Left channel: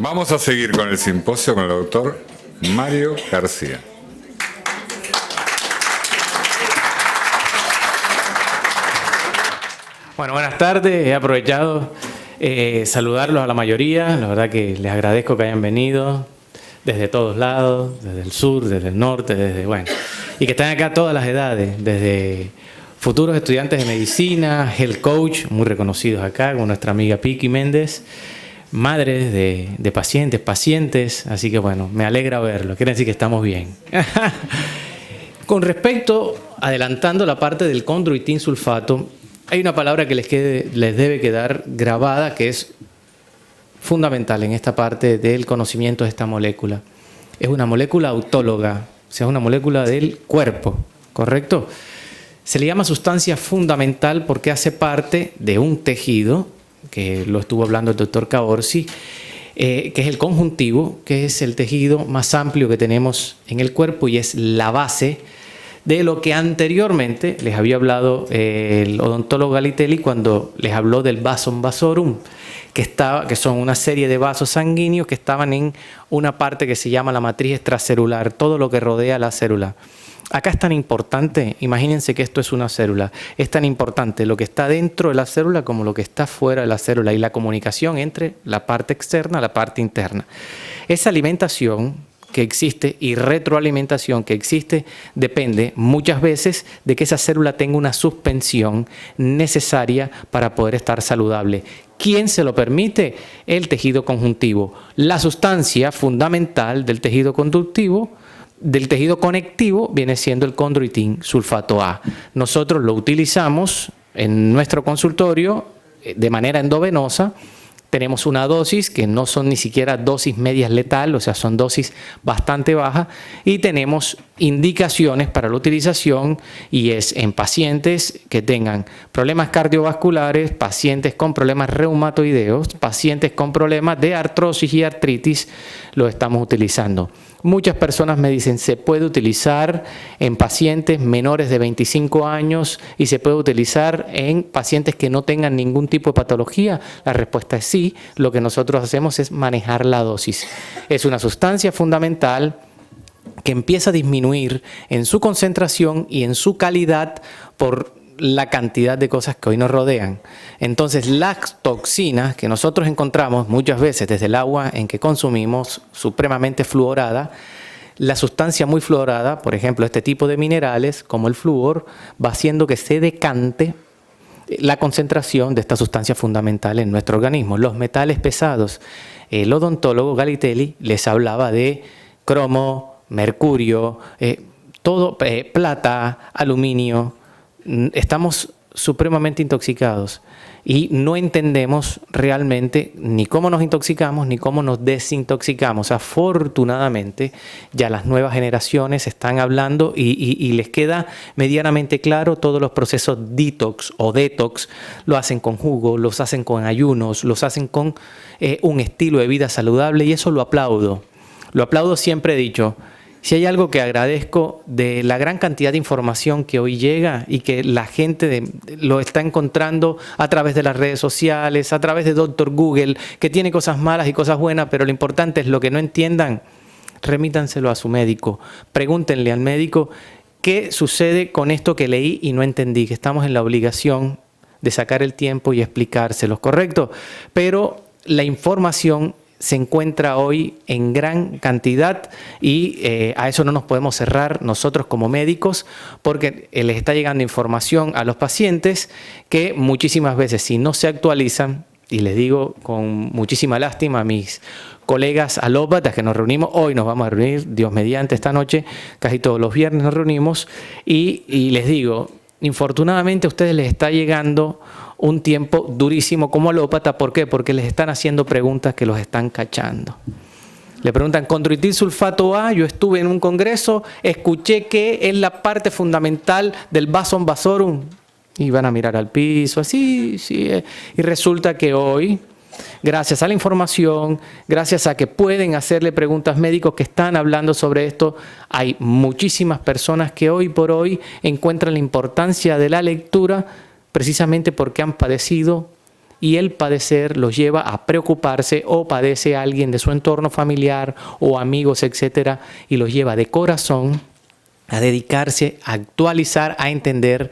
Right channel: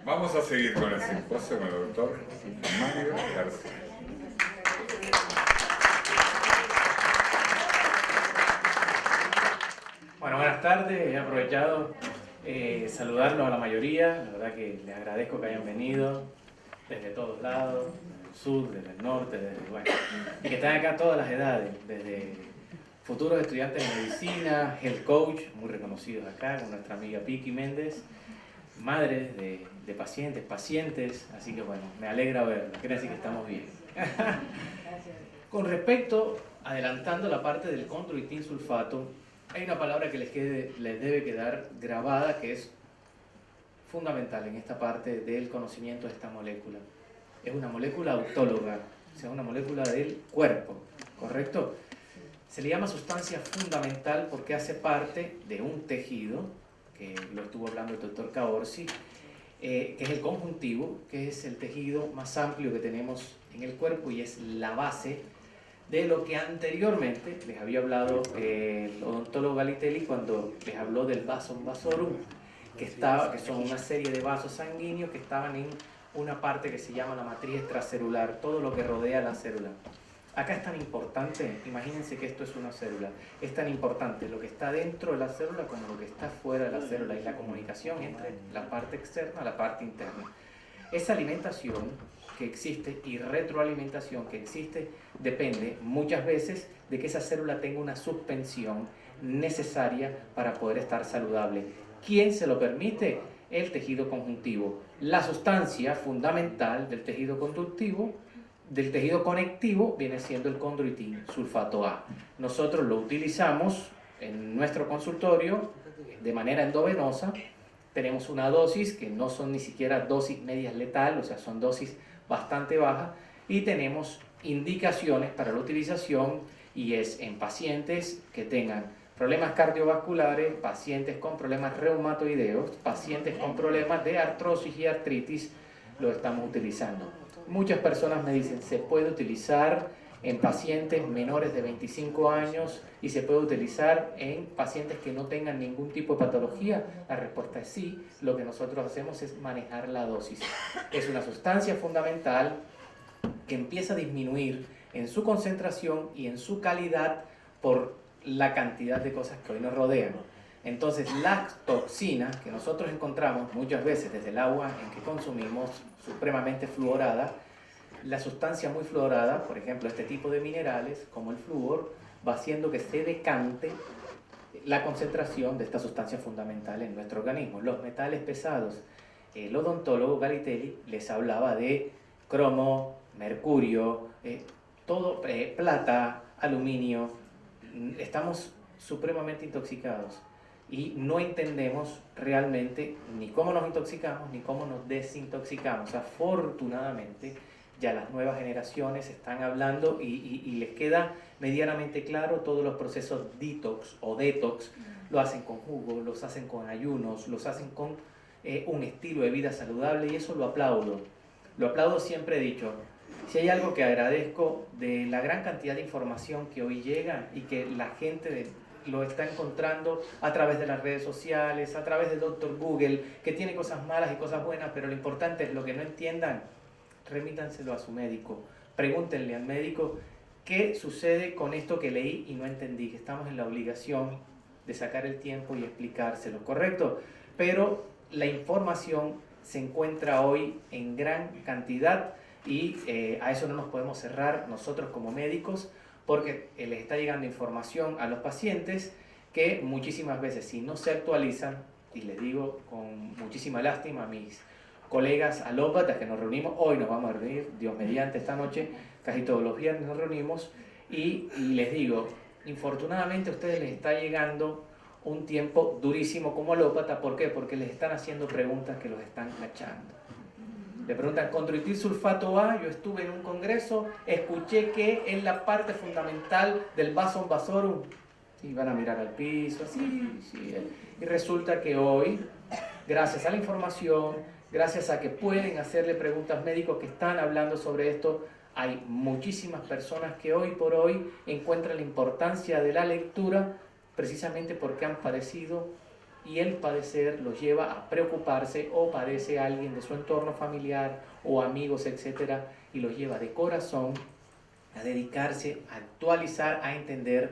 Vamos a seguir con el simposio con el doctor Mario García. Bueno, buenas tardes. He aprovechado saludarlos a la mayoría. La verdad que les agradezco que hayan venido desde todos lados, desde el sur, desde el norte, y que estén acá todas las edades, desde futuros estudiantes de medicina, health coach, muy reconocidos acá, con nuestra amiga Piki Méndez, madres de pacientes, así que bueno, me alegra verlo, quiere decir que estamos bien. Con respecto, adelantando la parte del condroitin sulfato, hay una palabra que les debe quedar grabada, que es fundamental en esta parte del conocimiento de esta molécula. Es una molécula autóloga, o sea, una molécula del cuerpo, ¿correcto? Se le llama sustancia fundamental porque hace parte de un tejido, que lo estuvo hablando el doctor Caorsi, que es el conjuntivo, que es el tejido más amplio que tenemos en el cuerpo y es la base de lo que anteriormente les había hablado el odontólogo Galitelli cuando les habló del vasum vasorum, que son una serie de vasos sanguíneos que estaban en una parte que se llama la matriz extracelular, todo lo que rodea la célula. Acá es tan importante, imagínense que esto es una célula, es tan importante lo que está dentro de la célula como lo que está fuera de la célula y la comunicación entre la parte externa y la parte interna. Esa alimentación que existe y retroalimentación que existe depende muchas veces de que esa célula tenga una suspensión necesaria para poder estar saludable. ¿Quién se lo permite? El tejido conjuntivo. La sustancia fundamental del tejido conductivo, del tejido conectivo, viene siendo el condroitin sulfato A. Nosotros lo utilizamos en nuestro consultorio de manera endovenosa. Tenemos una dosis que no son ni siquiera dosis medias letal, o sea, son dosis bastante bajas, y tenemos indicaciones para la utilización y es en pacientes que tengan problemas cardiovasculares, pacientes con problemas reumatoideos, pacientes con problemas de artrosis y artritis, lo estamos utilizando. Muchas personas me dicen, ¿se puede utilizar en pacientes menores de 25 años y se puede utilizar en pacientes que no tengan ningún tipo de patología? La respuesta es sí. Lo que nosotros hacemos es manejar la dosis. Es una sustancia fundamental que empieza a disminuir en su concentración y en su calidad por la cantidad de cosas que hoy nos rodean. Entonces, las toxinas que nosotros encontramos muchas veces desde el agua en que consumimos, supremamente fluorada, la sustancia muy fluorada, por ejemplo, este tipo de minerales, como el flúor, va haciendo que se decante la concentración de esta sustancia fundamental en nuestro organismo. Los metales pesados, el odontólogo Galitelli les hablaba de cromo, mercurio, plata, aluminio. Estamos supremamente intoxicados y no entendemos realmente ni cómo nos intoxicamos ni cómo nos desintoxicamos. Afortunadamente ya las nuevas generaciones están hablando y les queda medianamente claro todos los procesos detox o detox. Lo hacen con jugo, los hacen con ayunos, los hacen con un estilo de vida saludable y eso lo aplaudo. Lo aplaudo, siempre he dicho. Si hay algo que agradezco de la gran cantidad de información que hoy llega y que la gente lo está encontrando a través de las redes sociales, a través de Dr. Google, que tiene cosas malas y cosas buenas, pero lo importante es lo que no entiendan, remítanselo a su médico. Pregúntenle al médico qué sucede con esto que leí y no entendí, que estamos en la obligación de sacar el tiempo y explicárselos, ¿correcto? Pero la información se encuentra hoy en gran cantidad y a eso no nos podemos cerrar nosotros como médicos porque les está llegando información a los pacientes que muchísimas veces si no se actualizan, y les digo con muchísima lástima a mis colegas alópatas que nos reunimos, hoy nos vamos a reunir, Dios mediante, esta noche, casi todos los viernes nos reunimos y les digo, infortunadamente a ustedes les está llegando un tiempo durísimo como alópata. ¿Por qué? Porque les están haciendo preguntas que los están cachando. Le preguntan, condroitin sulfato A, yo estuve en un congreso, escuché que es la parte fundamental del vasum vasorum. Y van a mirar al piso, así, sí. Y resulta que hoy, gracias a la información, gracias a que pueden hacerle preguntas médicos que están hablando sobre esto, hay muchísimas personas que hoy por hoy encuentran la importancia de la lectura precisamente porque han padecido y el padecer los lleva a preocuparse, o padece a alguien de su entorno familiar o amigos, etcétera, y los lleva de corazón a dedicarse, a actualizar, a entender.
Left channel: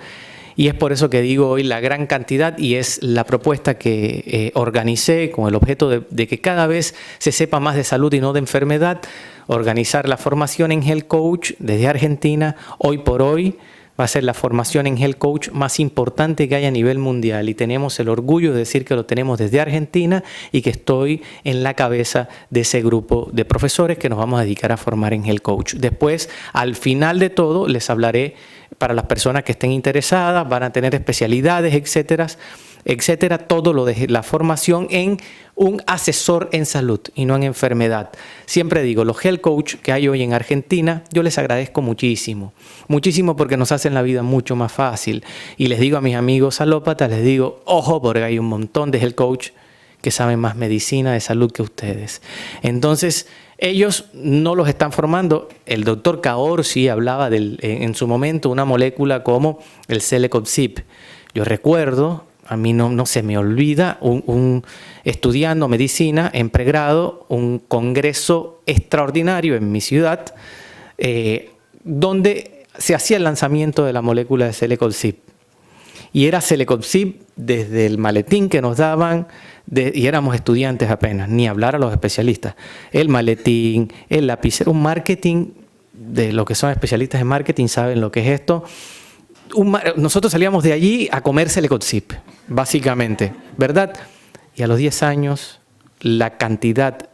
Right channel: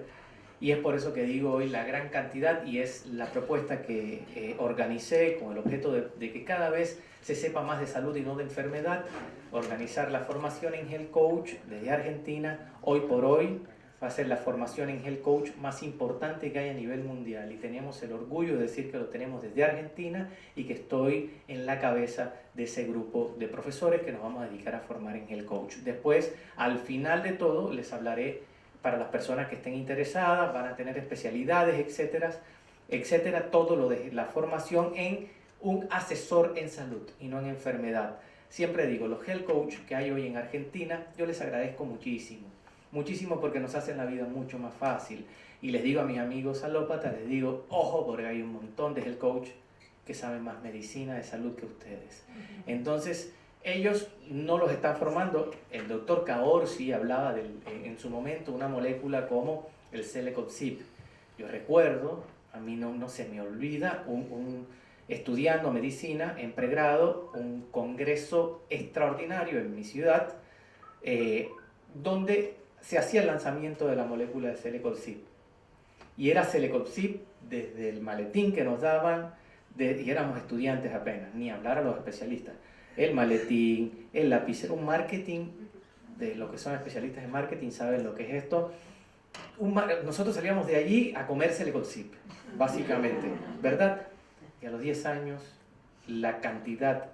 Y es por eso que digo hoy la gran cantidad, y es la propuesta que organicé con el objeto de que cada vez se sepa más de salud y no de enfermedad. Organizar la formación en Health Coach desde Argentina. Hoy por hoy va a ser la formación en Health Coach más importante que hay a nivel mundial, y tenemos el orgullo de decir que lo tenemos desde Argentina y que estoy en la cabeza de ese grupo de profesores que nos vamos a dedicar a formar en Health Coach. Después, al final de todo, les hablaré para las personas que estén interesadas, van a tener especialidades, etcétera, etcétera, todo lo de la formación en un asesor en salud y no en enfermedad. Siempre digo, los health coach que hay hoy en Argentina, yo les agradezco muchísimo, muchísimo, porque nos hacen la vida mucho más fácil. Y les digo a mis amigos alópatas, les digo, ojo, porque hay un montón de health coach que saben más medicina de salud que ustedes. Entonces, ellos no los están formando. El doctor Kaor sí hablaba en su momento una molécula como el Celecoxib. Yo recuerdo, a mí no se me olvida, estudiando medicina en pregrado, un congreso extraordinario en mi ciudad, donde se hacía el lanzamiento de la molécula de Celecoxib. Y era Celecoxib desde el maletín que nos daban, y éramos estudiantes apenas, ni hablar a los especialistas. El maletín, el lapicero, un marketing, de lo que son especialistas en marketing saben lo que es esto. Nosotros salíamos de allí a comer Celecoxib, básicamente, ¿verdad? Y a los 10 años, la cantidad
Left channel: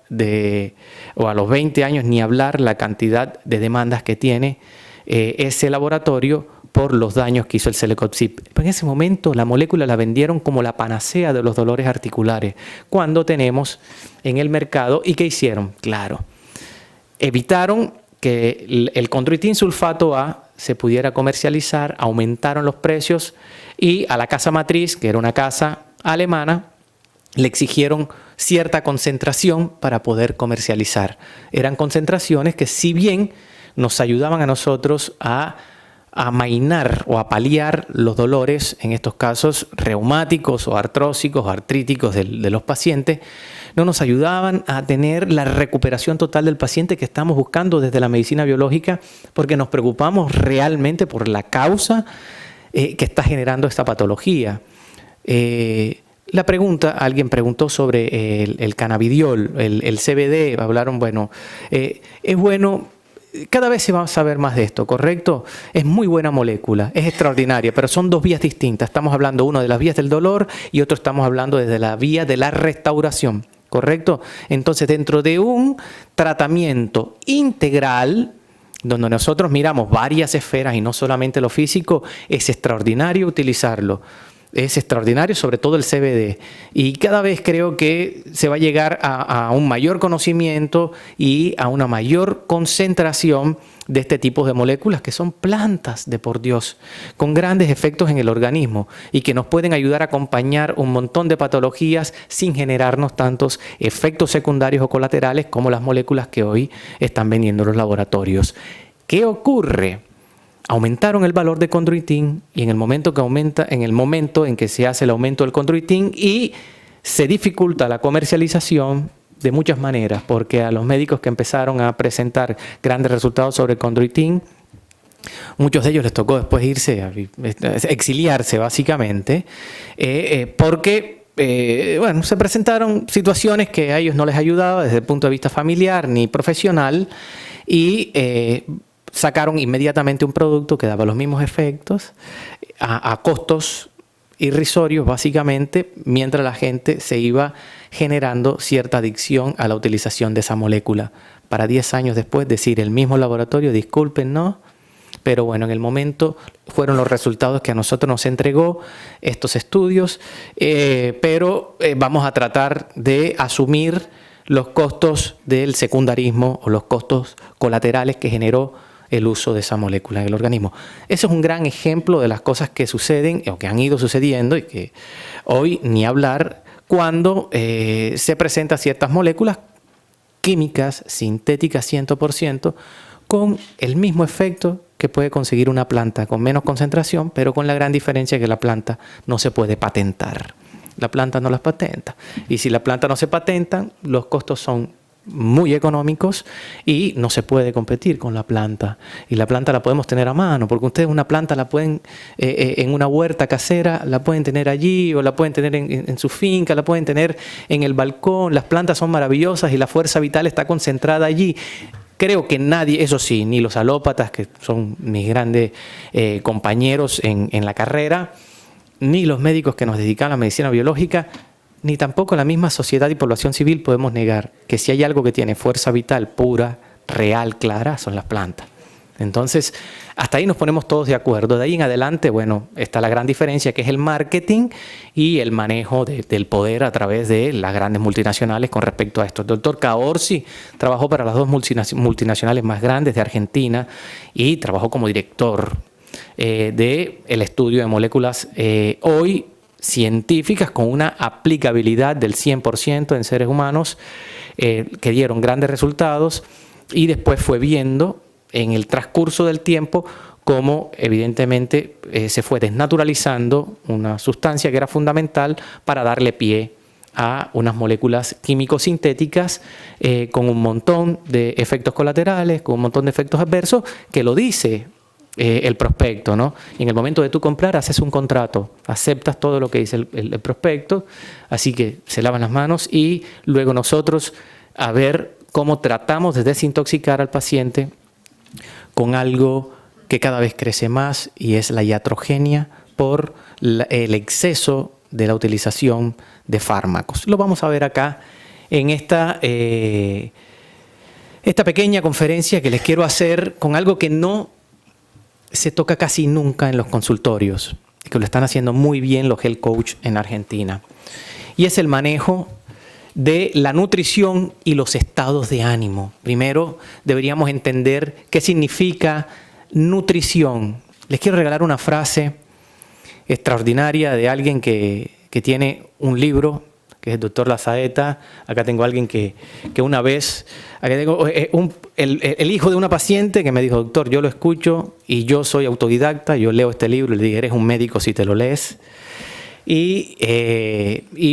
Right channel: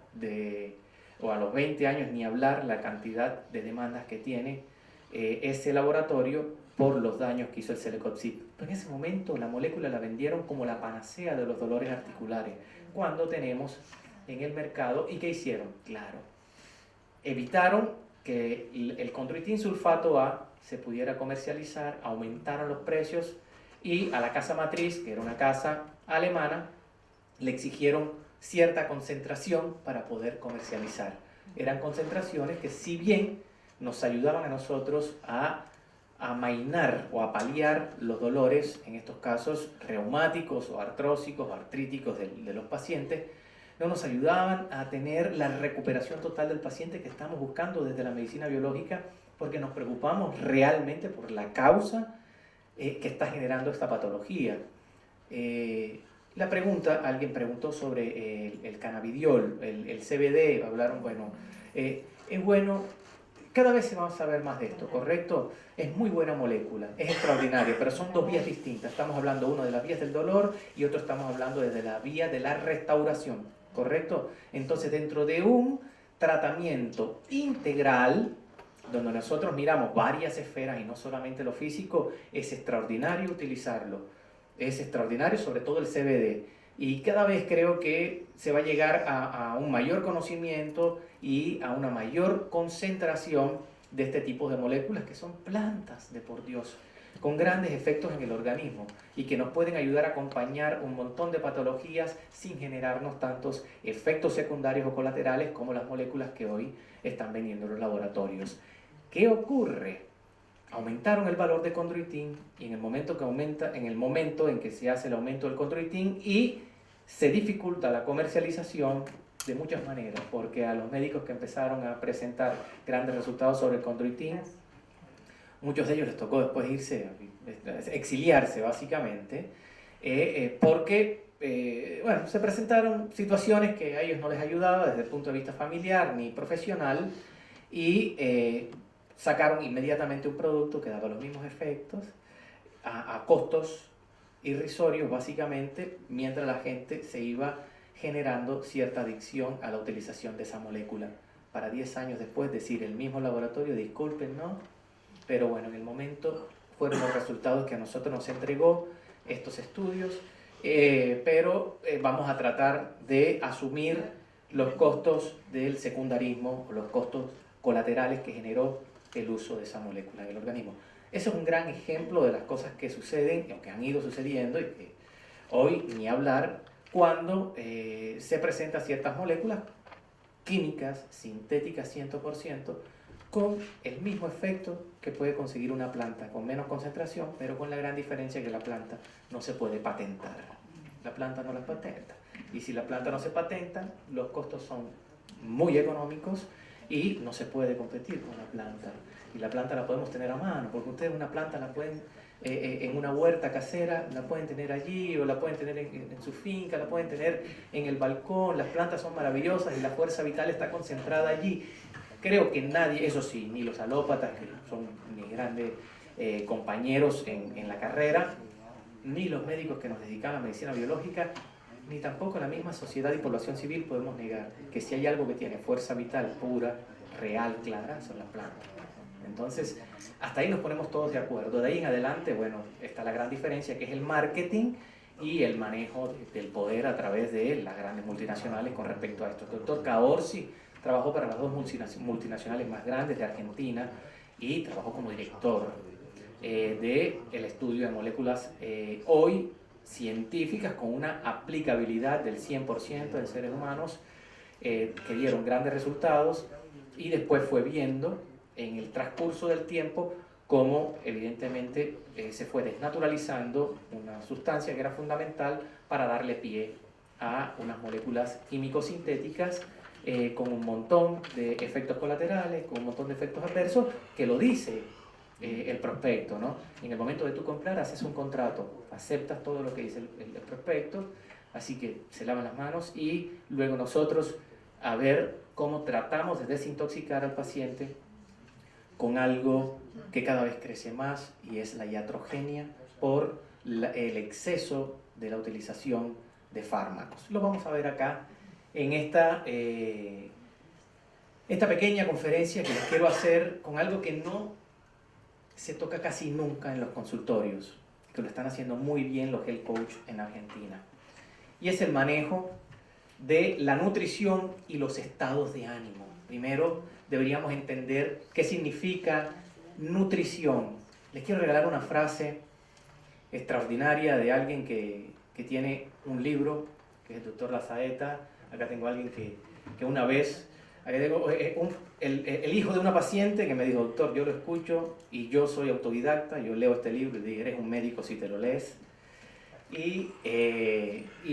o a los 20 años, ni hablar la cantidad de demandas que tiene ese laboratorio por los daños que hizo el Celecoxib. En ese momento la molécula la vendieron como la panacea de los dolores articulares, cuando tenemos en el mercado. ¿Y qué hicieron? Claro, evitaron que el condroitin sulfato A se pudiera comercializar, aumentaron los precios, y a la casa matriz, que era una casa alemana, le exigieron cierta concentración para poder comercializar. Eran concentraciones que, si bien nos ayudaban a nosotros a amainar o a paliar los dolores, en estos casos reumáticos o artrósicos o artríticos de los pacientes, no nos ayudaban a tener la recuperación total del paciente que estamos buscando desde la medicina biológica, porque nos preocupamos realmente por la causa que está generando esta patología. La pregunta, alguien preguntó sobre el cannabidiol, el CBD, hablaron, bueno, es bueno. Cada vez se va a saber más de esto, ¿correcto? Es muy buena molécula, es extraordinaria, pero son dos vías distintas. Estamos hablando uno de las vías del dolor y otro estamos hablando desde la vía de la restauración, ¿correcto? Entonces, dentro de un tratamiento integral, donde nosotros miramos varias esferas y no solamente lo físico, es extraordinario utilizarlo. Es extraordinario, sobre todo el CBD. Y cada vez creo que se va a llegar a un mayor conocimiento y a una mayor concentración de este tipo de moléculas, que son plantas de por Dios, con grandes efectos en el organismo y que nos pueden ayudar a acompañar un montón de patologías sin generarnos tantos efectos secundarios o colaterales como las moléculas que hoy están vendiendo los laboratorios. ¿Qué ocurre? Aumentaron el valor de condroitin, y en el momento en que se hace el aumento del condroitin, y se dificulta la comercialización de muchas maneras, porque a los médicos que empezaron a presentar grandes resultados sobre el condroitin, muchos de ellos les tocó después exiliarse básicamente, porque se presentaron situaciones que a ellos no les ayudaba desde el punto de vista familiar ni profesional, y sacaron inmediatamente un producto que daba los mismos efectos a costos irrisorios, básicamente, mientras la gente se iba generando cierta adicción a la utilización de esa molécula. Para 10 años después decir el mismo laboratorio, disculpen, no, pero bueno, en el momento fueron los resultados que a nosotros nos entregó estos estudios, pero vamos a tratar de asumir los costos del secundarismo o los costos colaterales que generó el uso de esa molécula en el organismo. Eso es un gran ejemplo de las cosas que suceden o que han ido sucediendo, y que hoy ni hablar cuando se presentan ciertas moléculas químicas, sintéticas 100%, con el mismo efecto que puede conseguir una planta con menos concentración, pero con la gran diferencia que la planta no se puede patentar. la planta no las patenta. Y si la planta no se patenta, los costos son muy económicos y no se puede competir con la planta. Y la planta la podemos tener a mano, porque ustedes una planta la pueden, en una huerta casera, la pueden tener allí, o la pueden tener en su finca, la pueden tener en el balcón. Las plantas son maravillosas y la fuerza vital está concentrada allí. Creo que nadie, eso sí, ni los alópatas, que son mis grandes compañeros en la carrera, ni los médicos que nos dedican a la medicina biológica, ni tampoco la misma sociedad y población civil podemos negar que si hay algo que tiene fuerza vital pura, real, clara, son las plantas. Entonces, hasta ahí nos ponemos todos de acuerdo. De ahí en adelante, bueno, está la gran diferencia, que es el marketing y el manejo del poder a través de las grandes multinacionales con respecto a esto. El doctor Caorsi trabajó para las dos multinacionales más grandes de Argentina y trabajó como director del estudio de moléculas hoy científicas con una aplicabilidad del 100% en seres humanos que dieron grandes resultados, y después fue viendo en el transcurso del tiempo cómo evidentemente se fue desnaturalizando una sustancia que era fundamental para darle pie a unas moléculas químico-sintéticas con un montón de efectos colaterales, con un montón de efectos adversos, que lo dice el prospecto, ¿no? En el momento de tú comprar, haces un contrato, aceptas todo lo que dice el prospecto, así que se lavan las manos y luego nosotros a ver cómo tratamos de desintoxicar al paciente con algo que cada vez crece más, y es la iatrogenia por el exceso de la utilización de fármacos. Lo vamos a ver acá en esta pequeña conferencia que les quiero hacer con algo que no se toca casi nunca en los consultorios, que lo están haciendo muy bien los health coach en Argentina, y es el manejo de la nutrición y los estados de ánimo. Primero deberíamos entender qué significa nutrición. Les quiero regalar una frase extraordinaria de alguien que tiene un libro, que es el doctor Lazaeta. Acá tengo a alguien que una vez, acá tengo el hijo de una paciente que me dijo: doctor, yo lo escucho y yo soy autodidacta, yo leo este libro. Y le dije: eres un médico si te lo lees. Y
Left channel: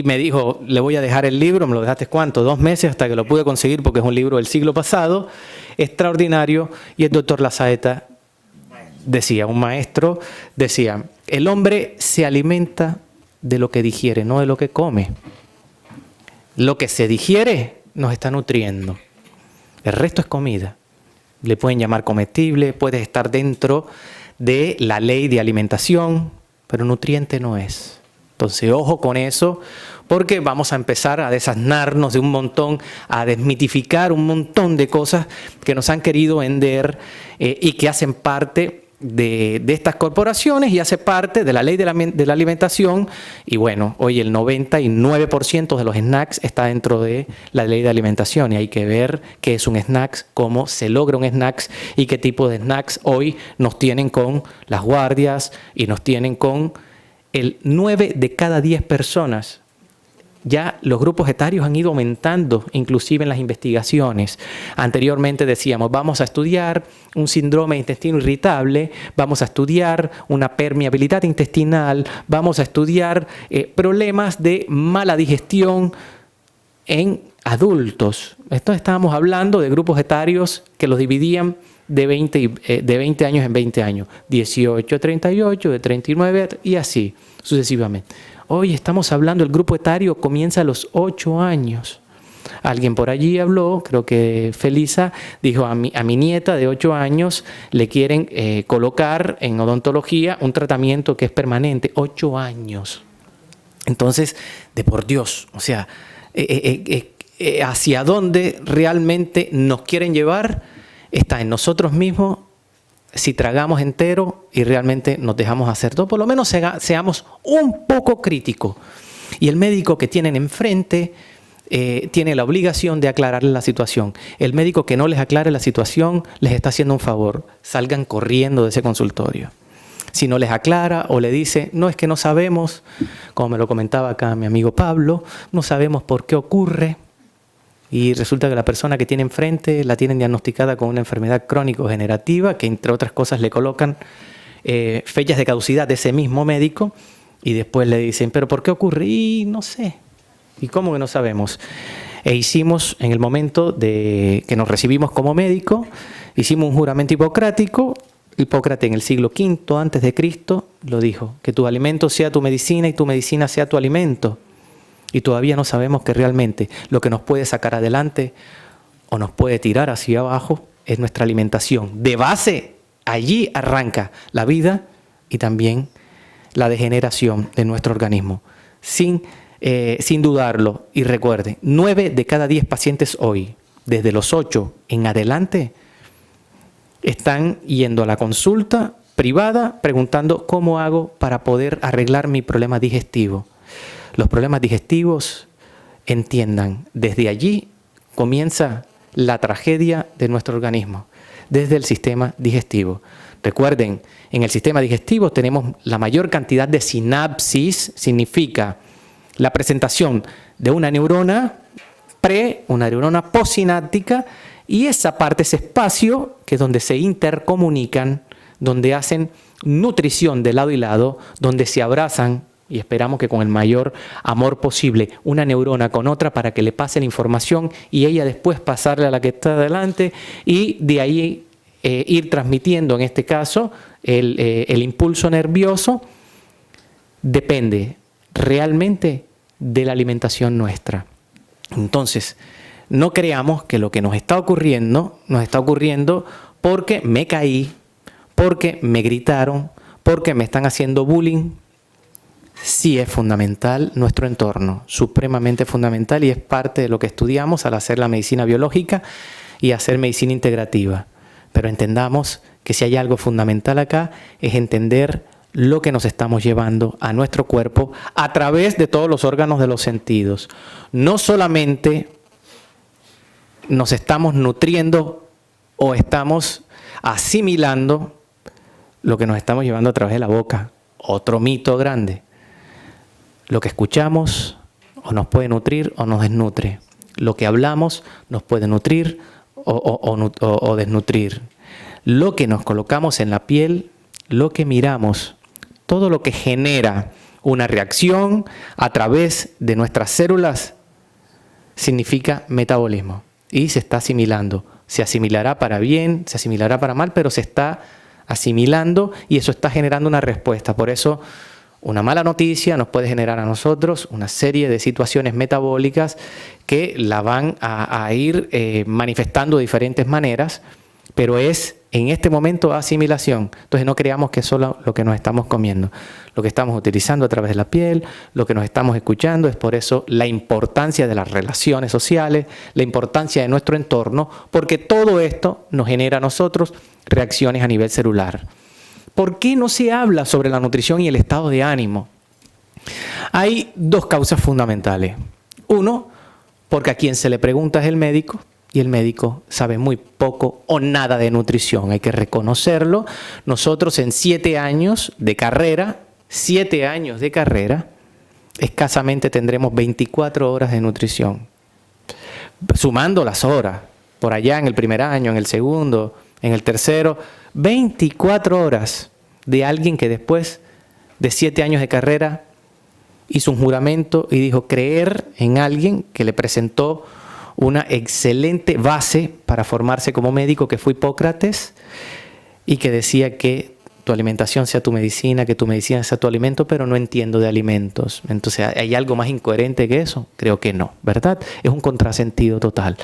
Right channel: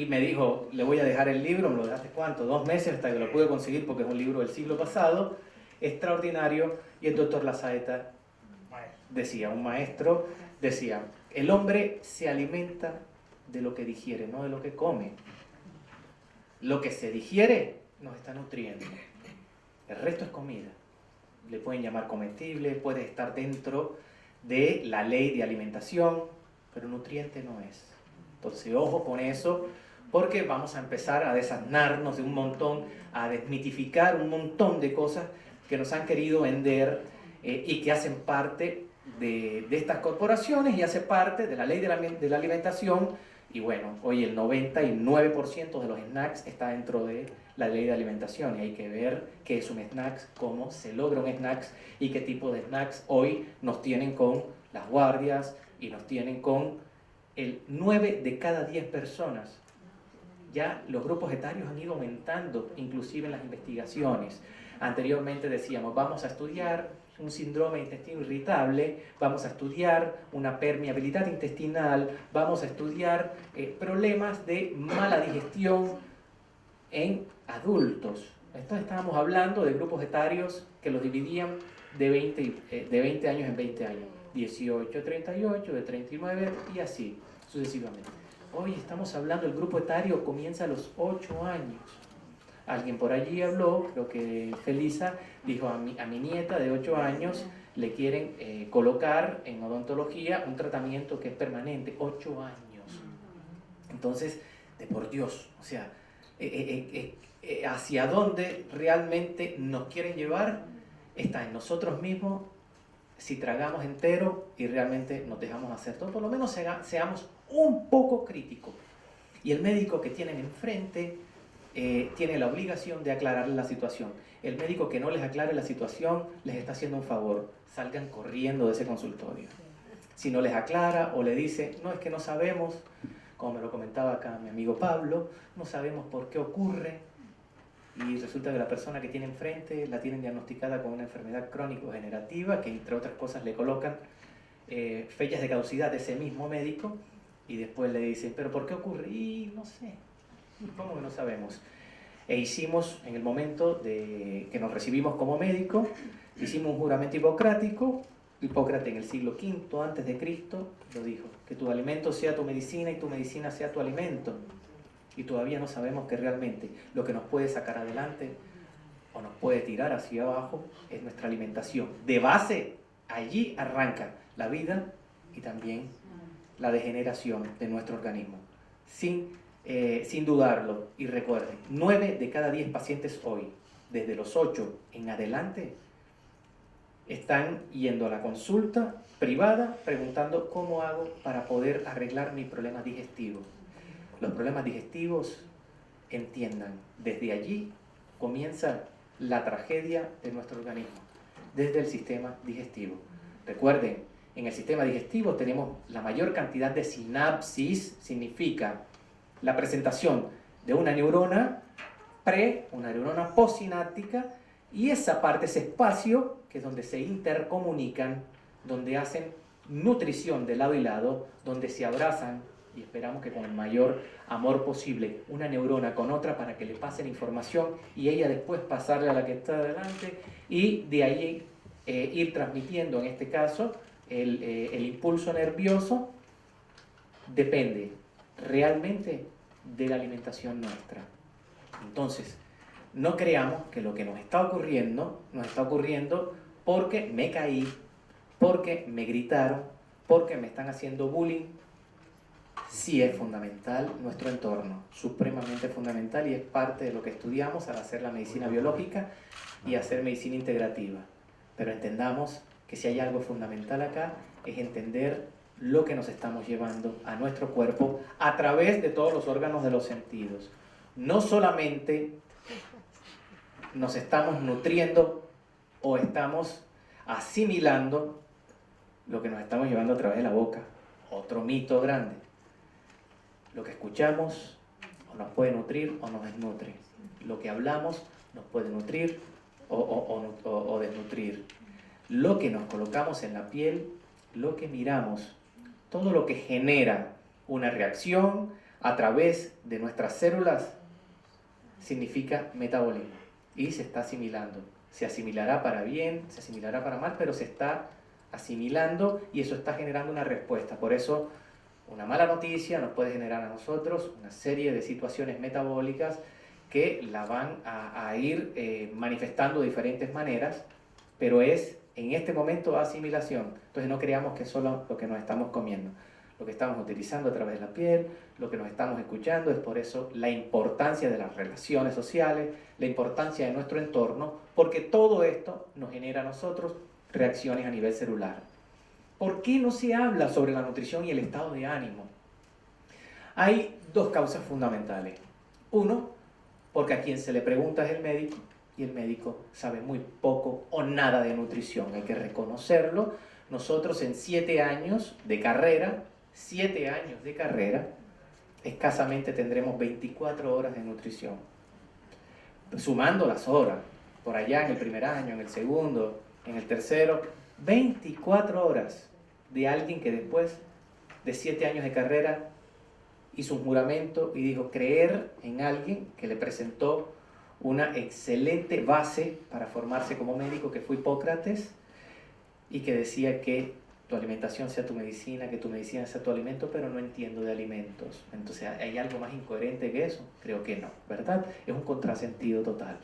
me dijo: le voy a dejar el libro. ¿Me lo dejaste cuánto? 2 meses, hasta que lo pude conseguir, porque es un libro del siglo pasado, extraordinario. Y el doctor Lazaeta decía, un maestro decía: el hombre se alimenta de lo que digiere, no de lo que come. Lo que se digiere nos está nutriendo. El resto es comida. Le pueden llamar comestible, puede estar dentro de la ley de alimentación, pero nutriente no es. Entonces, ojo con eso, porque vamos a empezar a desasnarnos de un montón, a desmitificar un montón de cosas que nos han querido vender y que hacen parte de estas corporaciones y hace parte de la ley de la alimentación. Y bueno, hoy el 99% de los snacks está dentro de la ley de alimentación, y hay que ver qué es un snack, cómo se logra un snack y qué tipo de snacks hoy nos tienen con las guardias y nos tienen con el 9 de cada 10 personas. Ya los grupos etarios han ido aumentando, inclusive en las investigaciones. Anteriormente decíamos: vamos a estudiar un síndrome de intestino irritable, vamos a estudiar una permeabilidad intestinal, vamos a estudiar problemas de mala digestión en adultos. Esto estábamos hablando de grupos etarios que los dividían de 20 años en 20 años, 18 a 38, de 39 y así sucesivamente. Hoy estamos hablando, el grupo etario comienza a los 8 años. Alguien por allí habló, creo que Felisa, dijo: a mi nieta de 8 años le quieren colocar en odontología un tratamiento que es permanente. 8 años. Entonces, de por Dios, o sea, hacia dónde realmente nos quieren llevar está en nosotros mismos. Si tragamos entero y realmente nos dejamos hacer todo, por lo menos seamos un poco críticos. Y el médico que tienen enfrente tiene la obligación de aclararle la situación. El médico que no les aclare la situación les está haciendo un favor. Salgan corriendo de ese consultorio. Si no les aclara o le dice: no, es que no sabemos, como me lo comentaba acá mi amigo Pablo, no sabemos por qué ocurre. Y resulta que la persona que tiene enfrente la tienen diagnosticada con una enfermedad crónico-generativa, que entre otras cosas le colocan fechas de caducidad de ese mismo médico, Y después le dicen, ¿pero por qué ocurre? Y no sé. ¿Y cómo que no sabemos? E hicimos, en el momento de que nos recibimos como médico, hicimos un juramento hipocrático. Hipócrates en el siglo V antes de Cristo lo dijo, que tu alimento sea tu medicina y tu medicina sea tu alimento. Y todavía no sabemos que realmente lo que nos puede sacar adelante o nos puede tirar hacia abajo es nuestra alimentación. De base, allí arranca la vida y también la degeneración de nuestro organismo. Sin dudarlo. Y recuerde, 9 de cada 10 pacientes hoy, desde los 8 en adelante, están yendo a la consulta privada preguntando cómo hago para poder arreglar mi problema digestivo. Los problemas digestivos, entiendan, desde allí comienza la tragedia de nuestro organismo, desde el sistema digestivo. Recuerden, en el sistema digestivo tenemos la mayor cantidad de sinapsis, significa la presentación de una neurona una neurona postsináptica, y esa parte, ese espacio, que es donde se intercomunican, donde hacen nutrición de lado y lado, donde se abrazan, y esperamos que con el mayor amor posible, una neurona con otra para que le pase la información y ella después pasarle a la que está adelante, y de ahí ir transmitiendo, en este caso, el impulso nervioso, depende realmente de la alimentación nuestra. Entonces, no creamos que lo que nos está ocurriendo porque me caí, porque me gritaron, porque me están haciendo bullying. Sí es fundamental nuestro entorno, supremamente fundamental, y es parte de lo que estudiamos al hacer la medicina biológica y hacer medicina integrativa. Pero entendamos que si hay algo fundamental acá es entender lo que nos estamos llevando a nuestro cuerpo a través de todos los órganos de los sentidos. No solamente nos estamos nutriendo o estamos asimilando lo que nos estamos llevando a través de la boca. Otro mito grande. Lo que escuchamos o nos puede nutrir o nos desnutre. Lo que hablamos nos puede nutrir o desnutrir. Lo que nos colocamos en la piel, lo que miramos, todo lo que genera una reacción a través de nuestras células significa metabolismo. Y se está asimilando. Se asimilará para bien, se asimilará para mal, pero se está asimilando y eso está generando una respuesta. Por eso, una mala noticia nos puede generar a nosotros una serie de situaciones metabólicas que la van a ir manifestando de diferentes maneras, pero es en este momento asimilación. Entonces no creamos que es solo lo que nos estamos comiendo, lo que estamos utilizando a través de la piel, lo que nos estamos escuchando. Es por eso la importancia de las relaciones sociales, la importancia de nuestro entorno, porque todo esto nos genera a nosotros reacciones a nivel celular. ¿Por qué no se habla sobre la nutrición y el estado de ánimo? Hay dos causas fundamentales. Uno, porque a quien se le pregunta es el médico, y el médico sabe muy poco o nada de nutrición. Hay que reconocerlo. Nosotros en 7 años de carrera, escasamente tendremos 24 horas de nutrición. Sumando las horas, por allá en el primer año, en el segundo, en el tercero, 24 horas de alguien que después de 7 años de carrera hizo un juramento y dijo creer en alguien que le presentó una excelente base para formarse como médico, que fue Hipócrates, y que decía que tu alimentación sea tu medicina, que tu medicina sea tu alimento, pero no entiendo de alimentos. Entonces, ¿hay algo más incoherente que eso? Creo que no, ¿verdad? Es un contrasentido total.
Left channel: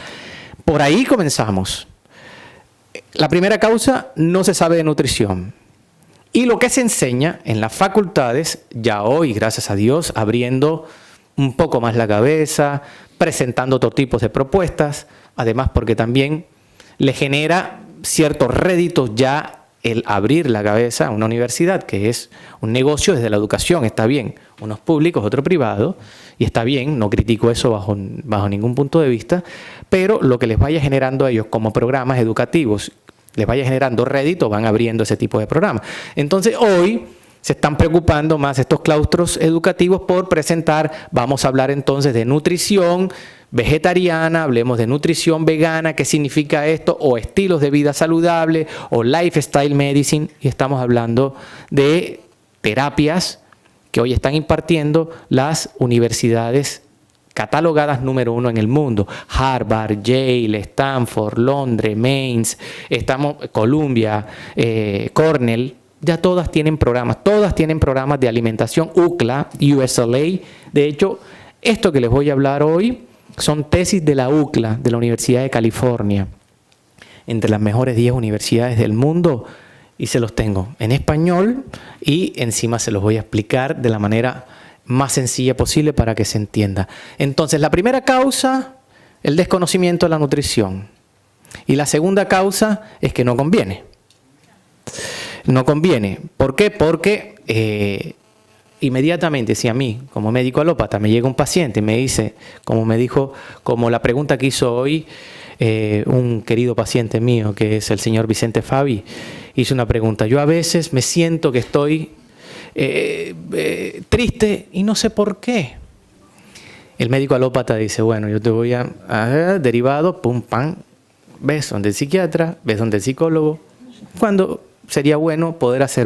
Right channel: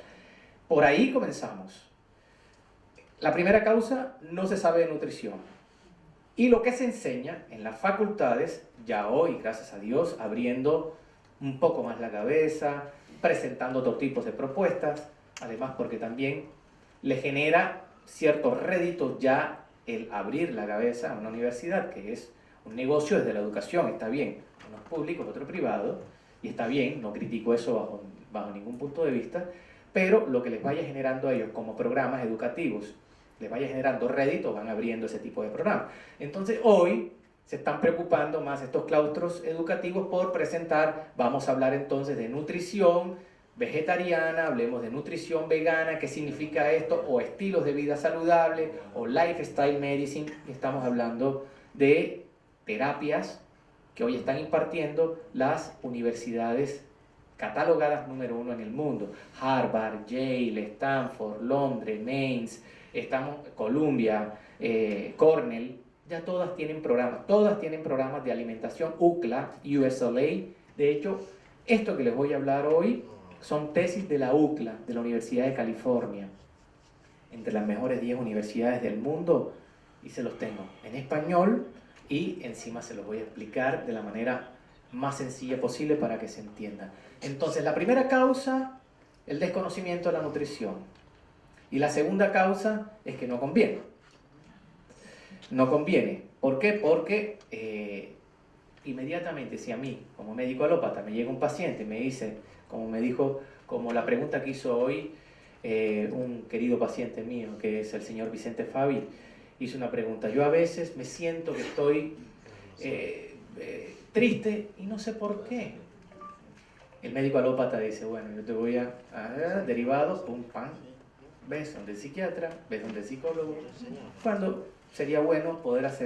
Por ahí comenzamos. La primera causa, no se sabe de nutrición. Y lo que se enseña en las facultades, ya hoy, gracias a Dios, abriendo un poco más la cabeza, presentando otro tipo de propuestas, además porque también le genera ciertos réditos ya el abrir la cabeza a una universidad, que es un negocio desde la educación. Está bien, unos públicos, otros privados, y está bien, no critico eso bajo ningún punto de vista, pero lo que les vaya generando a ellos como programas educativos, les vaya generando rédito, van abriendo ese tipo de programas. Entonces hoy se están preocupando más estos claustros educativos por presentar, vamos a hablar entonces de nutrición vegetariana, hablemos de nutrición vegana, qué significa esto, o estilos de vida saludable, o lifestyle medicine, y estamos hablando de terapias que hoy están impartiendo las universidades catalogadas número 1 en el mundo. Harvard, Yale, Stanford, Londres, Mainz, Columbia, Cornell, ya todas tienen programas de alimentación. UCLA, USLA. De hecho, esto que les voy a hablar hoy son tesis de la UCLA, de la Universidad de California, entre las mejores 10 universidades del mundo, y se los tengo en español y encima se los voy a explicar de la manera más sencilla posible para que se entienda. Entonces, la primera causa, el desconocimiento de la nutrición. Y la segunda causa es que no conviene. No conviene. ¿Por qué? Porque inmediatamente, si a mí, como médico alópata, me llega un paciente y me dice, como la pregunta que hizo hoy un querido paciente mío, que es el señor Vicente Fabi, hizo una pregunta. Yo a veces me siento que estoy triste y no sé por qué. El médico alópata dice, bueno, yo te voy a derivado, pum, pam, ves donde el psiquiatra, ves donde el psicólogo. Cuando sería bueno poder hacer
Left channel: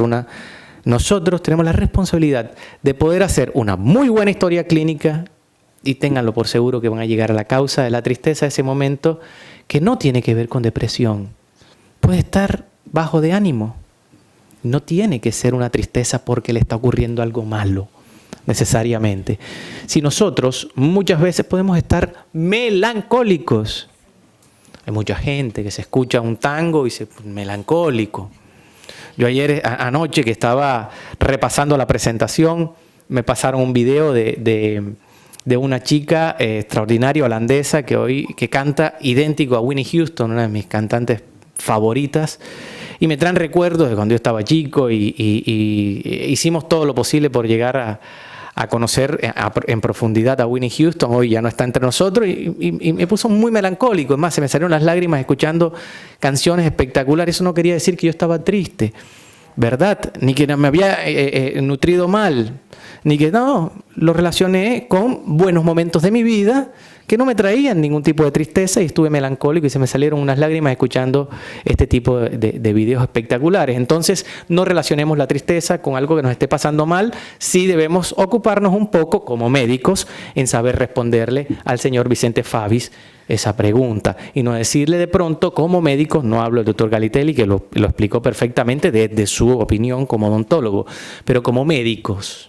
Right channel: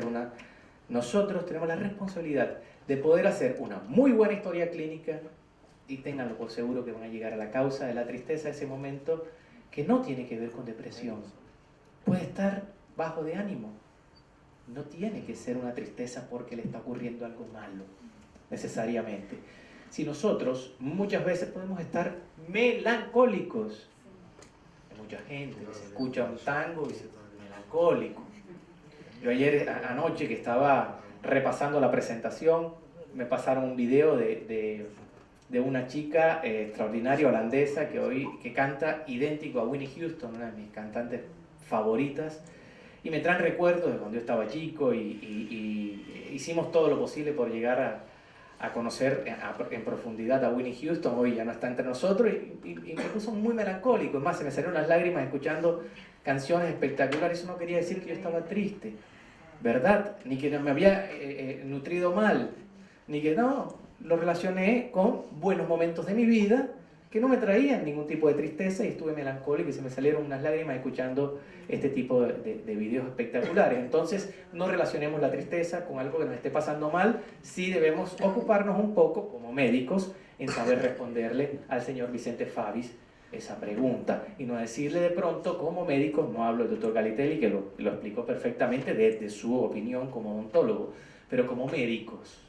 nosotros tenemos la responsabilidad de poder hacer una muy buena historia clínica, y ténganlo por seguro que van a llegar a la causa de la tristeza de ese momento, que no tiene que ver con depresión. Puede estar bajo de ánimo. No tiene que ser una tristeza porque le está ocurriendo algo malo, necesariamente. Si nosotros muchas veces podemos estar melancólicos. Hay mucha gente que se escucha un tango y se melancólico. Yo anoche que estaba repasando la presentación, me pasaron un video de una chica extraordinaria holandesa que canta idéntico a Whitney Houston, una de mis cantantes favoritas. Y me traen recuerdos de cuando yo estaba chico y hicimos todo lo posible por llegar a conocer en profundidad a Whitney Houston. Hoy ya no está entre nosotros y me puso muy melancólico. Es más, se me salieron las lágrimas escuchando canciones espectaculares. Eso no quería decir que yo estaba triste, ¿verdad? Ni que me había nutrido mal, ni que no. Lo relacioné con buenos momentos de mi vida que no me traían ningún tipo de tristeza y estuve melancólico y se me salieron unas lágrimas escuchando este tipo de videos espectaculares. Entonces, no relacionemos la tristeza con algo que nos esté pasando mal. Sí debemos ocuparnos un poco, como médicos, en saber responderle al señor Vicente Fabis esa pregunta y no decirle de pronto, como médico, no hablo del doctor Galitelli, que lo explicó perfectamente desde su opinión como odontólogo, pero como médicos,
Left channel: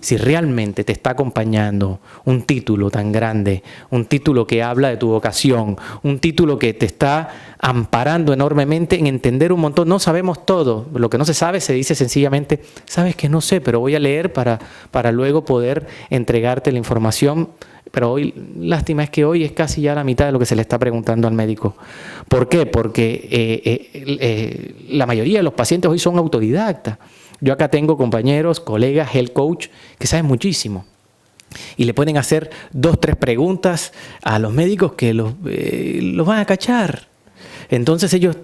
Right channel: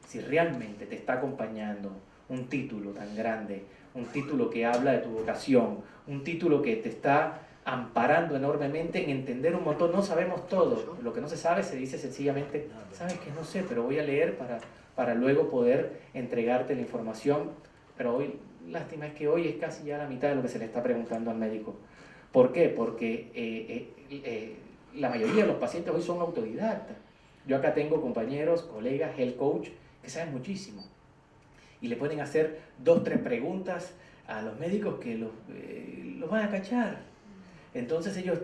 si realmente te está acompañando un título tan grande, un título que habla de tu vocación, un título que te está amparando enormemente en entender un montón. No sabemos todo. Lo que no se sabe se dice sencillamente, sabes que no sé, pero voy a leer para luego poder entregarte la información. Pero hoy, lástima es que hoy es casi ya la mitad de lo que se le está preguntando al médico. ¿Por qué? Porque la mayoría de los pacientes hoy son autodidactas. Yo acá tengo compañeros, colegas, health coach, que saben muchísimo. Y le pueden hacer 2, 3 preguntas a los médicos que los van a cachar. Entonces ellos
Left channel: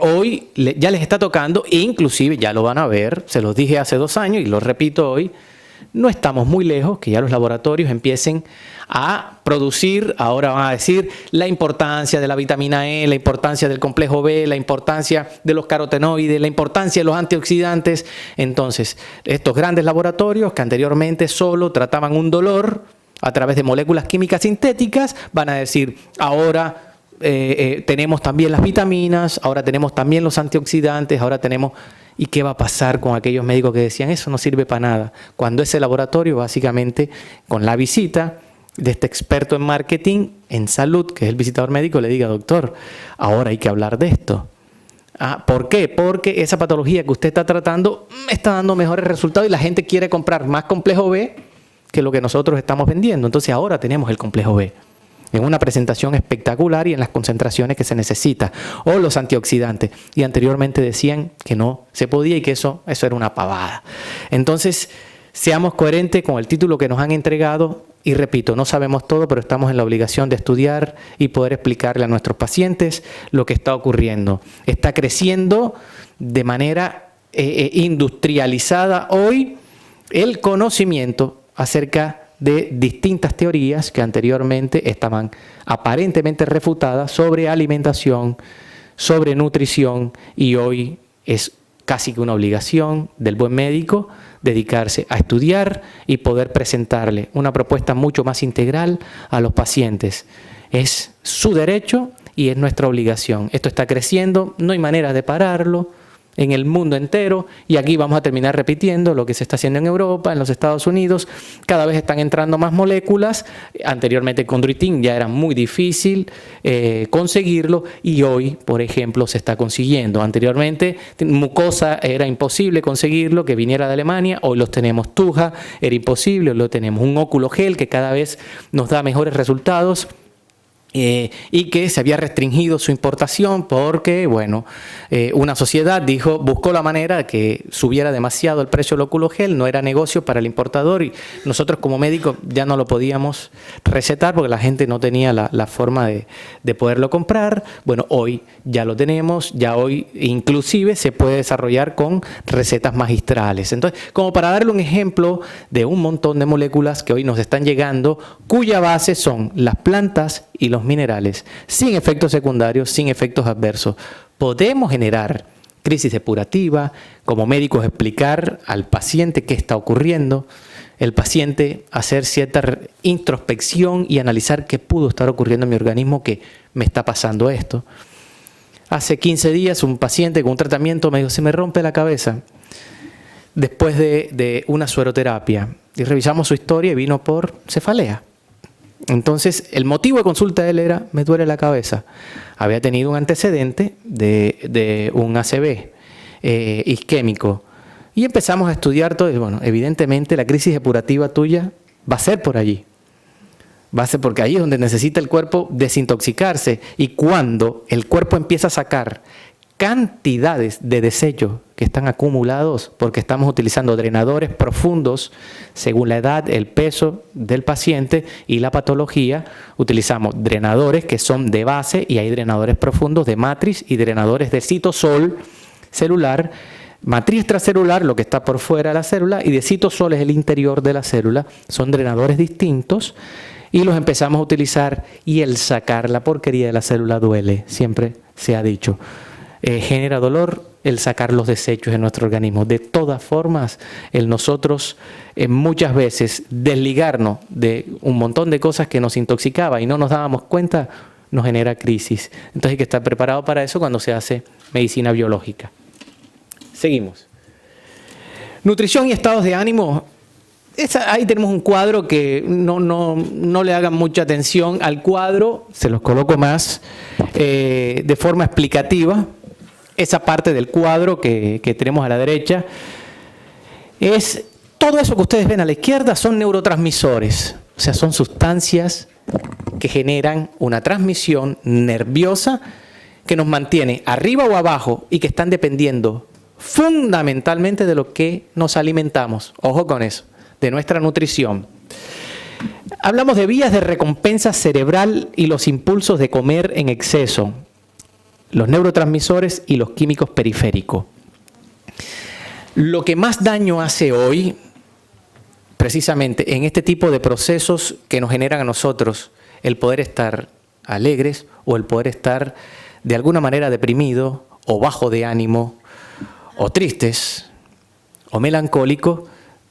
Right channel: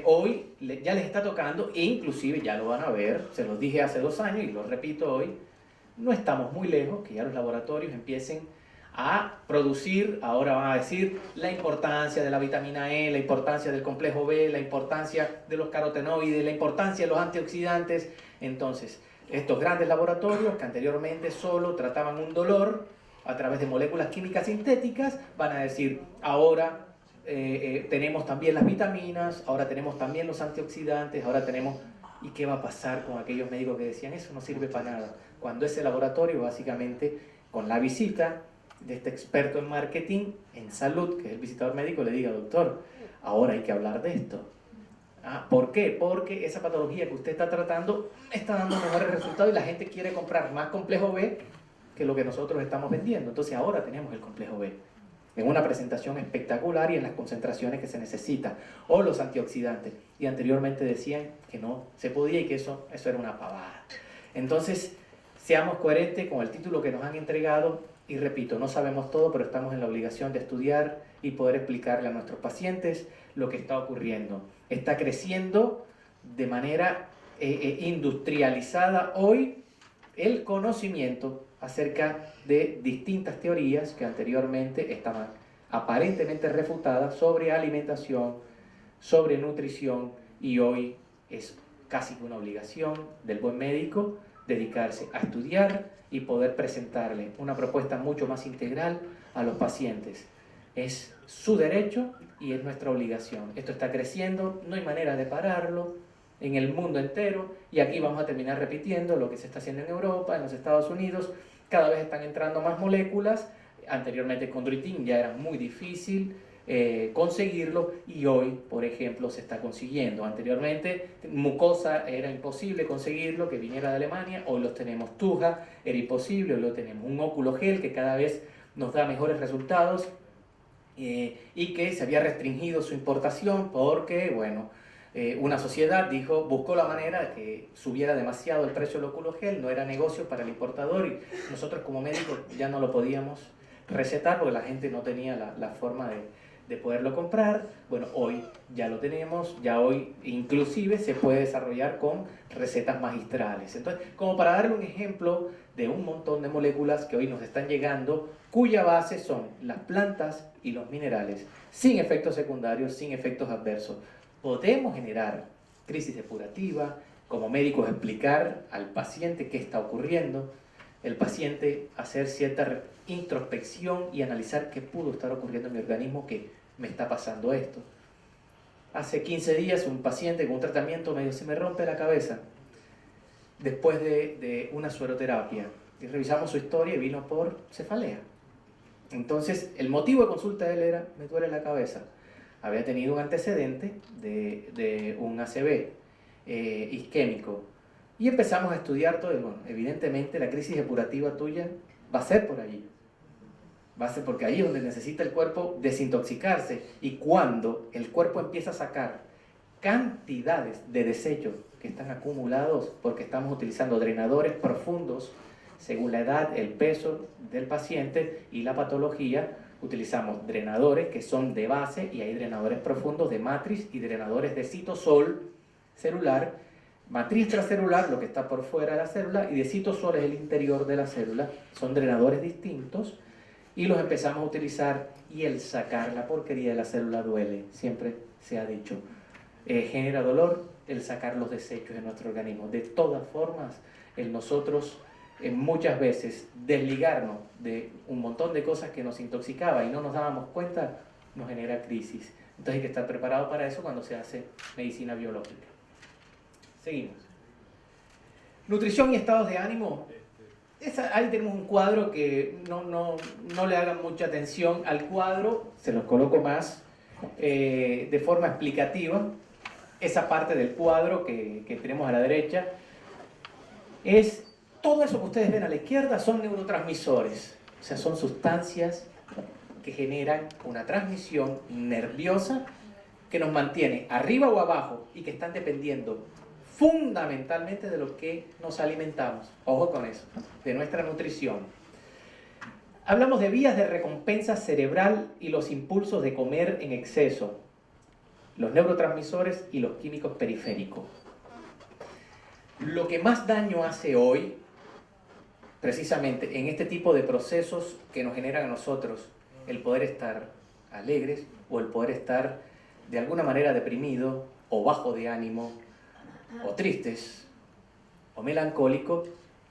hoy ya les está tocando, e inclusive ya lo van a ver, se los dije hace 2 años y lo repito hoy, no estamos muy lejos que ya los laboratorios empiecen a producir, ahora van a decir, la importancia de la vitamina E, la importancia del complejo B, la importancia de los carotenoides, la importancia de los antioxidantes. Entonces, estos grandes laboratorios que anteriormente solo trataban un dolor a través de moléculas químicas sintéticas, van a decir, ahora tenemos también las vitaminas, ahora tenemos también los antioxidantes, ahora tenemos... ¿Y qué va a pasar con aquellos médicos que decían, eso no sirve para nada? Cuando ese laboratorio, básicamente, con la visita de este experto en marketing, en salud, que es el visitador médico, le diga, doctor, ahora hay que hablar de esto. ¿Por qué? Porque esa patología que usted está tratando me está dando mejores resultados y la gente quiere comprar más complejo B que lo que nosotros estamos vendiendo. Entonces ahora tenemos el complejo B en una presentación espectacular y en las concentraciones que se necesita, o los antioxidantes. Y anteriormente decían que no se podía y que eso era una pavada. Entonces, seamos coherentes con el título que nos han entregado. Y repito, no sabemos todo, pero estamos en la obligación de estudiar y poder explicarle a nuestros pacientes lo que está ocurriendo. Está creciendo de manera industrializada hoy el conocimiento acerca de distintas teorías que anteriormente estaban aparentemente refutadas sobre alimentación, sobre nutrición, y hoy es casi que una obligación del buen médico dedicarse a estudiar y poder presentarle una propuesta mucho más integral a los pacientes. Es su derecho y es nuestra obligación. Esto está creciendo, no hay manera de pararlo en el mundo entero, y aquí vamos a terminar repitiendo lo que se está haciendo en Europa, en los Estados Unidos. Cada vez están entrando más moléculas. Anteriormente con Chondroitin ya era muy difícil conseguirlo, y hoy, por ejemplo, se está consiguiendo. Anteriormente mucosa era imposible conseguirlo, que viniera de Alemania. Hoy los tenemos. Tuja era imposible, hoy lo tenemos. Un óculo gel que cada vez nos da mejores resultados. Y que se había restringido su importación porque, bueno, una sociedad buscó la manera de que subiera demasiado el precio del óculo gel, no era negocio para el importador, y nosotros como médicos ya no lo podíamos recetar porque la gente no tenía la forma de poderlo comprar. Bueno, hoy ya lo tenemos, ya hoy inclusive se puede desarrollar con recetas magistrales. Entonces, como para darle un ejemplo de un montón de moléculas que hoy nos están llegando, cuya base son las plantas y los minerales, sin efectos secundarios, sin efectos adversos. Podemos generar crisis depurativa, como médicos explicar al paciente qué está ocurriendo, el paciente hacer cierta introspección y analizar qué pudo estar ocurriendo en mi organismo que me está pasando esto. Hace 15 días un paciente con un tratamiento me dijo: se me rompe la cabeza después de una sueroterapia, y revisamos su historia y vino por cefalea. Entonces, el motivo de consulta de él era: me duele la cabeza. Había tenido un antecedente de un ACV isquémico. Y empezamos a estudiar todo. Y bueno, evidentemente la crisis depurativa tuya va a ser por allí. Va a ser porque ahí es donde necesita el cuerpo desintoxicarse. Y cuando el cuerpo empieza a sacar cantidades de desechos que están acumulados, porque estamos utilizando drenadores profundos según la edad, el peso del paciente y la patología. Utilizamos drenadores que son de base, y hay drenadores profundos de matriz y drenadores de citosol celular. Matriz extracelular, lo que está por fuera de la célula, y de citosol es el interior de la célula. Son drenadores distintos y los empezamos a utilizar, y el sacar la porquería de la célula duele, siempre se ha dicho. Genera dolor el sacar los desechos de nuestro organismo. De todas formas, el nosotros muchas veces desligarnos de un montón de cosas que nos intoxicaba y no nos dábamos cuenta, nos genera crisis. Entonces hay que estar preparado para eso cuando se hace medicina biológica. Seguimos. Nutrición y estados de ánimo. Ahí tenemos un cuadro que no le hagan mucha atención al cuadro, se los coloco más de forma explicativa. Esa parte del cuadro que tenemos a la derecha es todo eso que ustedes ven a la izquierda, son neurotransmisores, o sea, son sustancias que generan una transmisión nerviosa que nos mantiene arriba o abajo y que están dependiendo fundamentalmente de lo que nos alimentamos. Ojo con eso, de nuestra nutrición. Hablamos de vías de recompensa cerebral y los impulsos de comer en exceso, los neurotransmisores y los químicos periféricos. Lo que más daño hace hoy, precisamente en este tipo de procesos que nos generan a nosotros el poder estar alegres o el poder estar de alguna manera deprimido o bajo de ánimo o tristes o melancólicos,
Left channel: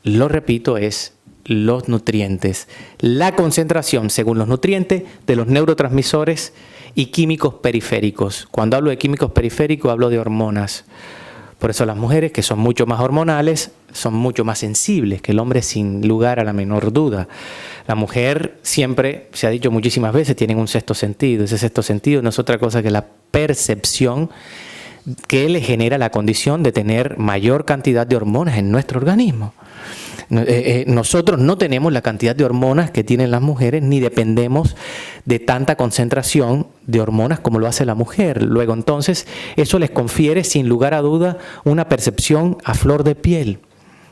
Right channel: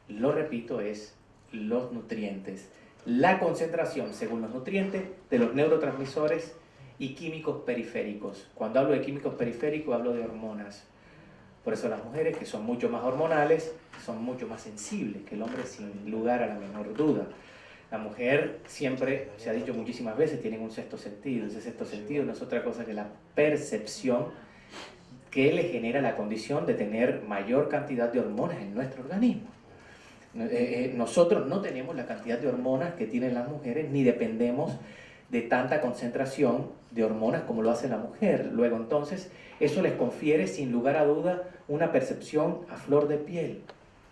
lo repito, es los nutrientes. La concentración, según los nutrientes, de los neurotransmisores y químicos periféricos. Cuando hablo de químicos periféricos, hablo de hormonas. Por eso las mujeres, que son mucho más hormonales, son mucho más sensibles que el hombre, sin lugar a la menor duda. La mujer, siempre, se ha dicho muchísimas veces, tiene un sexto sentido. Ese sexto sentido no es otra cosa que la percepción que le genera la condición de tener mayor cantidad de hormonas en nuestro organismo. Nosotros no tenemos la cantidad de hormonas que tienen las mujeres, ni dependemos de tanta concentración de hormonas como lo hace la mujer. Luego, entonces, eso les confiere, sin lugar a duda, una percepción a flor de piel,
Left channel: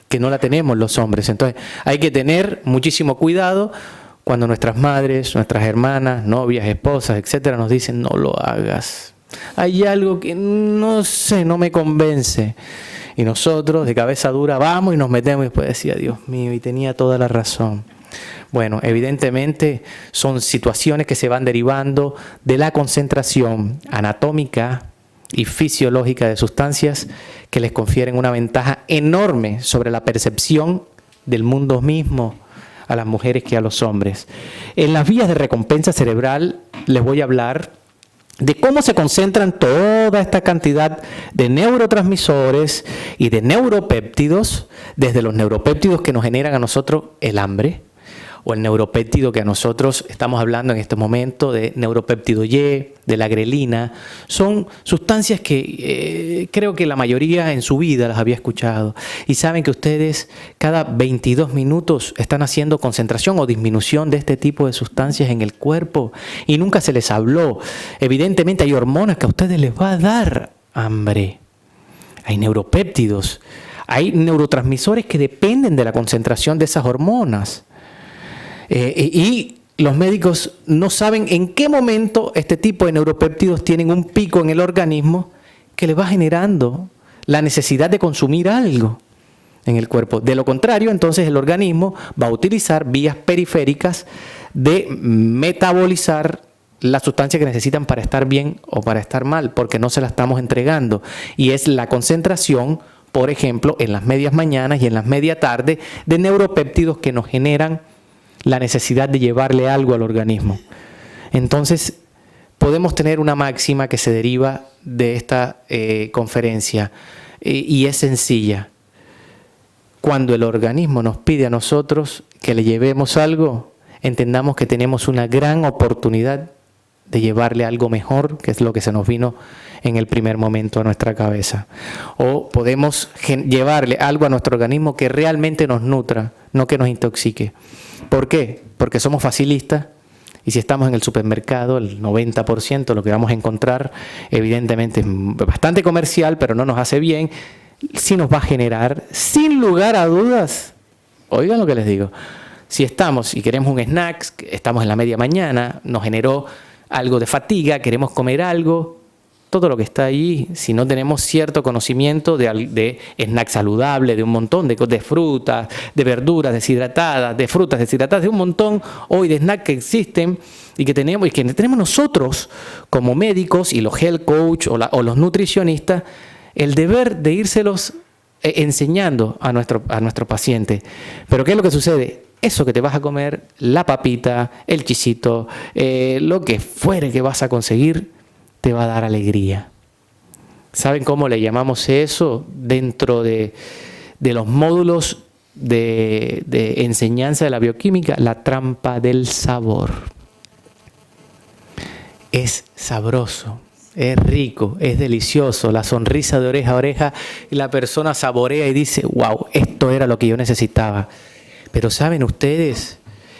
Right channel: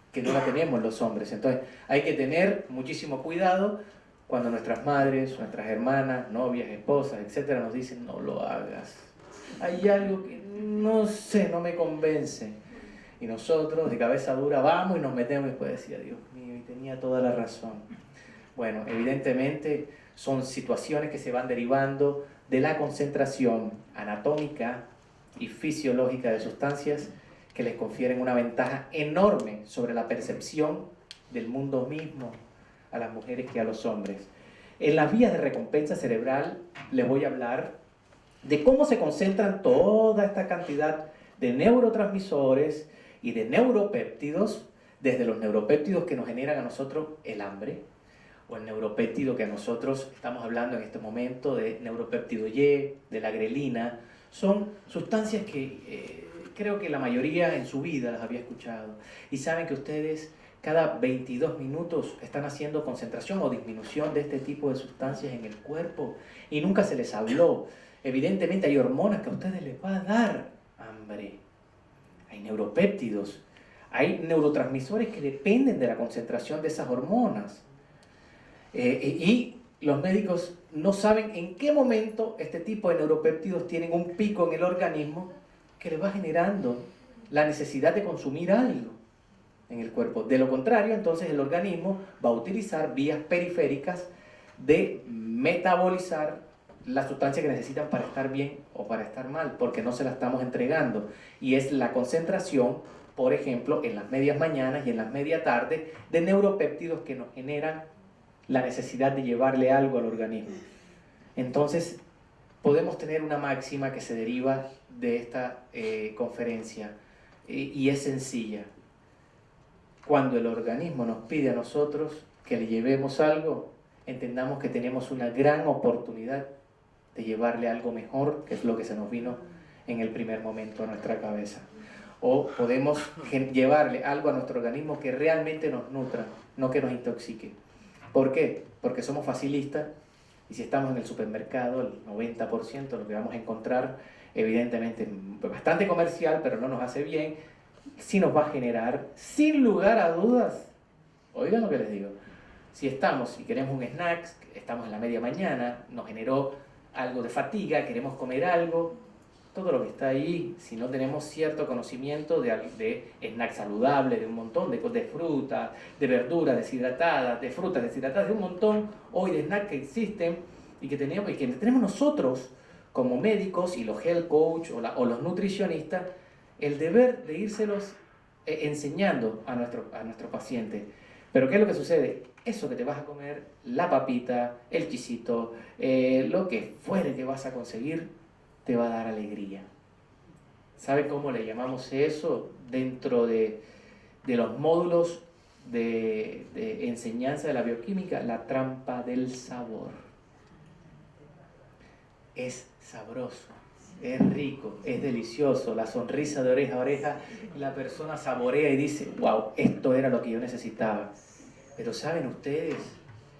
que no la tenemos los hombres. Entonces, hay que tener muchísimo cuidado cuando nuestras madres, nuestras hermanas, novias, esposas, etcétera, nos dicen: no lo hagas. Hay algo que no sé, no me convence. Y nosotros, de cabeza dura, vamos y nos metemos, y después decía: Dios mío, y tenía toda la razón. Bueno, evidentemente son situaciones que se van derivando de la concentración anatómica y fisiológica de sustancias que les confieren una ventaja enorme sobre la percepción del mundo mismo a las mujeres que a los hombres. En las vías de recompensa cerebral les voy a hablar de cómo se concentran toda esta cantidad de neurotransmisores y de neuropéptidos, desde los neuropéptidos que nos generan a nosotros el hambre, o el neuropéptido que a nosotros estamos hablando en este momento de neuropéptido Y, de la grelina. Son sustancias que creo que la mayoría en su vida las había escuchado. Y saben que ustedes cada 22 minutos están haciendo concentración o disminución de este tipo de sustancias en el cuerpo y nunca se les habló. Evidentemente hay hormonas que a ustedes les va a dar hambre. Hay neuropéptidos, hay neurotransmisores que dependen de la concentración de esas hormonas. Y los médicos no saben en qué momento este tipo de neuropéptidos tienen un pico en el organismo que le va generando la necesidad de consumir algo en el cuerpo. De lo contrario, entonces el organismo va a utilizar vías periféricas de metabolizar la sustancia que necesitan para estar bien o para estar mal, porque no se la estamos entregando. Y es la concentración, por ejemplo, en las medias mañanas y en las media tarde, de neuropéptidos que nos generan la necesidad de llevarle algo al organismo. Entonces, podemos tener una máxima que se deriva de esta conferencia y es sencilla. Cuando el organismo nos pide a nosotros que le llevemos algo, entendamos que tenemos una gran oportunidad de llevarle algo mejor, que es lo que se nos vino en el primer momento a nuestra cabeza. O podemos llevarle algo a nuestro organismo que realmente nos nutra, no que nos intoxique. ¿Por qué? Porque somos facilistas y si estamos en el supermercado, el 90% lo que vamos a encontrar evidentemente es bastante comercial, pero no nos hace bien, sí nos va a generar, sin lugar a dudas, oigan lo que les digo, si estamos y queremos un snack, estamos en la media mañana, nos generó algo de fatiga, queremos comer algo, todo lo que está ahí, si no tenemos cierto conocimiento de snack saludable, de un montón de frutas, de verduras deshidratadas, de frutas deshidratadas, de un montón hoy de snacks que existen y que tenemos nosotros como médicos y los health coach o los nutricionistas, el deber de írselos enseñando a nuestro paciente. Pero ¿qué es lo que sucede? Eso que te vas a comer, la papita, el chisito, lo que fuere que vas a conseguir, te va a dar alegría. ¿Saben cómo le llamamos eso dentro de los módulos de enseñanza de la bioquímica? La trampa del sabor. Es sabroso, es rico, es delicioso, la sonrisa de oreja a oreja y la persona saborea y dice, wow, esto era lo que yo necesitaba. Pero ¿saben ustedes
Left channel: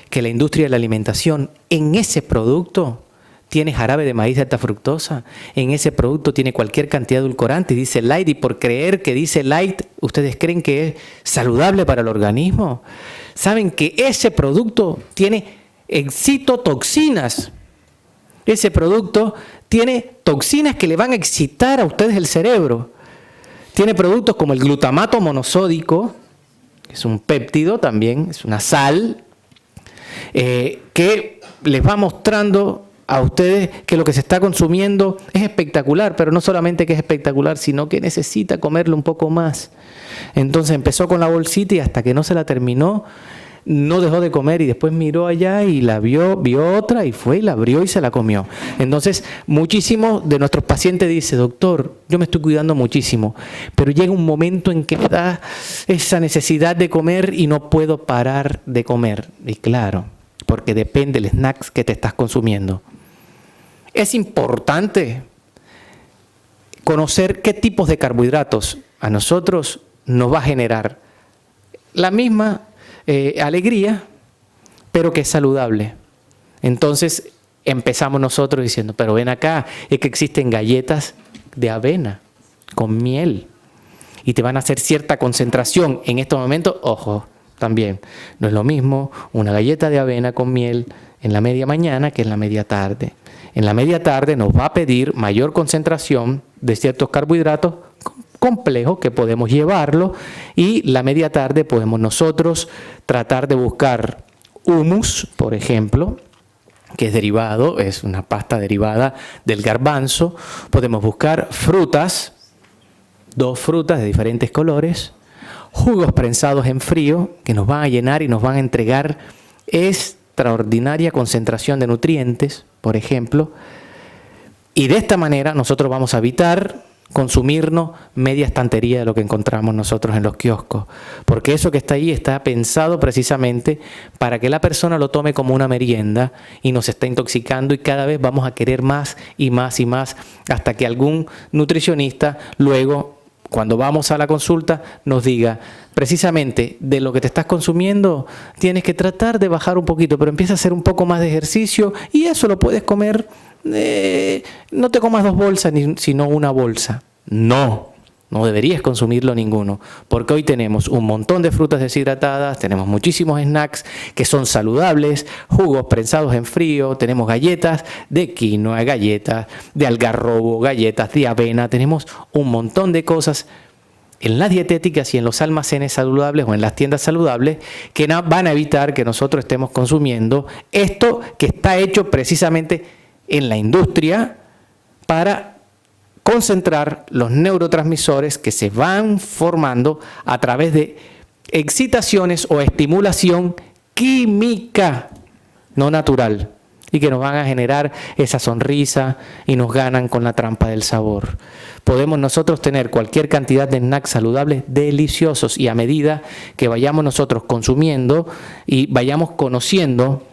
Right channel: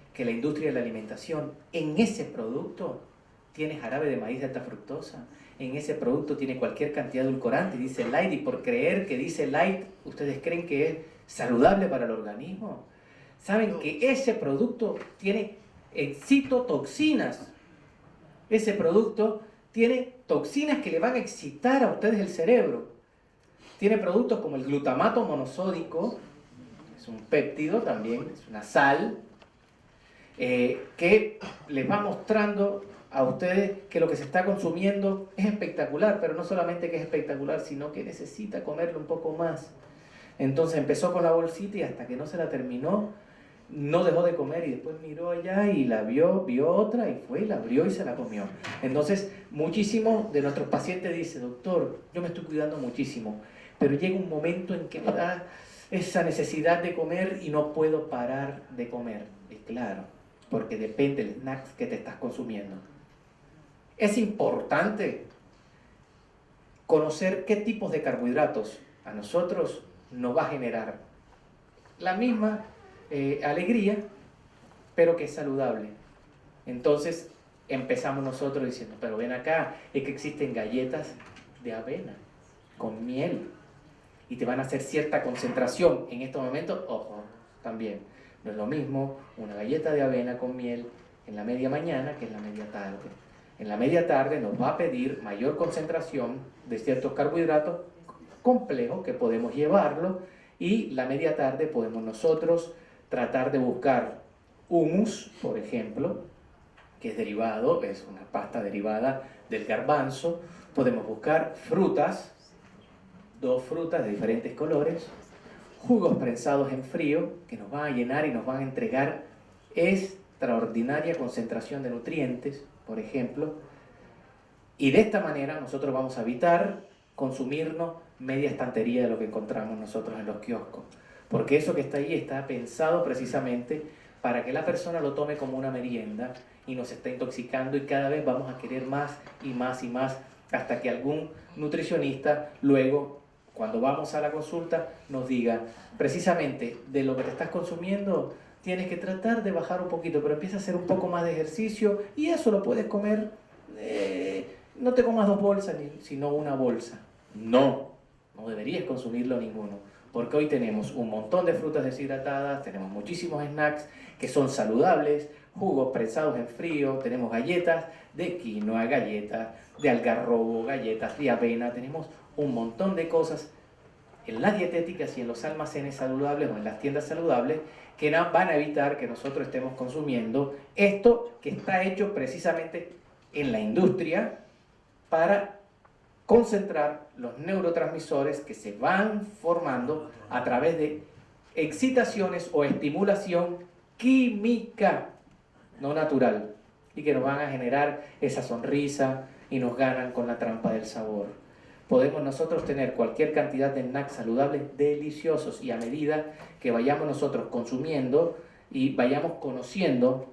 que la industria de la alimentación en ese producto tiene jarabe de maíz de alta fructosa? En ese producto tiene cualquier cantidad de edulcorante y dice light, y por creer que dice light, ¿ustedes creen que es saludable para el organismo? ¿Saben que ese producto tiene excitotoxinas? Ese producto tiene toxinas que le van a excitar a ustedes el cerebro. Tiene productos como el glutamato monosódico, que es un péptido también, es una sal, que les va mostrando a ustedes que lo que se está consumiendo es espectacular, pero no solamente que es espectacular, sino que necesita comerlo un poco más. Entonces empezó con la bolsita y hasta que no se la terminó, no dejó de comer y después miró allá y la vio otra y fue y la abrió y se la comió. Entonces, muchísimos de nuestros pacientes dicen, doctor, yo me estoy cuidando muchísimo, pero llega un momento en que me da esa necesidad de comer y no puedo parar de comer. Y claro, porque depende del snack que te estás consumiendo. Es importante conocer qué tipos de carbohidratos a nosotros nos va a generar la misma alegría, pero que es saludable. Entonces empezamos nosotros diciendo, pero ven acá, es que existen galletas de avena con miel y te van a hacer cierta concentración en estos momentos. Ojo, también no es lo mismo una galleta de avena con miel en la media mañana que en la media tarde. En la media tarde nos va a pedir mayor concentración de ciertos carbohidratos complejos que podemos llevarlo, y la media tarde podemos nosotros tratar de buscar hummus, por ejemplo, que es derivado, es una pasta derivada del garbanzo. Podemos buscar frutas, 2 frutas de diferentes colores, jugos prensados en frío que nos van a llenar y nos van a entregar extraordinaria concentración de nutrientes, por ejemplo. Y de esta manera nosotros vamos a evitar consumirnos media estantería de lo que encontramos nosotros en los kioscos, porque eso que está ahí está pensado precisamente para que la persona lo tome como una merienda y nos está intoxicando, y cada vez vamos a querer más y más y más, hasta que algún nutricionista luego, cuando vamos a la consulta, nos diga: precisamente de lo que te estás consumiendo tienes que tratar de bajar un poquito, pero empieza a hacer un poco más de ejercicio y eso lo puedes comer. No te comas 2 bolsas, sino 1 bolsa. No deberías consumirlo ninguno, porque hoy tenemos un montón de frutas deshidratadas, tenemos muchísimos snacks que son saludables, jugos prensados en frío, tenemos galletas de quinoa, galletas de algarrobo, galletas de avena, tenemos un montón de cosas en las dietéticas y en los almacenes saludables o en las tiendas saludables que van a evitar que nosotros estemos consumiendo esto que está hecho precisamente en la industria para concentrar los neurotransmisores que se van formando a través de excitaciones o estimulación química, no natural, y que nos van a generar esa sonrisa y nos ganan con la trampa del sabor. Podemos nosotros tener cualquier cantidad de snacks saludables deliciosos, y a medida que vayamos nosotros consumiendo y vayamos conociendo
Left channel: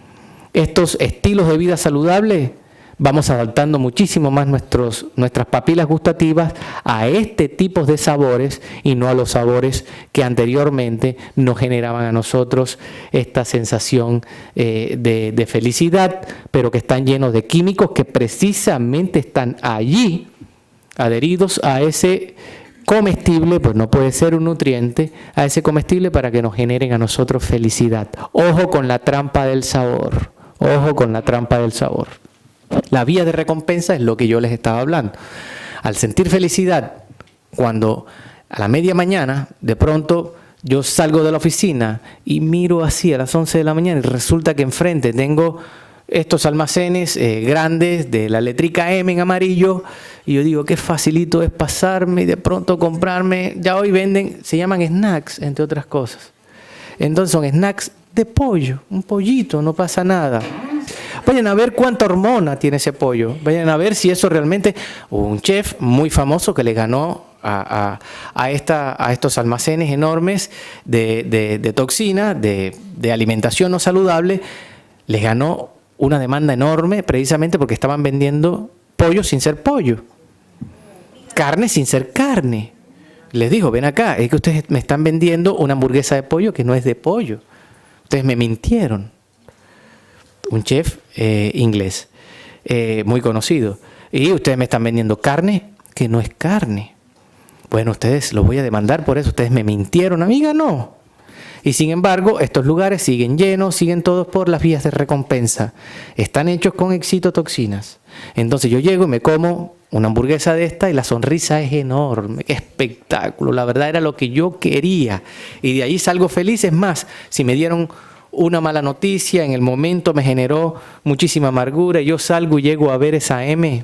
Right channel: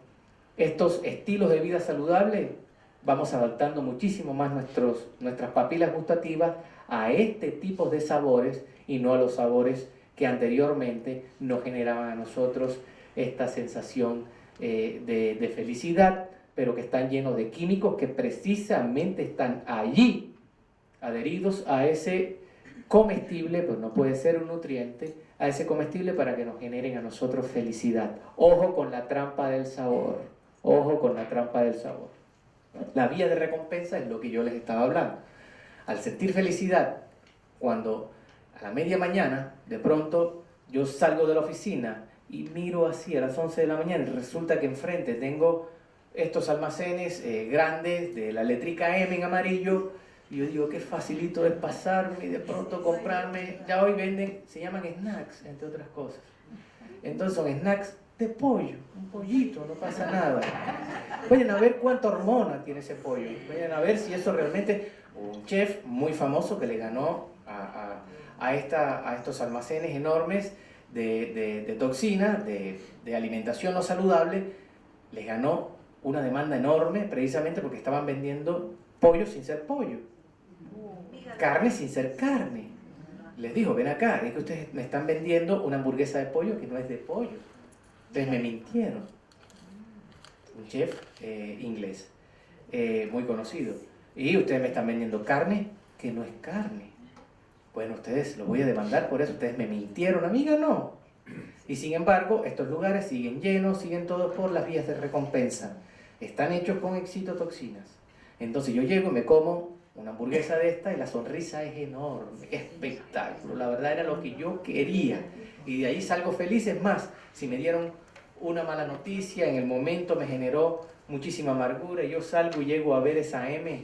estos estilos de vida saludables, vamos adaptando muchísimo más nuestras papilas gustativas a este tipo de sabores y no a los sabores que anteriormente nos generaban a nosotros esta sensación de felicidad, pero que están llenos de químicos que precisamente están allí adheridos a ese comestible, pues no puede ser un nutriente, a ese comestible para que nos generen a nosotros felicidad. Ojo con la trampa del sabor, ojo con la trampa del sabor. La vía de recompensa es lo que yo les estaba hablando. Al sentir felicidad, cuando a la media mañana, de pronto yo salgo de la oficina y miro así a las 11 de la mañana y resulta que enfrente tengo estos almacenes grandes de la letrica M en amarillo, y yo digo, qué facilito es pasarme y de pronto comprarme. Ya hoy venden, se llaman snacks, entre otras cosas. Entonces son snacks de pollo, un pollito, no pasa nada. Vayan a ver cuánta hormona tiene ese pollo. Vayan a ver si eso realmente... Un chef muy famoso que le ganó a estos almacenes enormes de toxina, de alimentación no saludable, les ganó una demanda enorme precisamente porque estaban vendiendo pollo sin ser pollo. Carne sin ser carne. Les digo, ven acá, es que ustedes me están vendiendo una hamburguesa de pollo que no es de pollo. Ustedes me mintieron. Un chef inglés muy conocido. Y ustedes me están vendiendo carne que no es carne. Bueno, ustedes los voy a demandar por eso. Ustedes me mintieron, amiga, no. Y sin embargo, estos lugares siguen llenos, siguen todos por las vías de recompensa. Están hechos con excitotoxinas. Entonces yo llego y me como una hamburguesa de esta y la sonrisa es enorme. ¡Qué espectáculo! La verdad era lo que yo quería. Y de ahí salgo feliz. Es más, si me dieron una mala noticia, en el momento me generó muchísima amargura, yo salgo y llego a ver esa M,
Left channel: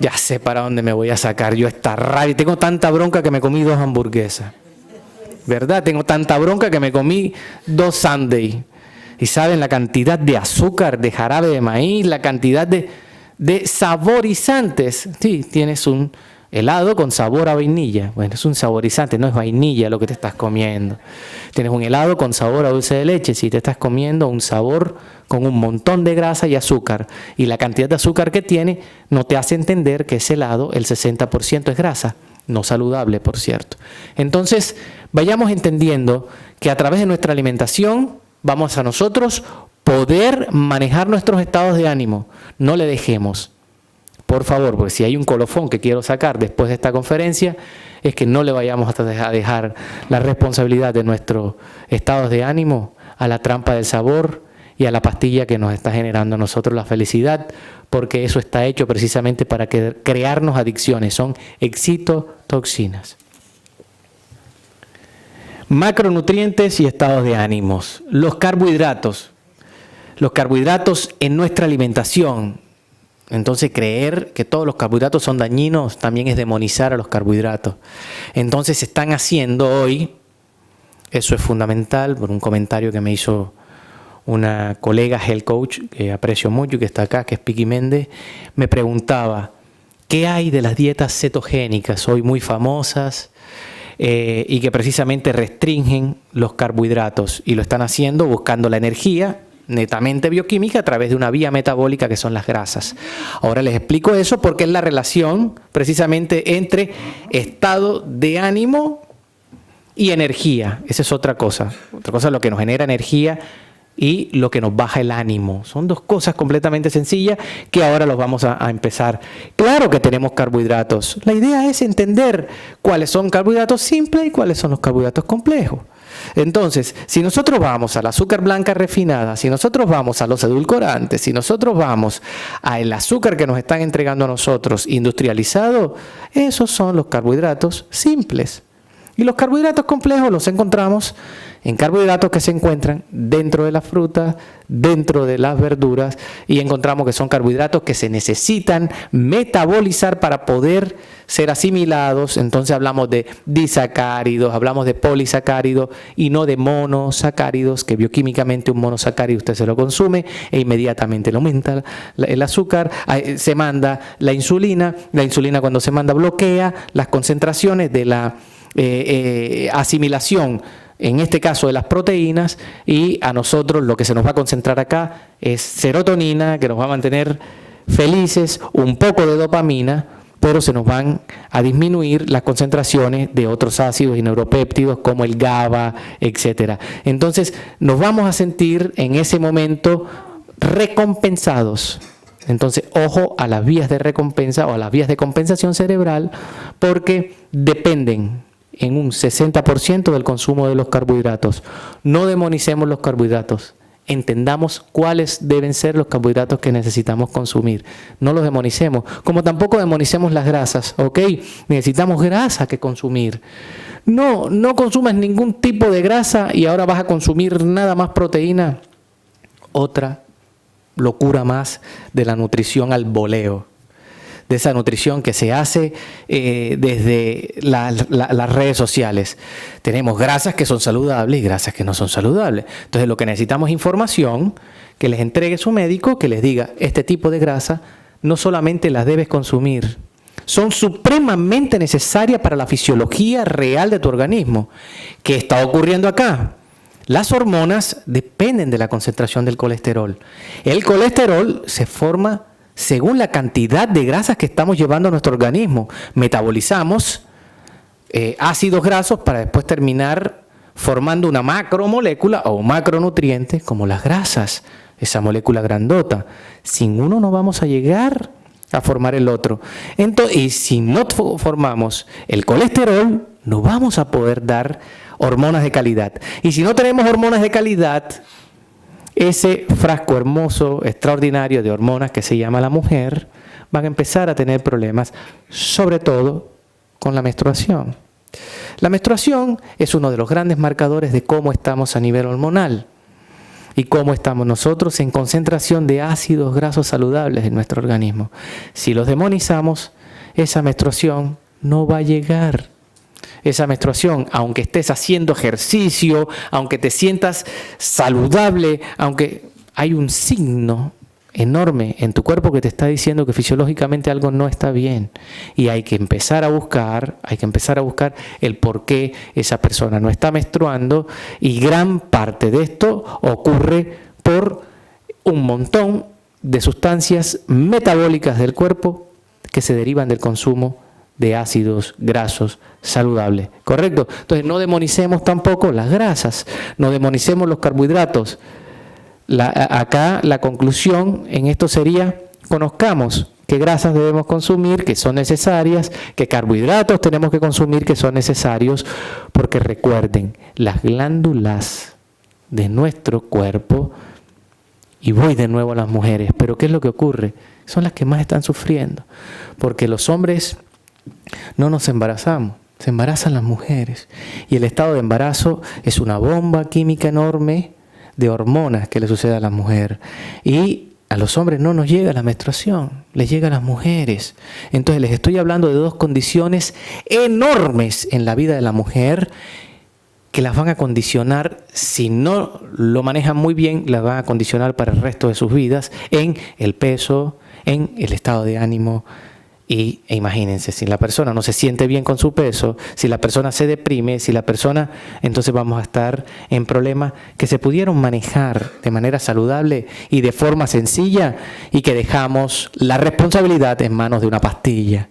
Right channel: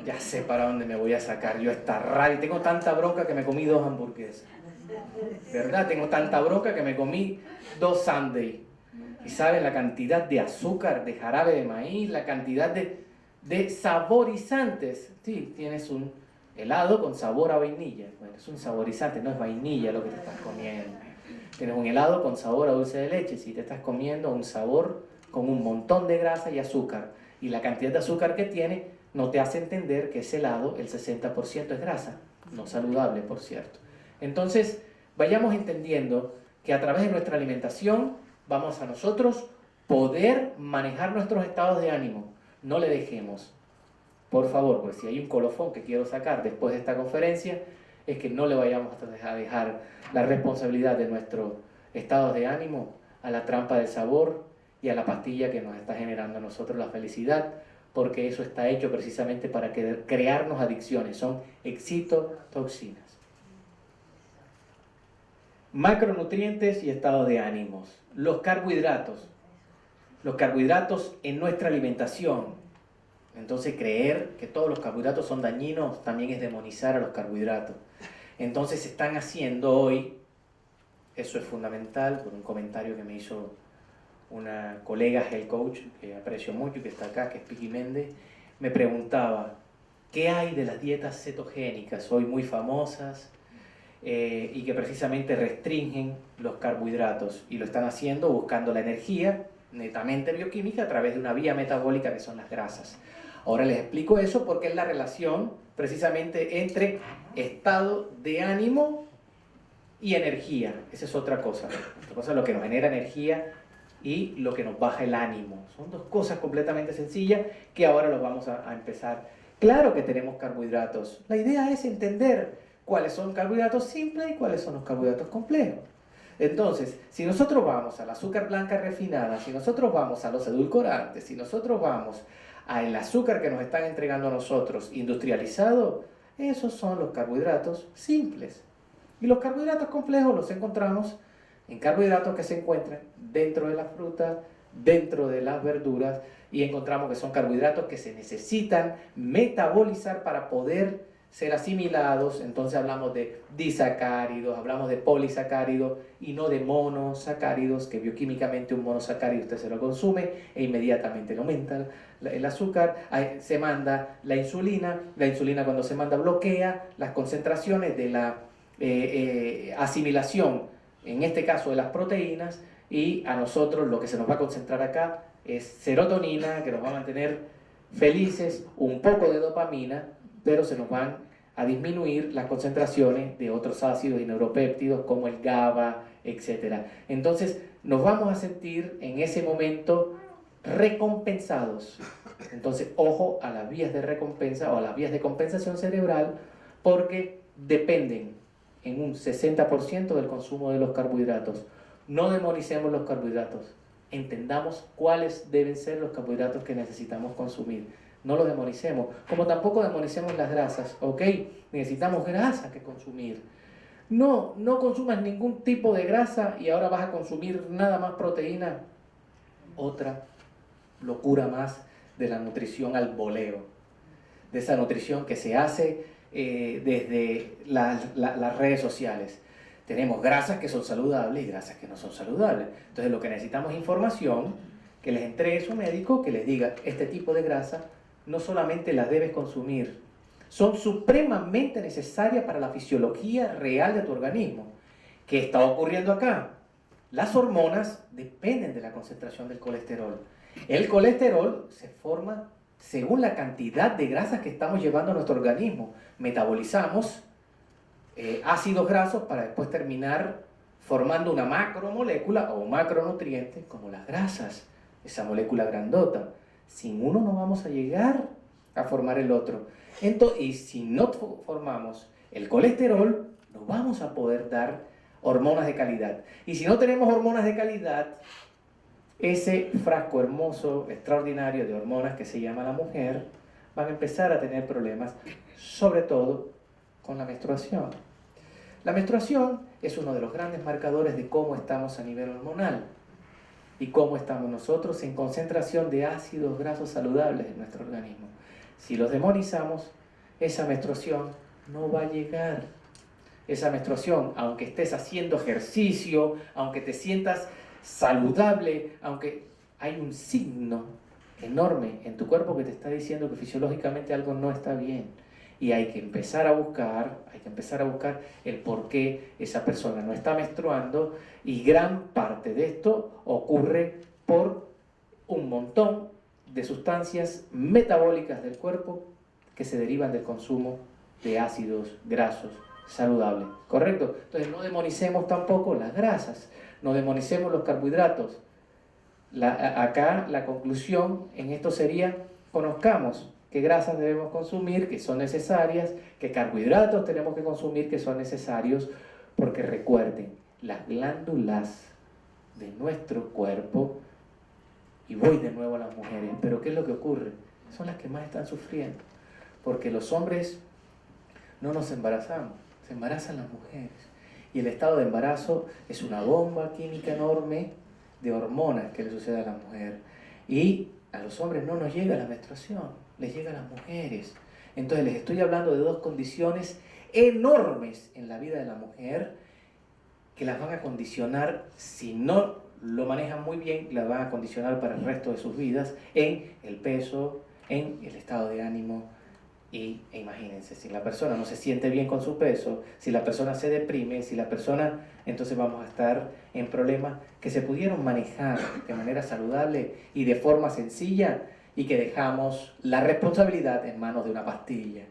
ya sé para dónde me voy a sacar yo esta rabia. Tengo tanta bronca que me comí 2 hamburguesas, ¿verdad? Tengo tanta bronca que me comí 2 sundaes. Y saben la cantidad de azúcar, de jarabe de maíz, la cantidad de saborizantes. Sí, tienes un helado con sabor a vainilla. Bueno, es un saborizante, no es vainilla lo que te estás comiendo. Tienes un helado con sabor a dulce de leche, si te estás comiendo un sabor con un montón de grasa y azúcar. Y la cantidad de azúcar que tiene no te hace entender que ese helado, el 60% es grasa, no saludable, por cierto. Entonces, vayamos entendiendo que a través de nuestra alimentación vamos a nosotros poder manejar nuestros estados de ánimo. No le dejemos, por favor, porque si hay un colofón que quiero sacar después de esta conferencia, es que no le vayamos a dejar la responsabilidad de nuestros estados de ánimo a la trampa del sabor y a la pastilla que nos está generando a nosotros la felicidad, porque eso está hecho precisamente para crearnos adicciones, son excitotoxinas. Macronutrientes y estados de ánimos. Los carbohidratos. los carbohidratos en nuestra alimentación. Entonces creer que todos los carbohidratos son dañinos también es demonizar a los carbohidratos. Entonces se están haciendo hoy, eso es fundamental, por un comentario que me hizo una colega health coach que aprecio mucho y que está acá, que es Piqui Méndez, me preguntaba, ¿qué hay de las dietas cetogénicas hoy muy famosas y que precisamente restringen los carbohidratos? Y lo están haciendo buscando la energía netamente bioquímica a través de una vía metabólica que son las grasas. Ahora les explico eso porque es la relación precisamente entre estado de ánimo y energía. Esa es otra cosa. Otra cosa es lo que nos genera energía y lo que nos baja el ánimo. Son dos cosas completamente sencillas que ahora los vamos a empezar. Claro que tenemos carbohidratos. La idea es entender cuáles son carbohidratos simples y cuáles son los carbohidratos complejos. Entonces, si nosotros vamos al azúcar blanca refinada, si nosotros vamos a los edulcorantes, si nosotros vamos al azúcar que nos están entregando a nosotros industrializado, esos son los carbohidratos simples. Y los carbohidratos complejos los encontramos en carbohidratos que se encuentran dentro de las frutas, dentro de las verduras, y encontramos que son carbohidratos que se necesitan metabolizar para poder ser asimilados. Entonces hablamos de disacáridos, hablamos de polisacáridos y no de monosacáridos, que bioquímicamente un monosacárido usted se lo consume e inmediatamente le aumenta el azúcar. Se manda la insulina cuando se manda bloquea las concentraciones de la asimilación, en este caso de las proteínas, y a nosotros lo que se nos va a concentrar acá es serotonina, que nos va a mantener felices, un poco de dopamina, pero se nos van a disminuir las concentraciones de otros ácidos y neuropéptidos como el GABA, etc. Entonces nos vamos a sentir en ese momento recompensados. Entonces, ojo a las vías de recompensa o a las vías de compensación cerebral, porque dependen en un 60% del consumo de los carbohidratos. No demonicemos los carbohidratos. Entendamos cuáles deben ser los carbohidratos que necesitamos consumir. No los demonicemos. Como tampoco demonicemos las grasas. ¿Ok? Necesitamos grasa que consumir. No consumas ningún tipo de grasa y ahora vas a consumir nada más proteína. Otra locura más de la nutrición al voleo. De esa nutrición que se hace desde las redes sociales. Tenemos grasas que son saludables y grasas que no son saludables. Entonces lo que necesitamos es información que les entregue su médico, que les diga, este tipo de grasa no solamente las debes consumir, son supremamente necesarias para la fisiología real de tu organismo. ¿Qué está ocurriendo acá? Las hormonas dependen de la concentración del colesterol. El colesterol se forma según la cantidad de grasas que estamos llevando a nuestro organismo. Metabolizamos ácidos grasos para después terminar formando una macromolécula o un macronutriente como las grasas, esa molécula grandota. Sin uno no vamos a llegar a formar el otro. Entonces, y si no formamos el colesterol, no vamos a poder dar hormonas de calidad. Y si no tenemos hormonas de calidad, ese frasco hermoso, extraordinario de hormonas que se llama la mujer, van a empezar a tener problemas, sobre todo con la menstruación. La menstruación es uno de los grandes marcadores de cómo estamos a nivel hormonal y cómo estamos nosotros en concentración de ácidos grasos saludables en nuestro organismo. Si los demonizamos, esa menstruación no va a llegar. Esa menstruación, aunque estés haciendo ejercicio, aunque te sientas saludable, aunque hay un signo enorme en tu cuerpo que te está diciendo que fisiológicamente algo no está bien. Y hay que empezar a buscar el por qué esa persona no está menstruando, y gran parte de esto ocurre por un montón de sustancias metabólicas del cuerpo que se derivan del consumo de ácidos grasos saludables, ¿correcto? Entonces no demonicemos tampoco las grasas, no demonicemos los carbohidratos. Acá la conclusión en esto sería, conozcamos qué grasas debemos consumir, que son necesarias, qué carbohidratos tenemos que consumir, que son necesarios, porque recuerden, las glándulas de nuestro cuerpo, y voy de nuevo a las mujeres, pero ¿qué es lo que ocurre? Son las que más están sufriendo, porque los hombres no nos embarazamos, se embarazan las mujeres, y el estado de embarazo es una bomba química enorme de hormonas que le sucede a la mujer. Y a los hombres no nos llega la menstruación, les llega a las mujeres. Entonces les estoy hablando de dos condiciones enormes en la vida de la mujer que las van a condicionar, si no lo manejan muy bien, las van a condicionar para el resto de sus vidas en el peso, en el estado de ánimo. E imagínense, si la persona no se siente bien con su peso, si la persona se deprime, si la persona, entonces vamos a estar en problemas que se pudieron manejar de manera saludable y de forma sencilla, y que dejamos la responsabilidad en manos de una pastilla.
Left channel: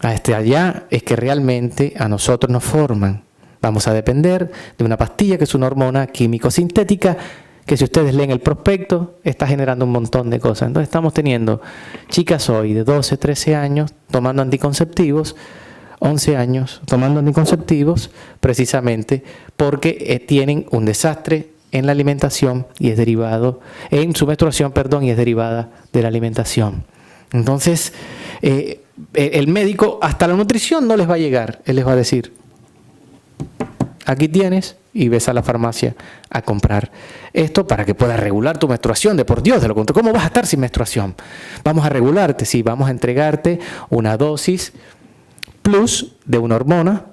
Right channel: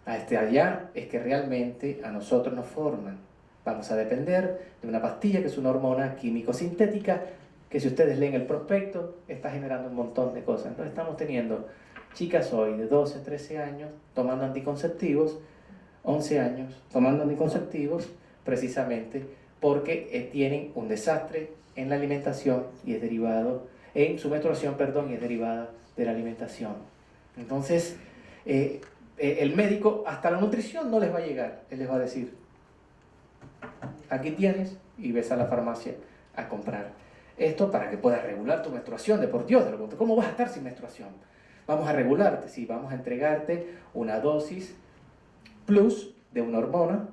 Allá es que realmente a nosotros nos forman. Vamos a depender de una pastilla que es una hormona químico-sintética, que si ustedes leen el prospecto, está generando un montón de cosas. Entonces estamos teniendo chicas hoy de 12, 13 años tomando anticonceptivos, 11 años tomando anticonceptivos, precisamente porque tienen un desastre en la alimentación y es derivado, en su menstruación, perdón, y es derivada de la alimentación. Entonces, el médico, hasta la nutrición no les va a llegar. Él les va a decir, aquí tienes, y ves a la farmacia a comprar esto para que puedas regular tu menstruación. De por Dios, de lo contrario, ¿cómo vas a estar sin menstruación? Vamos a regularte, sí, vamos a entregarte una dosis plus de una hormona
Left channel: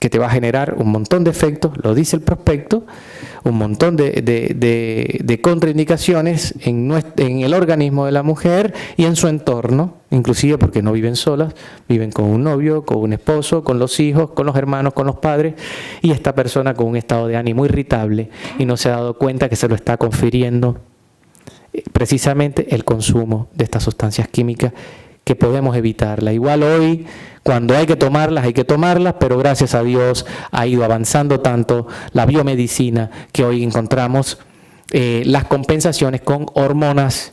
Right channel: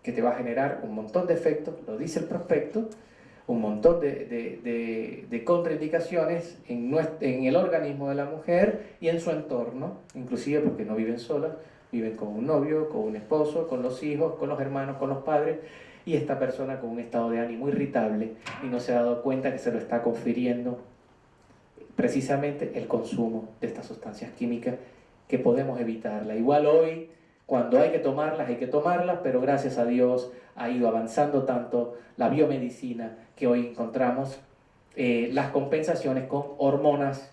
que te va a generar un montón de efectos, lo dice el prospecto, un montón de contraindicaciones en el organismo de la mujer y en su entorno, inclusive porque no viven solas, viven con un novio, con un esposo, con los hijos, con los hermanos, con los padres, y esta persona con un estado de ánimo irritable y no se ha dado cuenta que se lo está confiriendo precisamente el consumo de estas sustancias químicas, que podemos evitarla. Igual hoy, cuando hay que tomarlas, pero gracias a Dios ha ido avanzando tanto la biomedicina que hoy encontramos las compensaciones con hormonas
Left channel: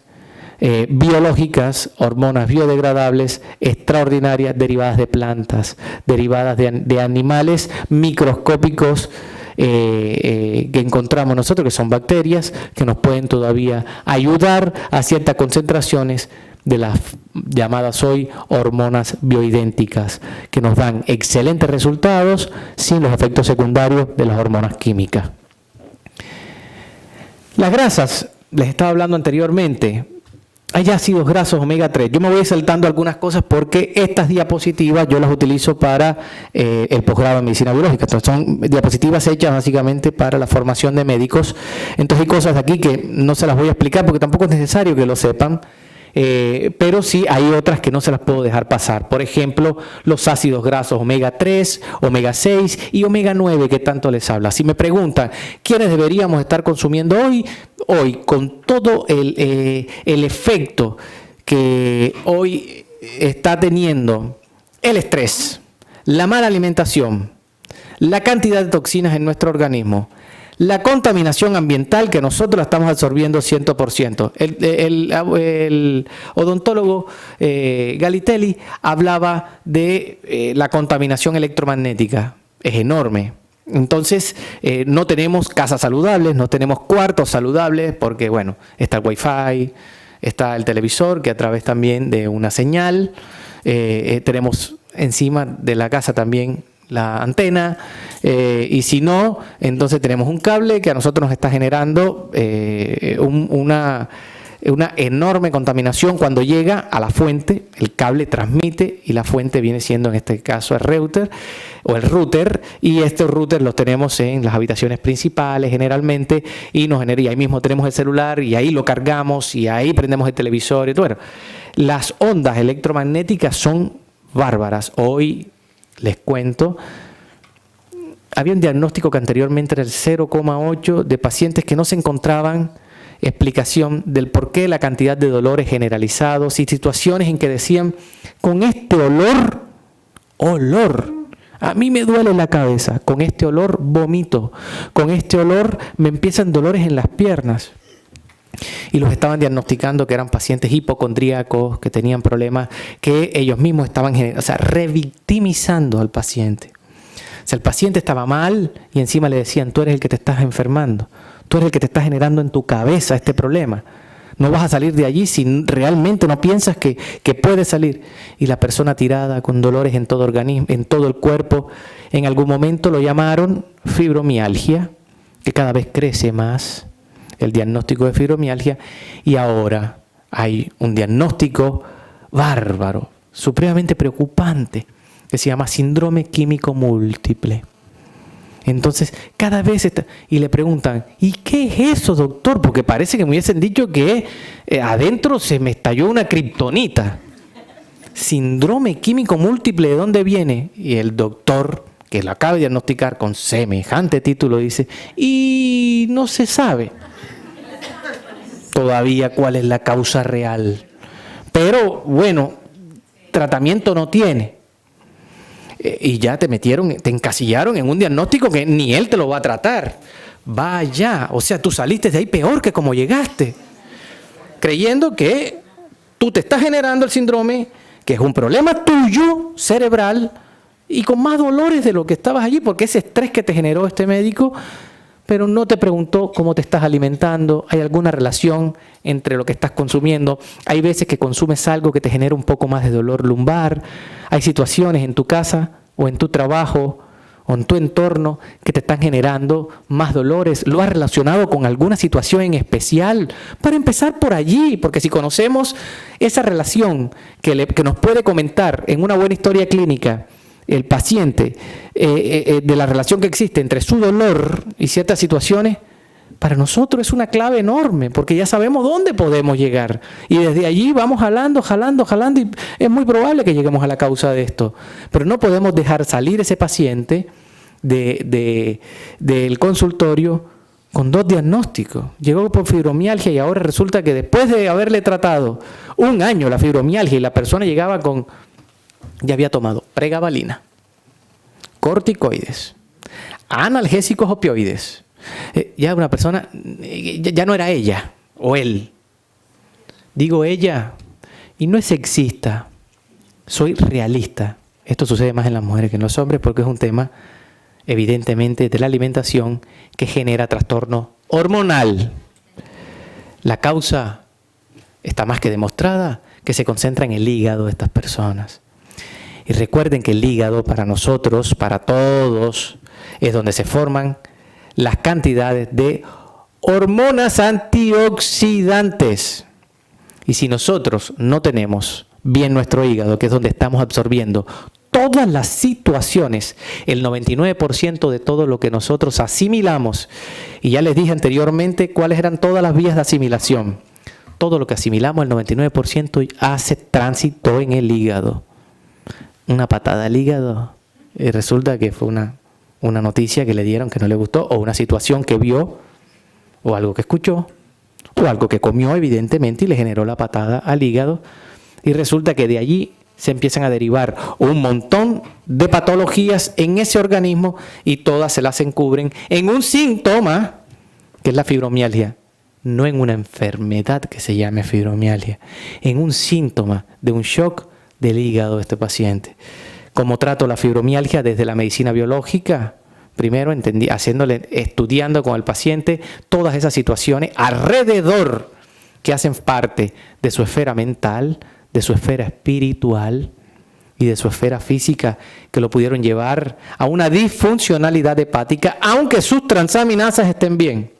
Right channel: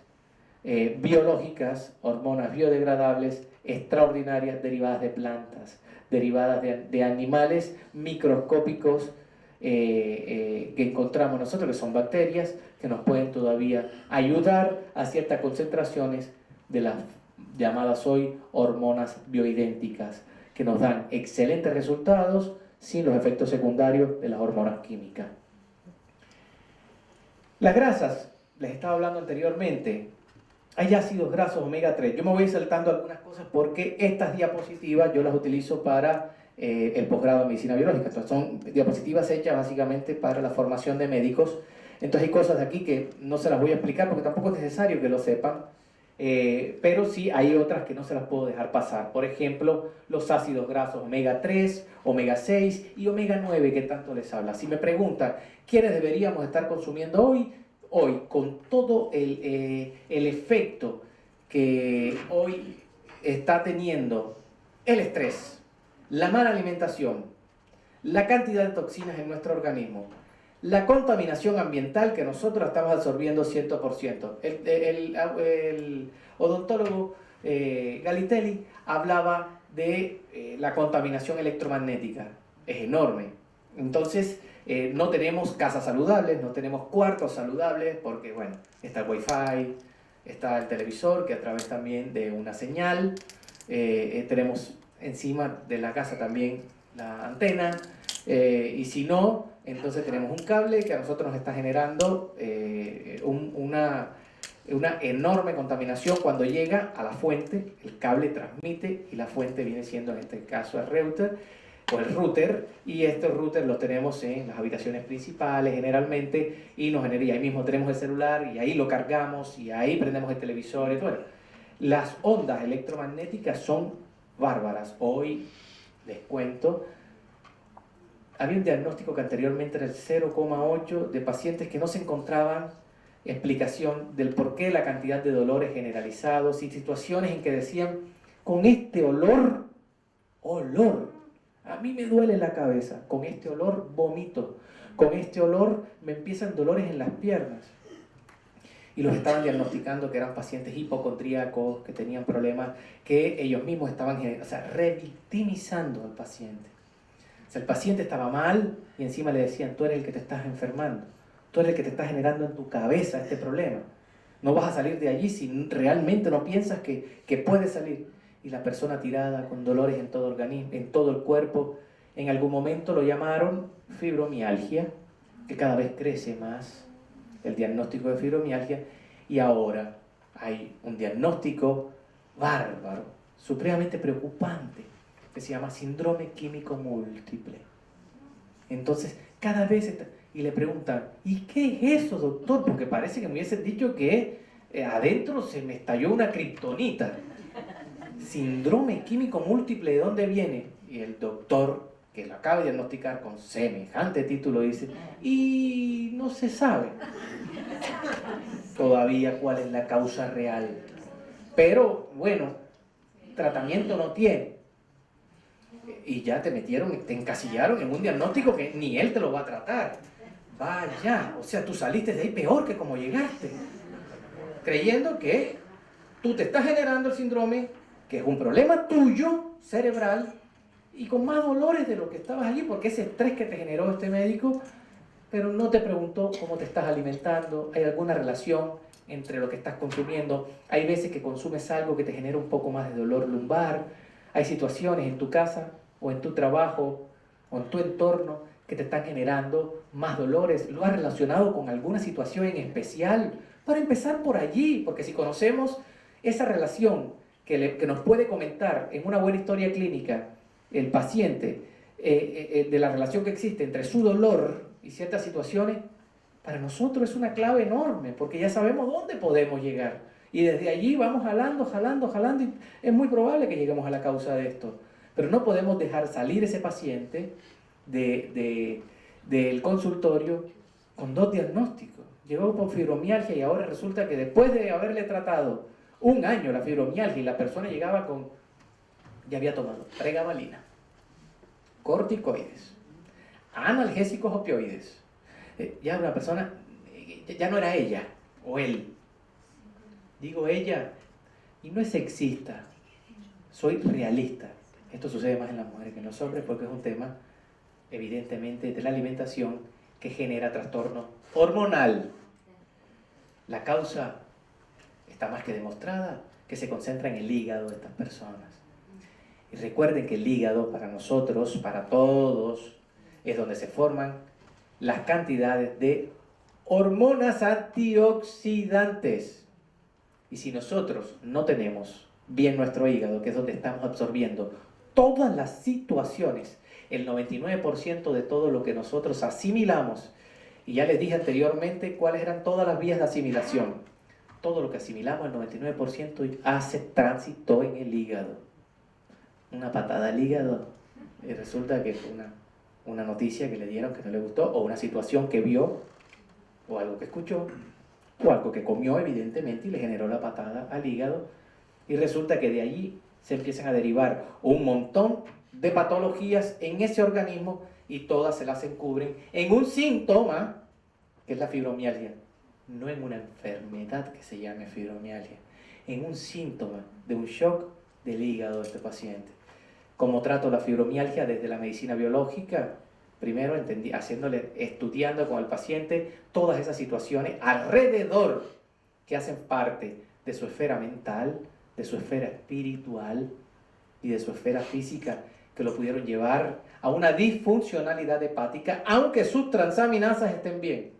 biológicas, hormonas biodegradables extraordinarias, derivadas de plantas, derivadas de animales microscópicos que encontramos nosotros, que son bacterias, que nos pueden todavía ayudar a ciertas concentraciones de las llamadas hoy hormonas bioidénticas, que nos dan excelentes resultados sin los efectos secundarios de las hormonas químicas. Las grasas, les estaba hablando anteriormente, hay ácidos grasos omega 3. Yo me voy saltando algunas cosas porque estas diapositivas yo las utilizo para el posgrado en medicina biológica. Entonces son diapositivas hechas básicamente para la formación de médicos. Entonces hay cosas de aquí que no se las voy a explicar porque tampoco es necesario que lo sepan. Pero sí hay otras que no se las puedo dejar pasar. Por ejemplo, los ácidos grasos omega 3, omega 6 y omega 9 que tanto les habla. Si me preguntan, ¿quiénes deberíamos estar consumiendo hoy? Hoy, con todo el efecto que hoy está teniendo el estrés, la mala alimentación, la cantidad de toxinas en nuestro organismo, la contaminación ambiental que nosotros la estamos absorbiendo 100%. El odontólogo Galitelli hablaba de la contaminación electromagnética. Es enorme. Entonces, no tenemos casas saludables, no tenemos cuartos saludables, porque, bueno, está el Wi-Fi, está el televisor, que a través también de una señal, tenemos encima de la casa también la antena, y si no, entonces tenemos un cable que a nosotros nos está generando una enorme contaminación cuando llega a la fuente. El cable transmite y la fuente viene siendo en este caso el router o el router, y este router lo tenemos en las habitaciones principales generalmente y nos genera, y ahí mismo tenemos el celular y ahí lo cargamos y ahí prendemos el televisor y todo. Bueno, las ondas electromagnéticas son bárbaras. Hoy les cuento, había un diagnóstico que anteriormente era el 0,8 de pacientes que no se encontraban explicación del por qué la cantidad de dolores generalizados y situaciones en que decían, con este olor, a mí me duele la cabeza, con este olor vomito, con este olor me empiezan dolores en las piernas. Y los estaban diagnosticando que eran pacientes hipocondríacos, que tenían problemas, que ellos mismos estaban revictimizando al paciente. O sea, el paciente estaba mal y encima le decían, tú eres el que te estás enfermando, tú eres el que te estás generando en tu cabeza este problema. No vas a salir de allí si realmente no piensas que puedes salir. Y la persona tirada con dolores en todo organismo, en todo el cuerpo, en algún momento lo llamaron fibromialgia, que cada vez crece más el diagnóstico de fibromialgia, y ahora hay un diagnóstico bárbaro, supremamente preocupante, que se llama síndrome químico múltiple. Entonces, cada vez y le preguntan, ¿y qué es eso, doctor? Porque parece que me hubiesen dicho que adentro se me estalló una kriptonita. Síndrome químico múltiple, ¿de dónde viene? Y el doctor, que lo acaba de diagnosticar con semejante título, dice, y no se sabe todavía cuál es la causa real. Pero, bueno, tratamiento no tiene. Y ya te encasillaron en un diagnóstico que ni él te lo va a tratar. Vaya, o sea, tú saliste de ahí peor que como llegaste. Creyendo que tú te estás generando el síndrome, que es un problema tuyo, cerebral, y con más dolores de lo que estabas allí, porque ese estrés que te generó este médico, pero no te preguntó cómo te estás alimentando, hay alguna relación entre lo que estás consumiendo, hay veces que consumes algo que te genera un poco más de dolor lumbar, hay situaciones en tu casa o en tu trabajo o en tu entorno que te están generando más dolores, lo has relacionado con alguna situación en especial, para empezar por allí, porque si conocemos esa relación que nos puede comentar en una buena historia clínica el paciente, de la relación que existe entre su dolor y ciertas situaciones, para nosotros es una clave enorme, porque ya sabemos dónde podemos llegar. Y desde allí vamos jalando, y es muy probable que lleguemos a la causa de esto. Pero no podemos dejar salir ese paciente del consultorio con 2 diagnósticos. Llegó por fibromialgia y ahora resulta que después de haberle tratado 1 año la fibromialgia y la persona llegaba ya había tomado pregabalina, corticoides, analgésicos opioides. Ya una persona, ya no era ella o él. Digo ella, y no es sexista, soy realista. Esto sucede más en las mujeres que en los hombres porque es un tema, evidentemente, de la alimentación que genera trastorno hormonal. La causa está más que demostrada, que se concentra en el hígado de estas personas. Y recuerden que el hígado para nosotros, para todos, es donde se forman las cantidades de hormonas antioxidantes. Y si nosotros no tenemos bien nuestro hígado, que es donde estamos absorbiendo todas las situaciones, el 99% de todo lo que nosotros asimilamos, y ya les dije anteriormente cuáles eran todas las vías de asimilación, todo lo que asimilamos, el 99% hace tránsito en el hígado. Una patada al hígado, y resulta que fue una noticia que le dieron que no le gustó, o una situación que vio, o algo que escuchó, o algo que comió evidentemente y le generó la patada al hígado, y resulta que de allí se empiezan a derivar un montón de patologías en ese organismo y todas se las encubren en un síntoma que es la fibromialgia, no en una enfermedad que se llame fibromialgia, en un síntoma de un shock del hígado de este paciente. ¿Cómo trato la fibromialgia desde la medicina biológica? Primero, estudiando con el paciente todas esas situaciones alrededor que hacen parte de su esfera mental, de su esfera espiritual y de su esfera física, que lo pudieron llevar a una disfuncionalidad hepática, aunque sus transaminasas estén bien.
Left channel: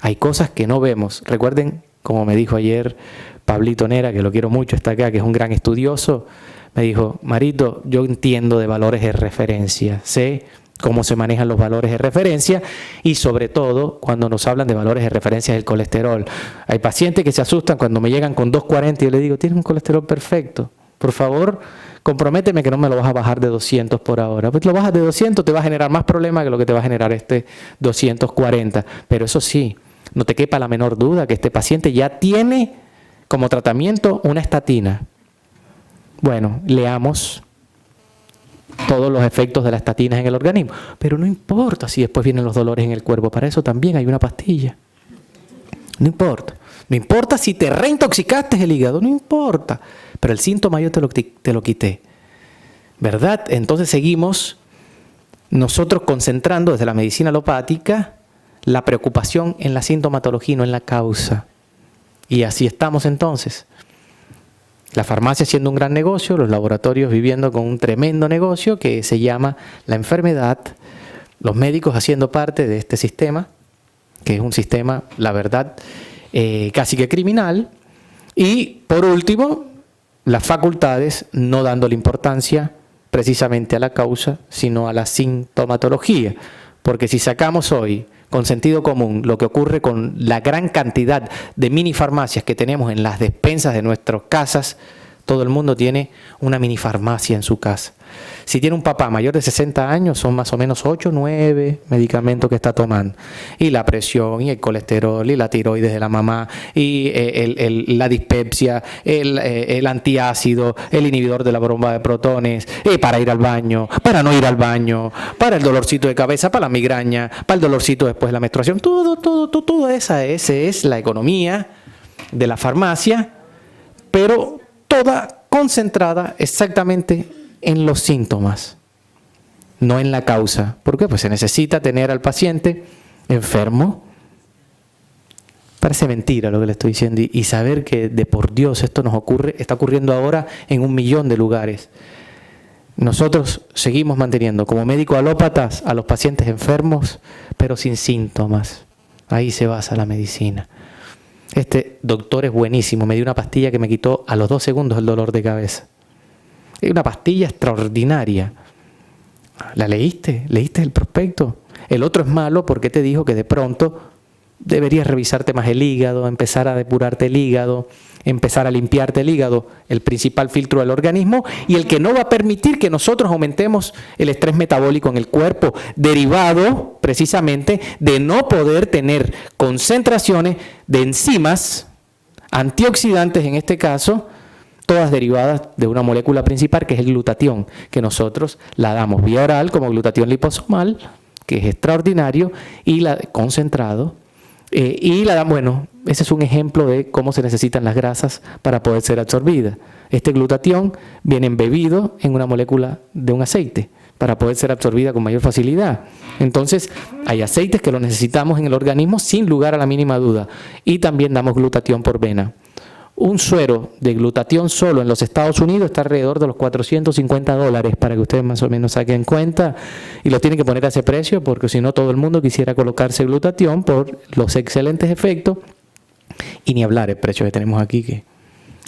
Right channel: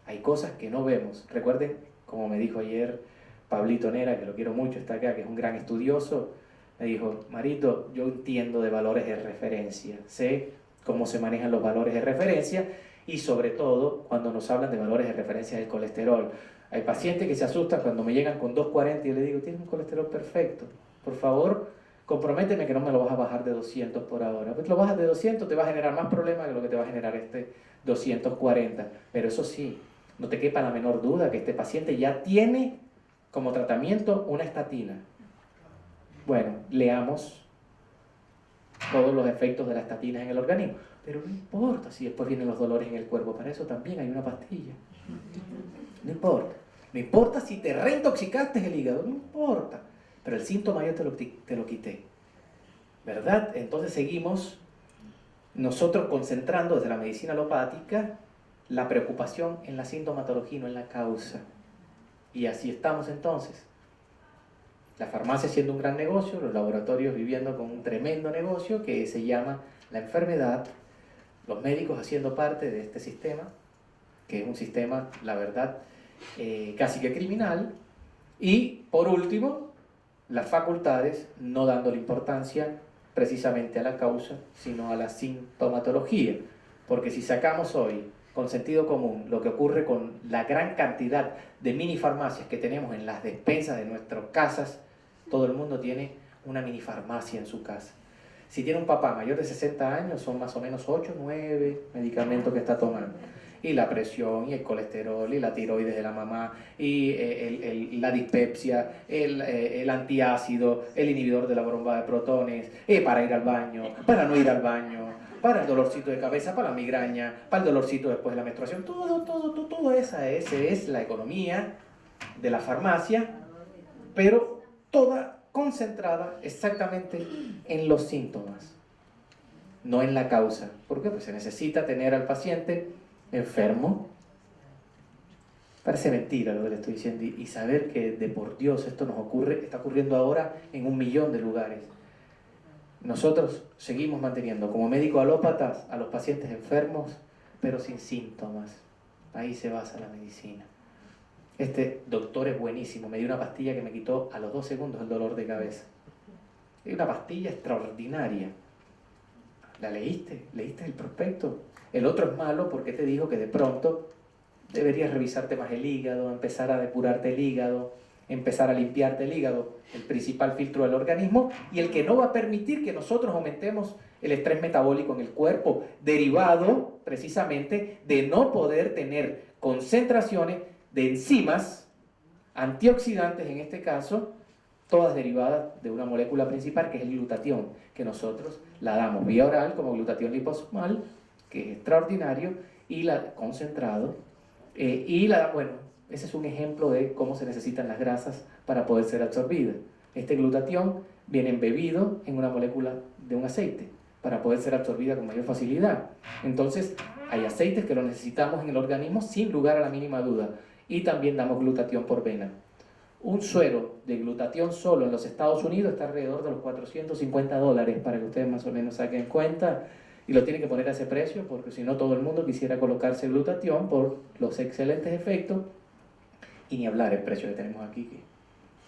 Hay cosas que no vemos. Recuerden, como me dijo ayer Pablito Nera, que lo quiero mucho, está acá, que es un gran estudioso, me dijo, Marito, yo entiendo de valores de referencia, sé cómo se manejan los valores de referencia y sobre todo cuando nos hablan de valores de referencia del colesterol. Hay pacientes que se asustan cuando me llegan con 240 y yo les digo, tienes un colesterol perfecto, por favor, comprométeme que no me lo vas a bajar de 200 por ahora. Pues lo bajas de 200, te va a generar más problemas que lo que te va a generar este 240. Pero eso sí, no te quepa la menor duda que este paciente ya tiene como tratamiento una estatina. Bueno, leamos todos los efectos de las estatinas en el organismo, pero no importa si después vienen los dolores en el cuerpo, para eso también hay una pastilla. No importa. No importa si te reintoxicaste el hígado, no importa, pero el síntoma yo te lo quité. ¿Verdad? Entonces seguimos nosotros concentrando desde la medicina alopática la preocupación en la sintomatología y no en la causa. Y así estamos entonces. La farmacia siendo un gran negocio, los laboratorios viviendo con un tremendo negocio que se llama la enfermedad los médicos haciendo parte de este sistema, que es un sistema, la verdad, casi que criminal. Y por último, las facultades no dándole importancia precisamente a la causa, sino a la sintomatología. Porque si sacamos hoy con sentido común lo que ocurre con la gran cantidad de mini farmacias que tenemos en las despensas de nuestras casas, todo el mundo tiene una mini farmacia en su casa. Si tiene un papá mayor de 60 años, son más o menos 8 o 9 medicamentos que está tomando. Y la presión, y el colesterol, y la tiroides de la mamá, y la dispepsia, el antiácido, el inhibidor de la bomba de protones, y para ir al baño, para no ir al baño, para el dolorcito de cabeza, para la migraña, para el dolorcito después de la menstruación. Toda esa es la economía de la farmacia, pero toda concentrada exactamente en los síntomas, no en la causa. ¿Por qué? Pues se necesita tener al paciente enfermo. Parece mentira lo que le estoy diciendo, y saber que de por Dios esto nos ocurre, está ocurriendo ahora en 1 millón de lugares. Nosotros seguimos manteniendo como médicos alópatas a los pacientes enfermos, pero sin síntomas. Ahí se basa la medicina. Este doctor es buenísimo, me dio una pastilla que me quitó a los 2 segundos el dolor de cabeza. Es una pastilla extraordinaria. ¿La leíste? ¿Leíste el prospecto? El otro es malo porque te dijo que de pronto deberías revisarte más el hígado, empezar a depurarte el hígado, empezar a limpiarte el hígado, el principal filtro del organismo, y el que no va a permitir que nosotros aumentemos el estrés metabólico en el cuerpo, derivado precisamente de no poder tener concentraciones de enzimas, antioxidantes en este caso, todas derivadas de una molécula principal que es el glutatión, que nosotros la damos vía oral como glutatión liposomal, que es extraordinario, y la concentrado, y la damos, bueno, ese es un ejemplo de cómo se necesitan las grasas para poder ser absorbidas. Este glutatión viene embebido en una molécula de un aceite para poder ser absorbida con mayor facilidad. Entonces, hay aceites que lo necesitamos en el organismo sin lugar a la mínima duda, y también damos glutatión por vena. Un suero de glutatión solo en los Estados Unidos está alrededor de los $450, para que ustedes más o menos saquen cuenta, y lo tienen que poner a ese precio porque si no todo el mundo quisiera colocarse glutatión por los excelentes efectos, y ni hablar el precio que tenemos aquí, que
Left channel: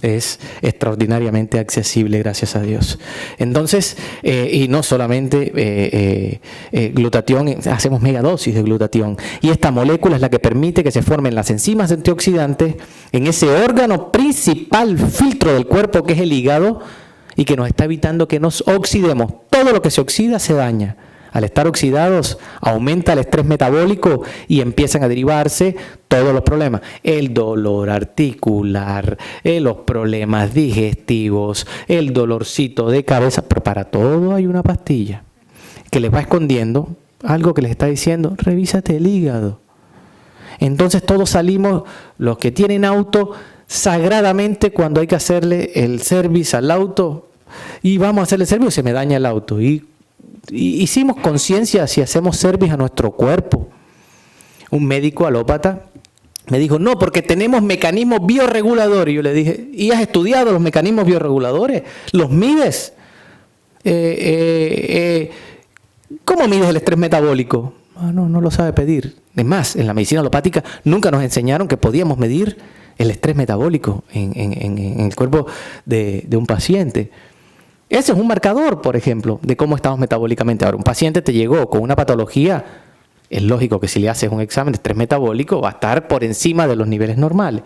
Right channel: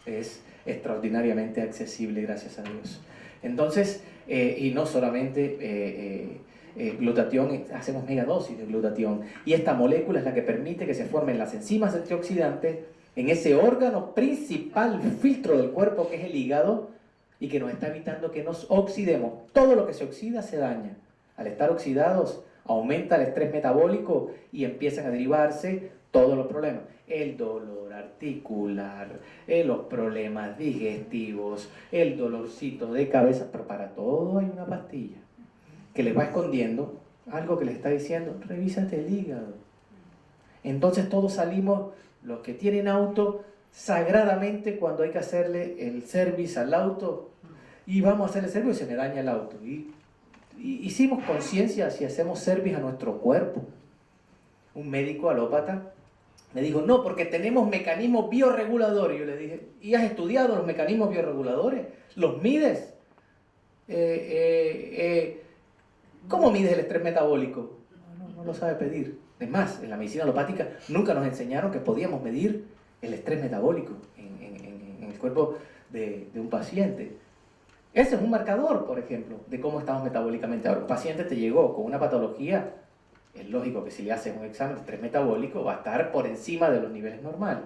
es extraordinariamente accesible, gracias a Dios. Entonces, y no solamente glutatión, hacemos megadosis de glutatión. Y esta molécula es la que permite que se formen las enzimas antioxidantes en ese órgano principal filtro del cuerpo que es el hígado, y que nos está evitando que nos oxidemos. Todo lo que se oxida se daña. Al estar oxidados, aumenta el estrés metabólico y empiezan a derivarse todos los problemas. El dolor articular, los problemas digestivos, el dolorcito de cabeza. Pero para todo hay una pastilla que les va escondiendo algo que les está diciendo: revísate el hígado. Entonces todos salimos, los que tienen auto, sagradamente cuando hay que hacerle el service al auto, y vamos a hacerle el service y se me daña el auto. Y hicimos conciencia si hacemos service a nuestro cuerpo. Un médico alópata me dijo: no, porque tenemos mecanismos bioreguladores. Y yo le dije: ¿y has estudiado los mecanismos bioreguladores? ¿Los mides? ¿Cómo mides el estrés metabólico? No lo sabe pedir. Es más, en la medicina alopática nunca nos enseñaron que podíamos medir el estrés metabólico en el cuerpo de un paciente. Ese es un marcador, por ejemplo, de cómo estamos metabólicamente. Ahora, un paciente te llegó con una patología, es lógico que si le haces un examen de estrés metabólico va a estar por encima de los niveles normales.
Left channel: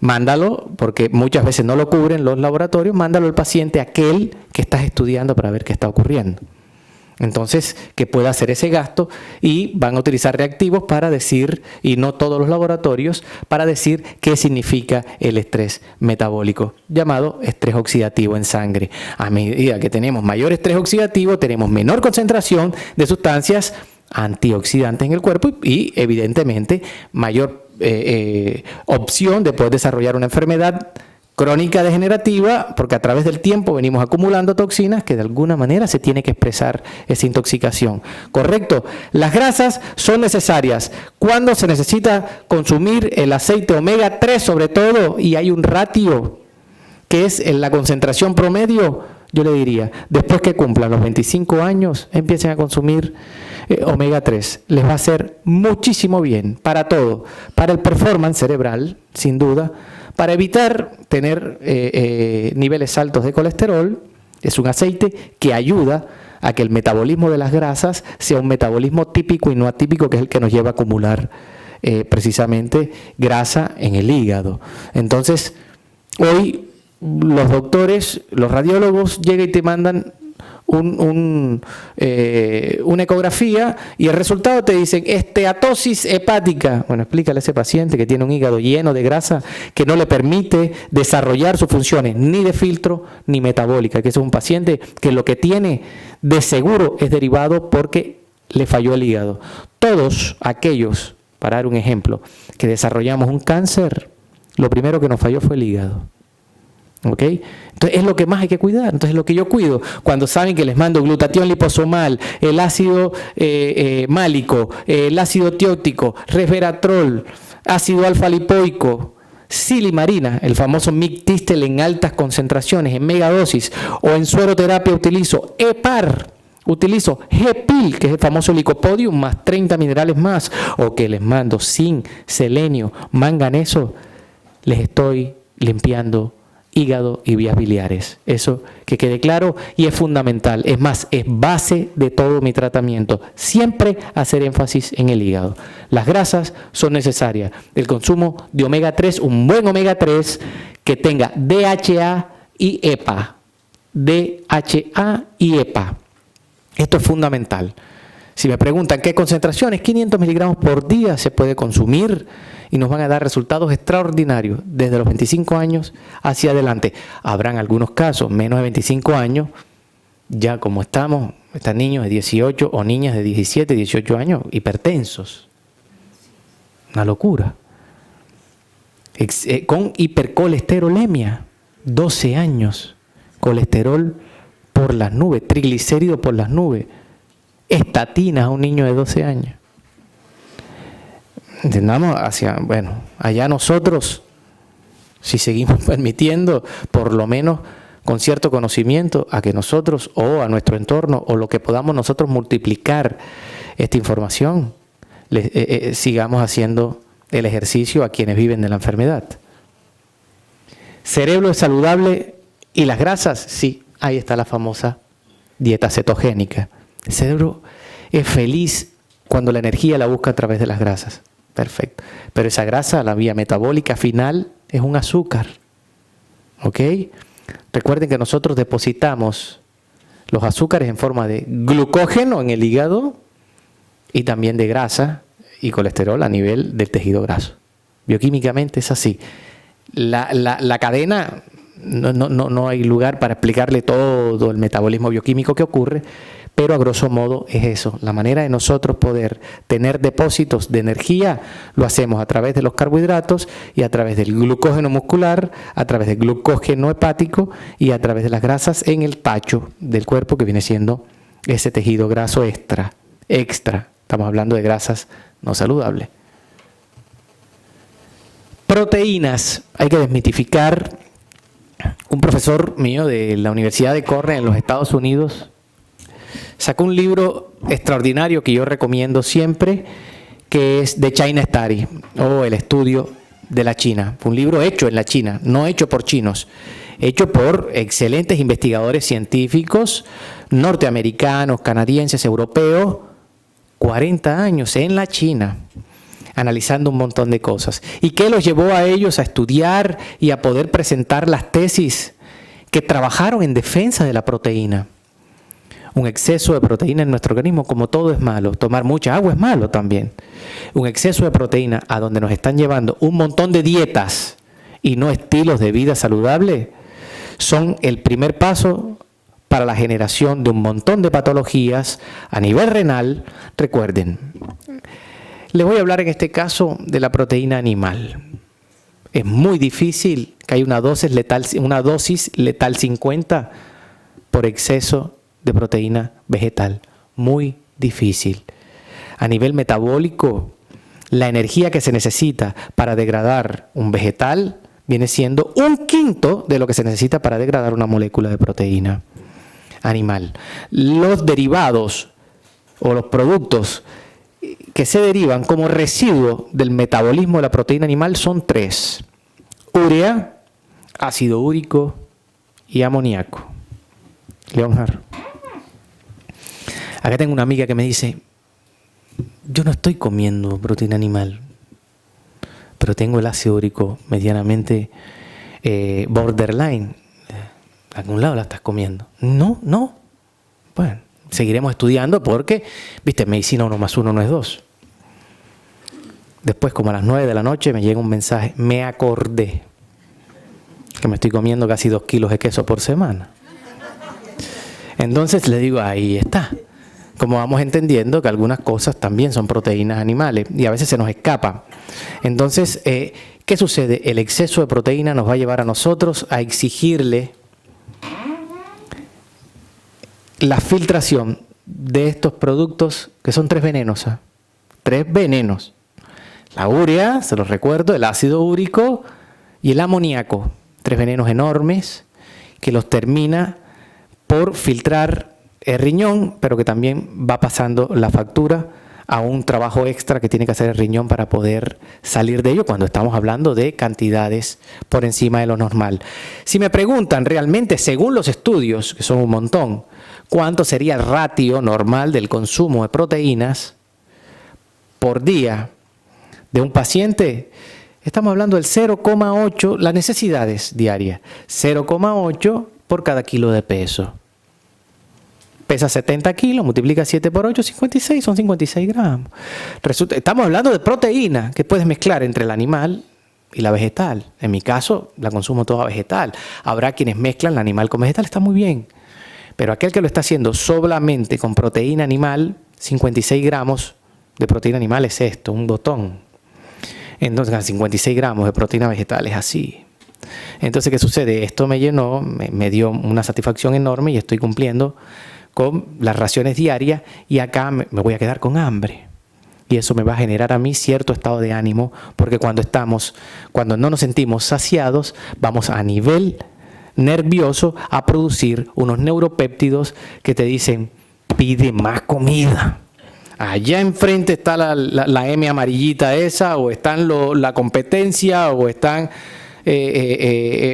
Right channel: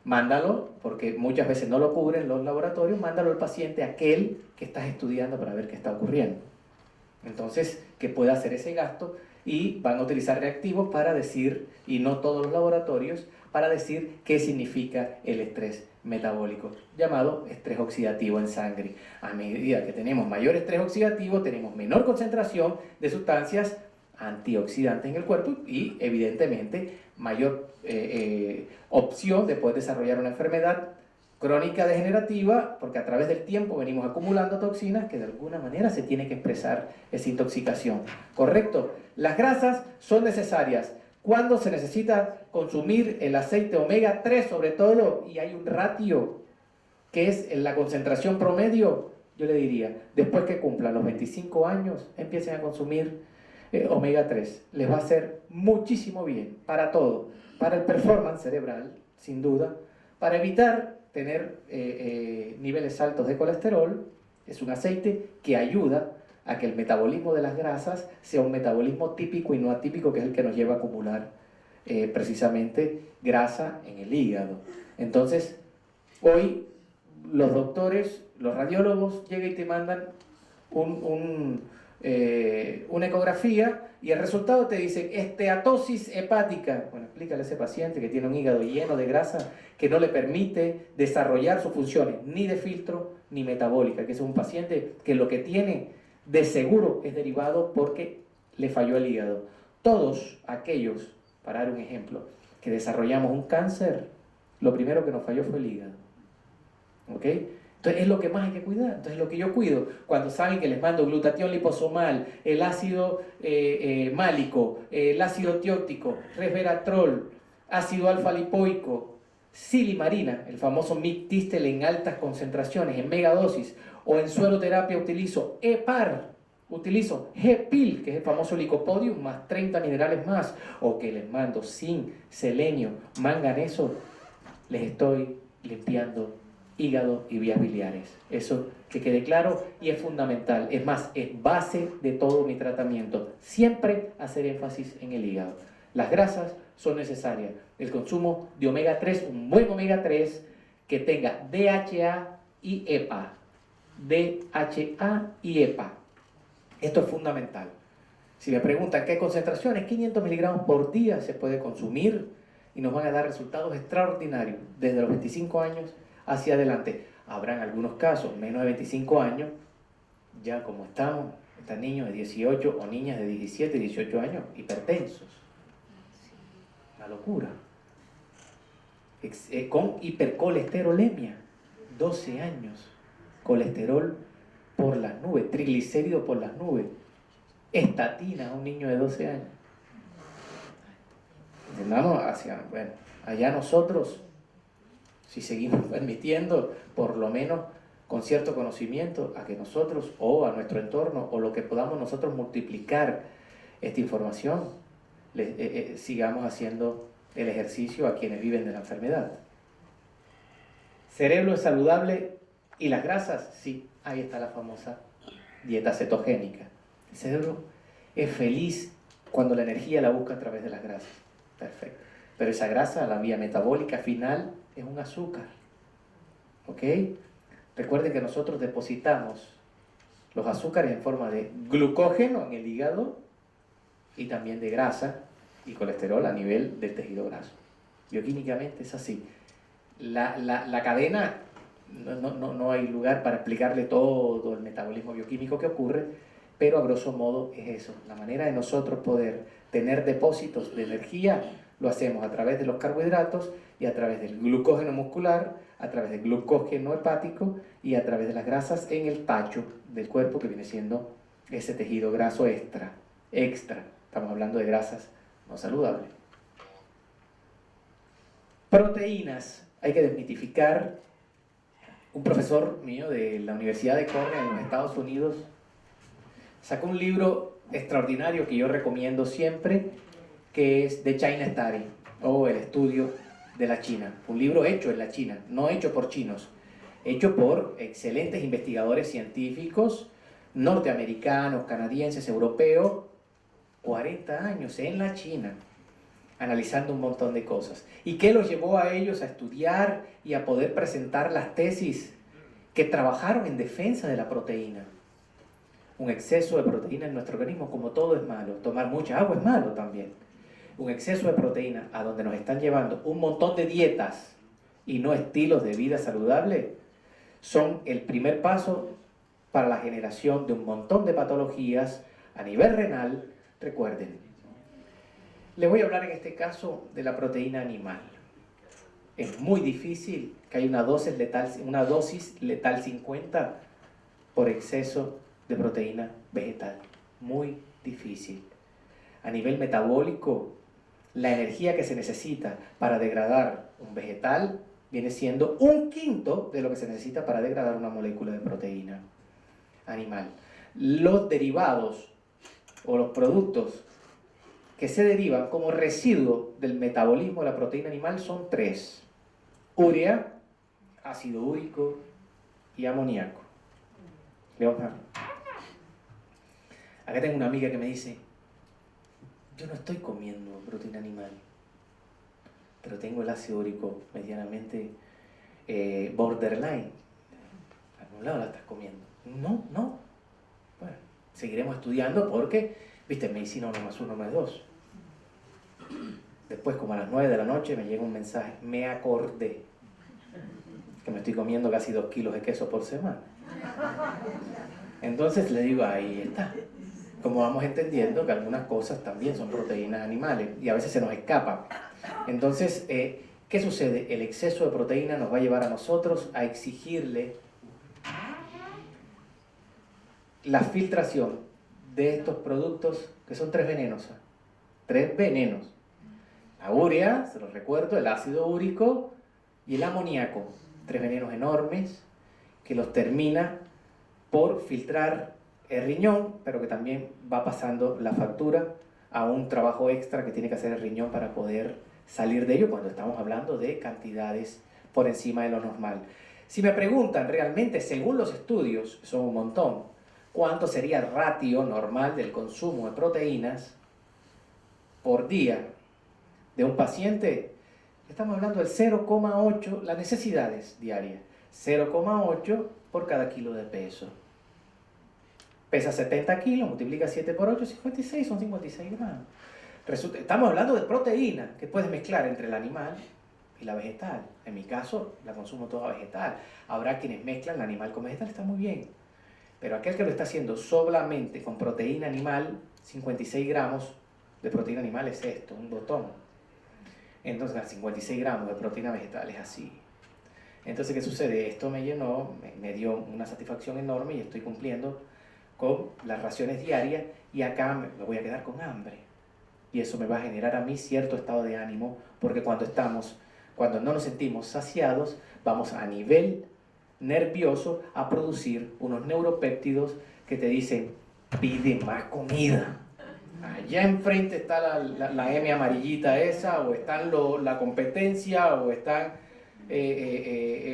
Mándalo, porque muchas veces no lo cubren los laboratorios, mándalo al paciente aquel que estás estudiando para ver qué está ocurriendo. Entonces, que pueda hacer ese gasto, y van a utilizar reactivos para decir, y no todos los laboratorios, para decir qué significa el estrés metabólico, llamado estrés oxidativo en sangre. A medida que tenemos mayor estrés oxidativo, tenemos menor concentración de sustancias antioxidantes en el cuerpo y evidentemente mayor opción de poder desarrollar una enfermedad crónica degenerativa, porque a través del tiempo venimos acumulando toxinas que de alguna manera se tiene que expresar esa intoxicación. ¿Correcto? Las grasas son necesarias. ¿Cuándo se necesita consumir el aceite omega 3 sobre todo? Y hay un ratio que es en la concentración promedio. Yo le diría, después que cumplan los 25 años, empiecen a consumir omega 3 les va a hacer muchísimo bien para todo, para el performance cerebral, sin duda, para evitar tener niveles altos de colesterol. Es un aceite que ayuda a que el metabolismo de las grasas sea un metabolismo típico y no atípico, que es el que nos lleva a acumular precisamente grasa en el hígado. Entonces, hoy los doctores, los radiólogos llegan y te mandan una ecografía y el resultado te dice esteatosis hepática. Bueno, explícale a ese paciente que tiene un hígado lleno de grasa que no le permite desarrollar sus funciones ni de filtro ni metabólica, que es un paciente que lo que tiene de seguro es derivado porque le falló el hígado. Todos aquellos, para dar un ejemplo, que desarrollamos un cáncer, lo primero que nos falló fue el hígado. ¿Ok? Entonces es lo que más hay que cuidar. Entonces lo que yo cuido, cuando saben que les mando glutatión liposomal, el ácido málico, el ácido tiótico, resveratrol, ácido alfa-lipoico, silimarina, el famoso mictistel en altas concentraciones, en megadosis, o en sueroterapia utilizo EPAR, utilizo GPIL, que es el famoso licopodium, más 30 minerales más, o que les mando zinc, selenio, manganeso, les estoy limpiando hígado y vías biliares. Eso que quede claro y es fundamental. Es más, es base de todo mi tratamiento. Siempre hacer énfasis en el hígado. Las grasas son necesarias. El consumo de omega 3, un buen omega 3 que tenga DHA y EPA. DHA y EPA. Esto es fundamental. Si me preguntan qué concentraciones, 500 miligramos por día se puede consumir y nos van a dar resultados extraordinarios desde los 25 años hacia adelante. Habrán algunos casos, menos de 25 años, ya como están niños de 18 o niñas de 17, 18 años, hipertensos. Una locura. Con hipercolesterolemia, 12 años, colesterol por las nubes, triglicéridos por las nubes, estatinas a un niño de 12 años. Entendamos allá nosotros, si seguimos permitiendo, por lo menos con cierto conocimiento, a que nosotros o a nuestro entorno o lo que podamos nosotros multiplicar esta información, sigamos haciendo el ejercicio a quienes viven de la enfermedad. ¿Cerebro es saludable y las grasas? Sí, ahí está la famosa dieta cetogénica. El cerebro es feliz cuando la energía la busca a través de las grasas. Perfecto. Pero esa grasa, la vía metabólica final, es un azúcar. ¿Ok? Recuerden que nosotros depositamos los azúcares en forma de glucógeno en el hígado y también de grasa y colesterol a nivel del tejido graso. Bioquímicamente es así. La cadena, no hay lugar para explicarle todo el metabolismo bioquímico que ocurre, pero a grosso modo es eso. La manera de nosotros poder tener depósitos de energía lo hacemos a través de los carbohidratos y a través del glucógeno muscular, a través del glucógeno hepático y a través de las grasas en el tacho del cuerpo, que viene siendo ese tejido graso extra. Estamos hablando de grasas no saludables. Proteínas. Hay que desmitificar. Un profesor mío de la Universidad de Cornell en los Estados Unidos sacó un libro extraordinario que yo recomiendo siempre, que es The China Study, o El estudio de la China. Fue un libro hecho en la China, no hecho por chinos, hecho por excelentes investigadores científicos norteamericanos, canadienses, europeos, 40 años en la China, analizando un montón de cosas. ¿Y qué los llevó a ellos a estudiar y a poder presentar las tesis que trabajaron en defensa de la proteína? Un exceso de proteína en nuestro organismo, como todo es malo. Tomar mucha agua es malo también. Un exceso de proteína a donde nos están llevando un montón de dietas y no estilos de vida saludable, son el primer paso para la generación de un montón de patologías a nivel renal. Recuerden, les voy a hablar en este caso de la proteína animal. Es muy difícil que haya una dosis letal 50 por exceso de proteína vegetal. Muy difícil. A nivel metabólico, la energía que se necesita para degradar un vegetal viene siendo 1/5 de lo que se necesita para degradar una molécula de proteína animal. Los derivados o los productos que se derivan como residuo del metabolismo de la proteína animal son 3. Urea, ácido úrico y amoníaco. Leonardo. Acá tengo una amiga que me dice, yo no estoy comiendo proteína animal, pero tengo el ácido úrico medianamente borderline. ¿A algún lado la estás comiendo? No. Bueno, seguiremos estudiando porque, viste, en medicina 1 más 1 no es 2. Después, como a las 9 de la noche, me llega un mensaje. Me acordé que me estoy comiendo casi 2 kilos de queso por semana. Entonces le digo, ahí está. Como vamos entendiendo que algunas cosas también son proteínas animales y a veces se nos escapan. Entonces, ¿qué sucede? El exceso de proteína nos va a llevar a nosotros a exigirle la filtración de estos productos que son 3 venenos. 3 venenos. La urea, se los recuerdo, el ácido úrico y el amoníaco. 3 venenos enormes que los termina por filtrar el riñón, pero que también va pasando la factura a un trabajo extra que tiene que hacer el riñón para poder salir de ello cuando estamos hablando de cantidades por encima de lo normal. Si me preguntan realmente, según los estudios, que son un montón, ¿cuánto sería el ratio normal del consumo de proteínas por día de un paciente? Estamos hablando del 0,8, las necesidades diarias, 0,8 por cada kilo de peso. Pesa 70 kilos, multiplica 7 por 8, 56, son 56 gramos. Estamos hablando de proteína que puedes mezclar entre el animal y la vegetal. En mi caso, la consumo toda vegetal. Habrá quienes mezclan el animal con vegetal, está muy bien. Pero aquel que lo está haciendo solamente con proteína animal, 56 gramos de proteína animal es esto, un botón. Entonces, 56 gramos de proteína vegetal es así. Entonces, ¿qué sucede? Esto me llenó, me dio una satisfacción enorme y estoy cumpliendo con las raciones diarias y acá me voy a quedar con hambre. Y eso me va a generar a mí cierto estado de ánimo, porque cuando no nos sentimos saciados, vamos a nivel nervioso a producir unos neuropéptidos que te dicen, pide más comida. Allá enfrente está la M amarillita esa, o están la competencia, o están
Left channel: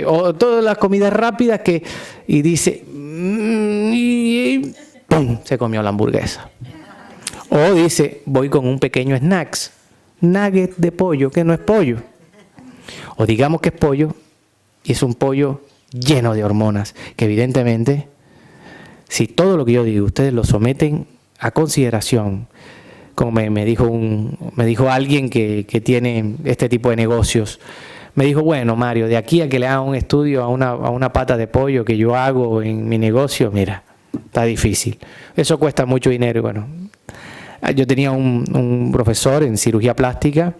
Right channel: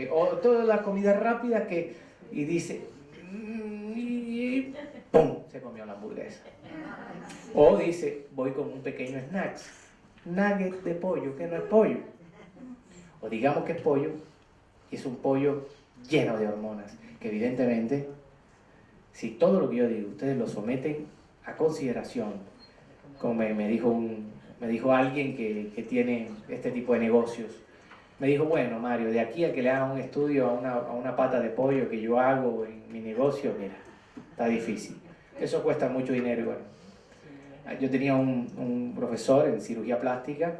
o todas las comidas rápidas y dice, y ¡pum!, se comió la hamburguesa. O dice, voy con un pequeño snacks, nugget de pollo, que no es pollo. O digamos que es pollo, y es un pollo lleno de hormonas, que evidentemente, si todo lo que yo digo, ustedes lo someten a consideración, como me dijo alguien que tiene este tipo de negocios, me dijo, bueno, Mario, de aquí a que le haga un estudio a una pata de pollo que yo hago en mi negocio, mira, está difícil. Eso cuesta mucho dinero. Bueno, yo tenía un profesor en cirugía plástica,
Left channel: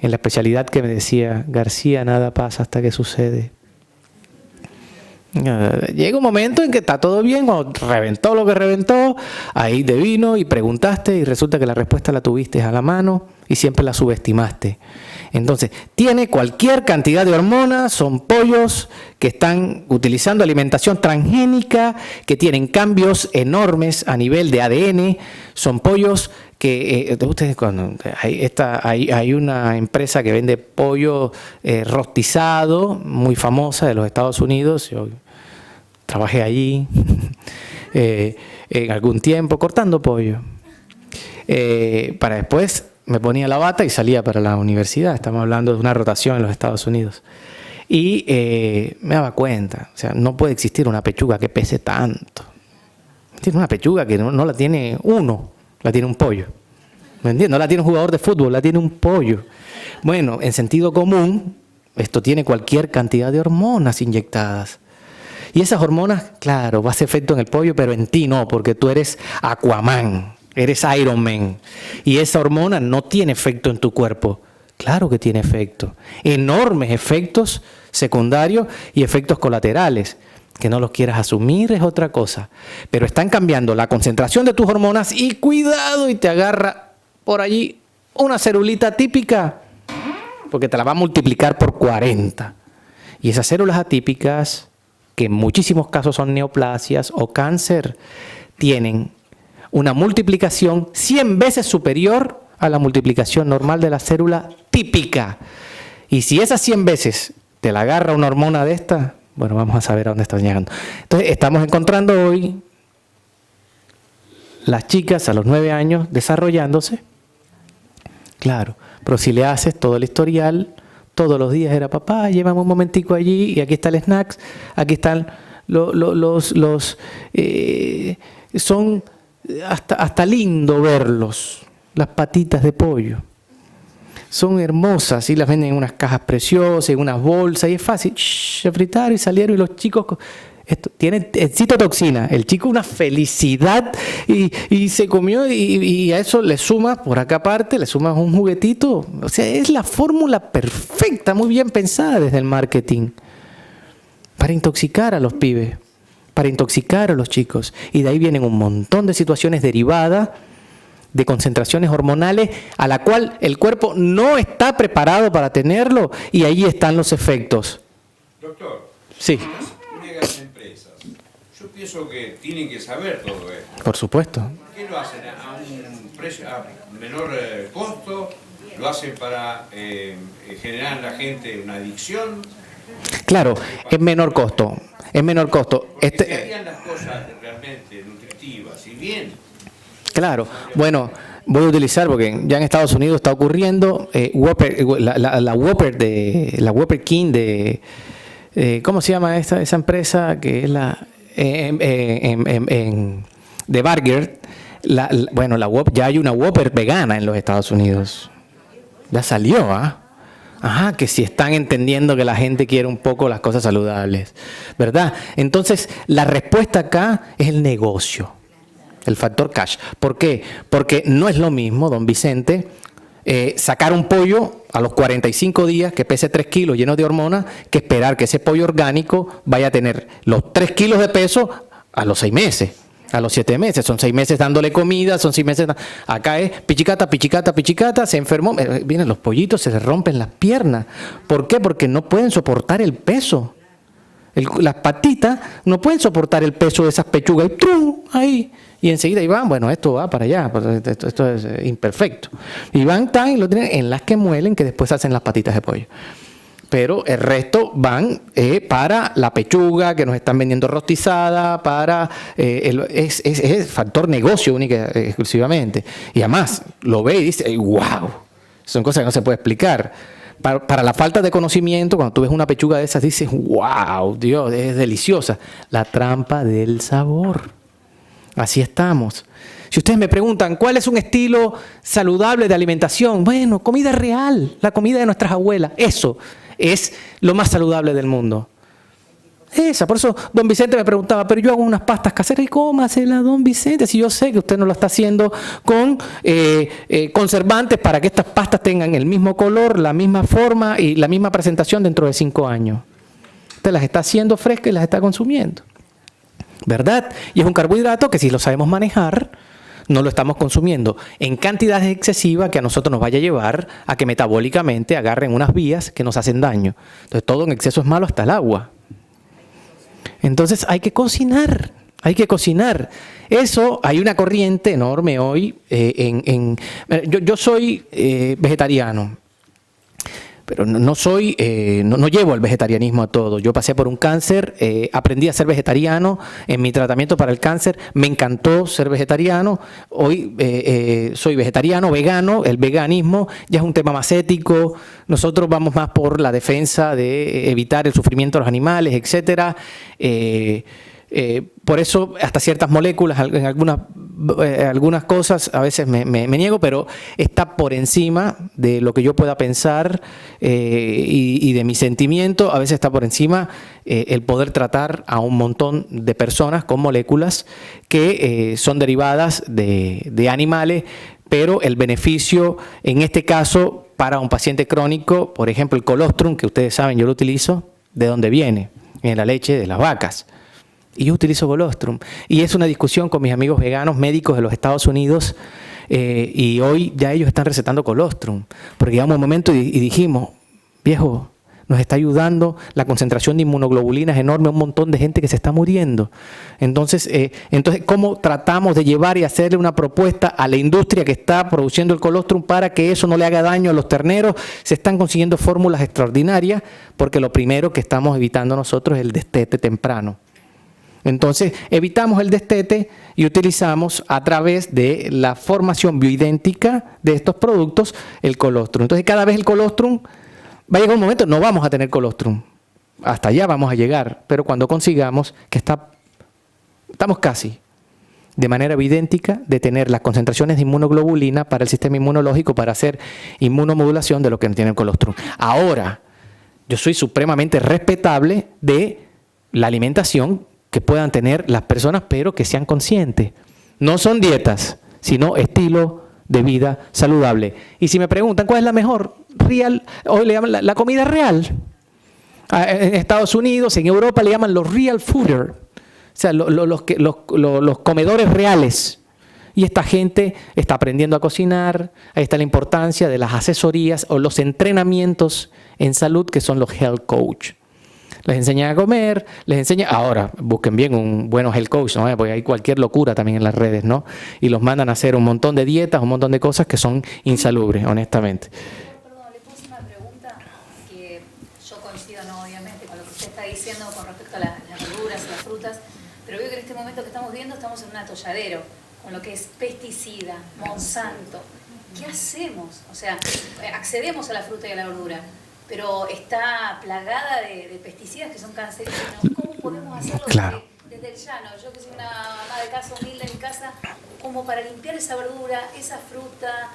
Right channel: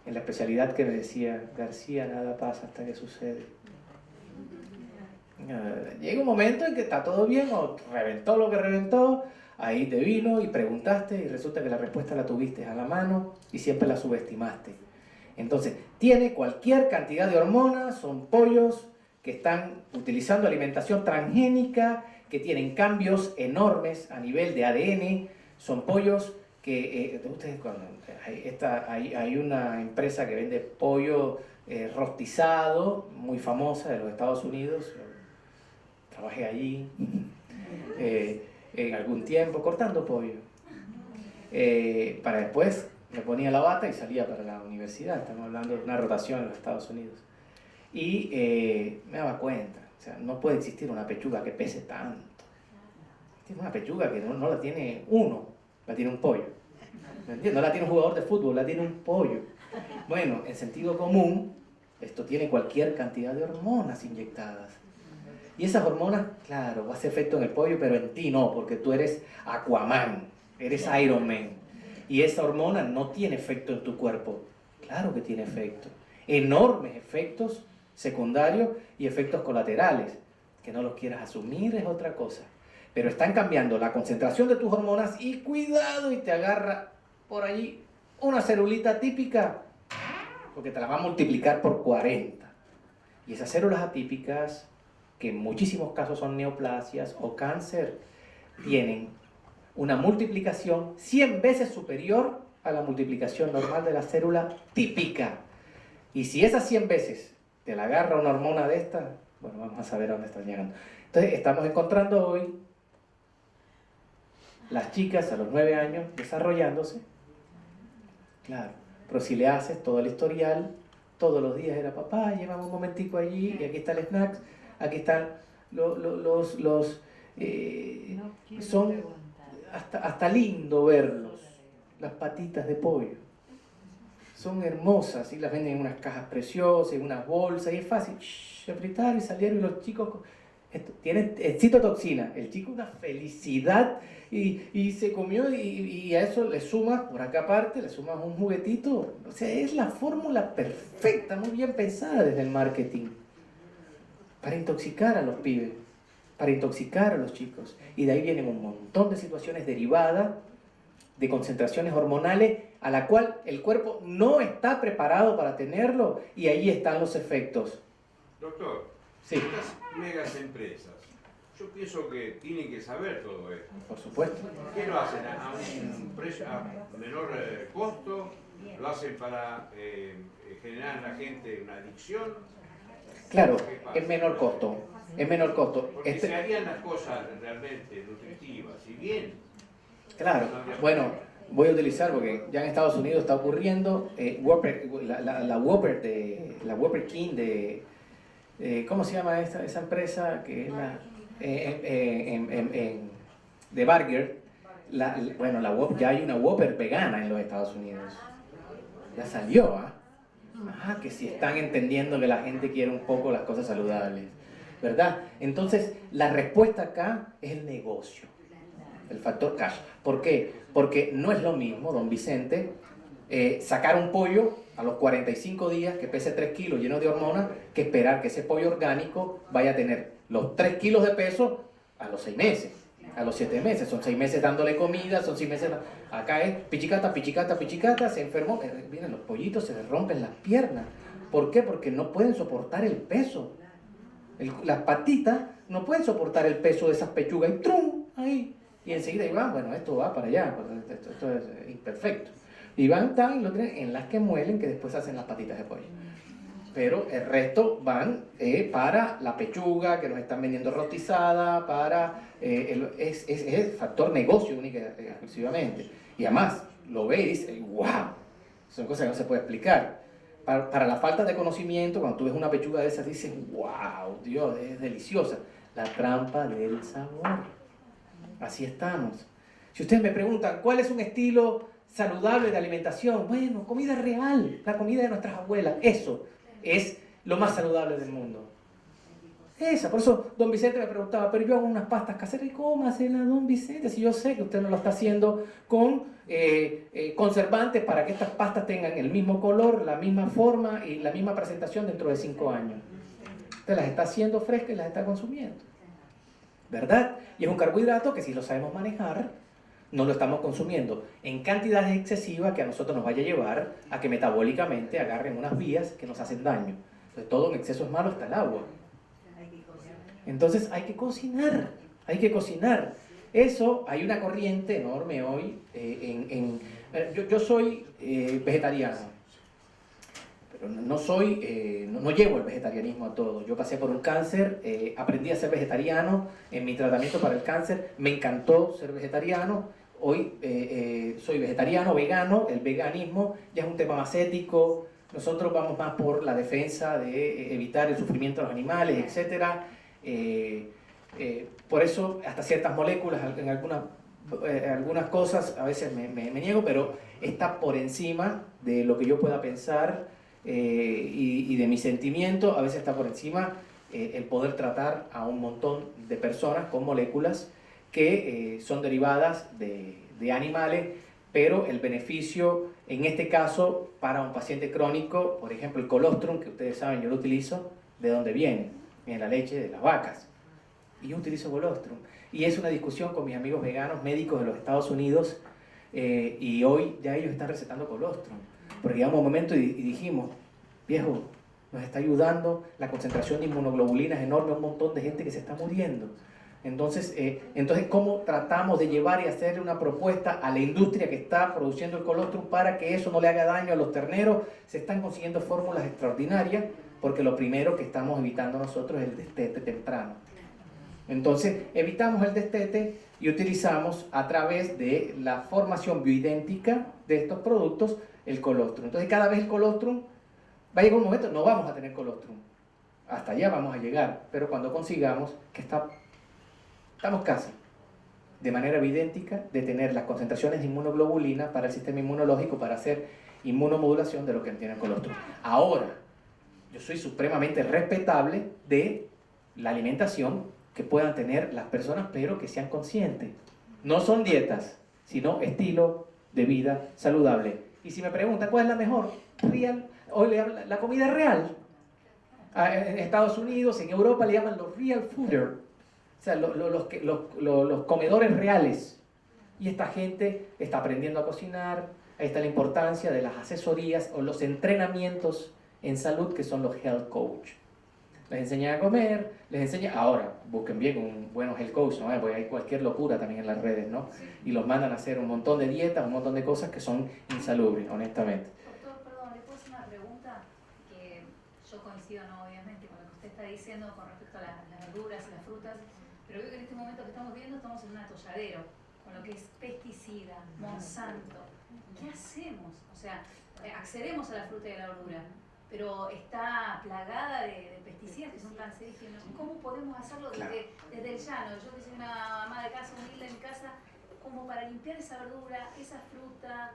en la especialidad, que me decía, García, nada pasa hasta que sucede. Llega un momento en que está todo bien, cuando reventó lo que reventó, ahí te vino y preguntaste y resulta que la respuesta la tuviste a la mano y siempre la subestimaste. Entonces, tiene cualquier cantidad de hormonas, son pollos que están utilizando alimentación transgénica, que tienen cambios enormes a nivel de ADN, son pollos que ustedes cuando hay una empresa que vende pollo rostizado, muy famosa de los Estados Unidos. Yo trabajé allí en algún tiempo cortando pollo. Para después me ponía la bata y salía para la universidad. Estamos hablando de una rotación en los Estados Unidos. Y me daba cuenta, o sea, no puede existir una pechuga que pese tanto. Tiene una pechuga que no la tiene uno, la tiene un pollo. ¿Me entiendes? No la tiene un jugador de fútbol, la tiene un pollo. Bueno, en sentido común, esto tiene cualquier cantidad de hormonas inyectadas. Y esas hormonas, claro, va a hacer efecto en el pollo, pero en ti no, porque tú eres Aquaman, eres Iron Man. Y esa hormona no tiene efecto en tu cuerpo. Claro que tiene efecto. Enormes efectos secundarios y efectos colaterales. Que no los quieras asumir es otra cosa. Pero están cambiando la concentración de tus hormonas y cuidado, y te agarra por allí una celulita típica, porque te la va a multiplicar por 40. Y esas células atípicas, que en muchísimos casos son neoplasias o cáncer, tienen una multiplicación 100 veces superior a la multiplicación normal de la célula típica. Y si esas 100 veces te la agarra una hormona de esta, bueno, vamos a saber a dónde están llegando. Entonces, estamos encontrando hoy las chicas a los 9 años desarrollándose. Claro, pero si le haces todo el historial, todos los días era papá, llévame un momentico allí y aquí está el snacks, aquí están son hasta lindo verlos, las patitas de pollo. Son hermosas y las venden en unas cajas preciosas, en unas bolsas y es fácil. Se fritaron y salieron y los chicos tienen citotoxina. El chico una felicidad y se comió y a eso le sumas, por acá aparte, le sumas un juguetito. O sea, es la fórmula perfecta, muy bien pensada desde el marketing. Para intoxicar a los pibes, para intoxicar a los chicos. Y de ahí vienen un montón de situaciones derivadas de concentraciones hormonales a la cual el cuerpo no está preparado para tenerlo y ahí están los efectos. Doctor, Sí. las megas empresas, yo pienso que tienen que saber todo esto. Por supuesto. ¿Qué lo hacen? ¿A un precio, a menor costo? ¿Lo hacen para generar en la gente una adicción? Claro, es menor costo. Es menor costo. Porque si harían las cosas realmente nutritivas y bien, Claro, bueno, voy a utilizar porque ya en Estados Unidos está ocurriendo Whopper, la Whopper King de ¿cómo se llama esa empresa que es la de Burger? Bueno, ya hay una Whopper vegana en los Estados Unidos. Ya salió, ¿ah? Ajá, que si están entendiendo que la gente quiere un poco las cosas saludables, ¿verdad? Entonces, la respuesta acá es el negocio. El factor cash. ¿Por qué? Porque no es lo mismo, don Vicente, sacar un pollo a los 45 días que pese 3 kilos lleno de hormonas, que esperar que ese pollo orgánico vaya a tener los 3 kilos de peso a los 6 meses, a los 7 meses. Son 6 meses dándole comida, son 6 meses... Acá es pichicata, pichicata, pichicata, se enfermó. Vienen los pollitos, se les rompen las piernas. ¿Por qué? Porque no pueden soportar el peso. Las patitas no pueden soportar el peso de esas pechugas. Y ¡trum! Ahí... Y enseguida ahí van, bueno, esto va para allá, esto es imperfecto. Y van tan y lo tienen en las que muelen, que después hacen las patitas de pollo. Pero el resto van para la pechuga, que nos están vendiendo rostizada, para... es factor negocio única exclusivamente. Y además, lo ve y dice, ¡wow! Son cosas que no se puede explicar. Para la falta de conocimiento, cuando tú ves una pechuga de esas, dices, ¡wow! Dios, es deliciosa. La trampa del sabor. Así estamos. Si ustedes me preguntan, ¿cuál es un estilo saludable de alimentación? Bueno, comida real, la comida de nuestras abuelas. Eso es lo más saludable del mundo. Esa, por eso don Vicente me preguntaba, pero yo hago unas pastas caseras y cómasela, don Vicente, si yo sé que usted no lo está haciendo con conservantes para que estas pastas tengan el mismo color, la misma forma y la misma presentación dentro de 5 años. Usted las está haciendo frescas y las está consumiendo. ¿Verdad? Y es un carbohidrato que si lo sabemos manejar, no lo estamos consumiendo en cantidades excesivas que a nosotros nos vaya a llevar a que metabólicamente agarren unas vías que nos hacen daño. Entonces todo en exceso es malo, hasta el agua. Entonces hay que cocinar, hay que cocinar. Eso, hay una corriente enorme hoy. Yo soy vegetariano. Pero no llevo el vegetarianismo a todo. Yo pasé por un cáncer, aprendí a ser vegetariano en mi tratamiento para el cáncer. Me encantó ser vegetariano. Hoy soy vegetariano, vegano. El veganismo ya es un tema más ético. Nosotros vamos más por la defensa de evitar el sufrimiento de los animales, etcétera. Por eso hasta ciertas moléculas, en algunas cosas a veces me niego, pero está por encima de lo que yo pueda pensar y de mi sentimiento. A veces está por encima el poder tratar a un montón de personas con moléculas que son derivadas de animales, pero el beneficio en este caso para un paciente crónico, por ejemplo el colostrum, que ustedes saben yo lo utilizo, ¿de dónde viene? En la leche de las vacas. Y yo utilizo colostrum. Y es una discusión con mis amigos veganos médicos de los Estados Unidos. Y hoy ya ellos están recetando colostrum. Porque llegamos a un momento y dijimos, viejo, nos está ayudando, la concentración de inmunoglobulina es enorme, un montón de gente que se está muriendo. Entonces, ¿cómo tratamos de llevar y hacerle una propuesta a la industria que está produciendo el colostrum para que eso no le haga daño a los terneros? Se están consiguiendo fórmulas extraordinarias, porque lo primero que estamos evitando nosotros es el destete temprano. Entonces, evitamos el destete y utilizamos a través de la formación bioidéntica de estos productos el colostrum. Entonces, cada vez el colostrum va a llegar un momento, no vamos a tener colostrum. Hasta allá vamos a llegar, pero cuando consigamos que estamos casi de manera bioidéntica de tener las concentraciones de inmunoglobulina para el sistema inmunológico para hacer inmunomodulación de lo que tiene el colostrum. Ahora, yo soy supremamente respetable de la alimentación que puedan tener las personas, pero que sean conscientes. No son dietas, sino estilo de vida saludable. Y si me preguntan cuál es la mejor, real, hoy le llaman la comida real. En Estados Unidos, en Europa le llaman los real fooders, o sea, los comedores reales. Y esta gente está aprendiendo a cocinar. Ahí está la importancia de las asesorías o los entrenamientos en salud, que son los health coach. Les enseñan a comer, les enseñan... Ahora, busquen bien un buen health coach, ¿no? Porque hay cualquier locura también en las redes, ¿no? Y los mandan a hacer un montón de dietas, un montón de cosas que son insalubres, honestamente. Perdón, le puse una pregunta que yo coincido, no, obviamente, con lo que usted está diciendo con respecto a las verduras y las frutas, pero veo que en este momento que estamos viendo estamos en un atolladero, con lo que es pesticida, Monsanto. ¿Qué hacemos? O sea, accedemos a la fruta y a la verdura, pero está plagada de pesticidas que son cancerígenos. ¿Cómo podemos hacerlo desde el llano? Yo que soy una ama de casa humilde en mi casa, como para limpiar esa verdura, esa fruta,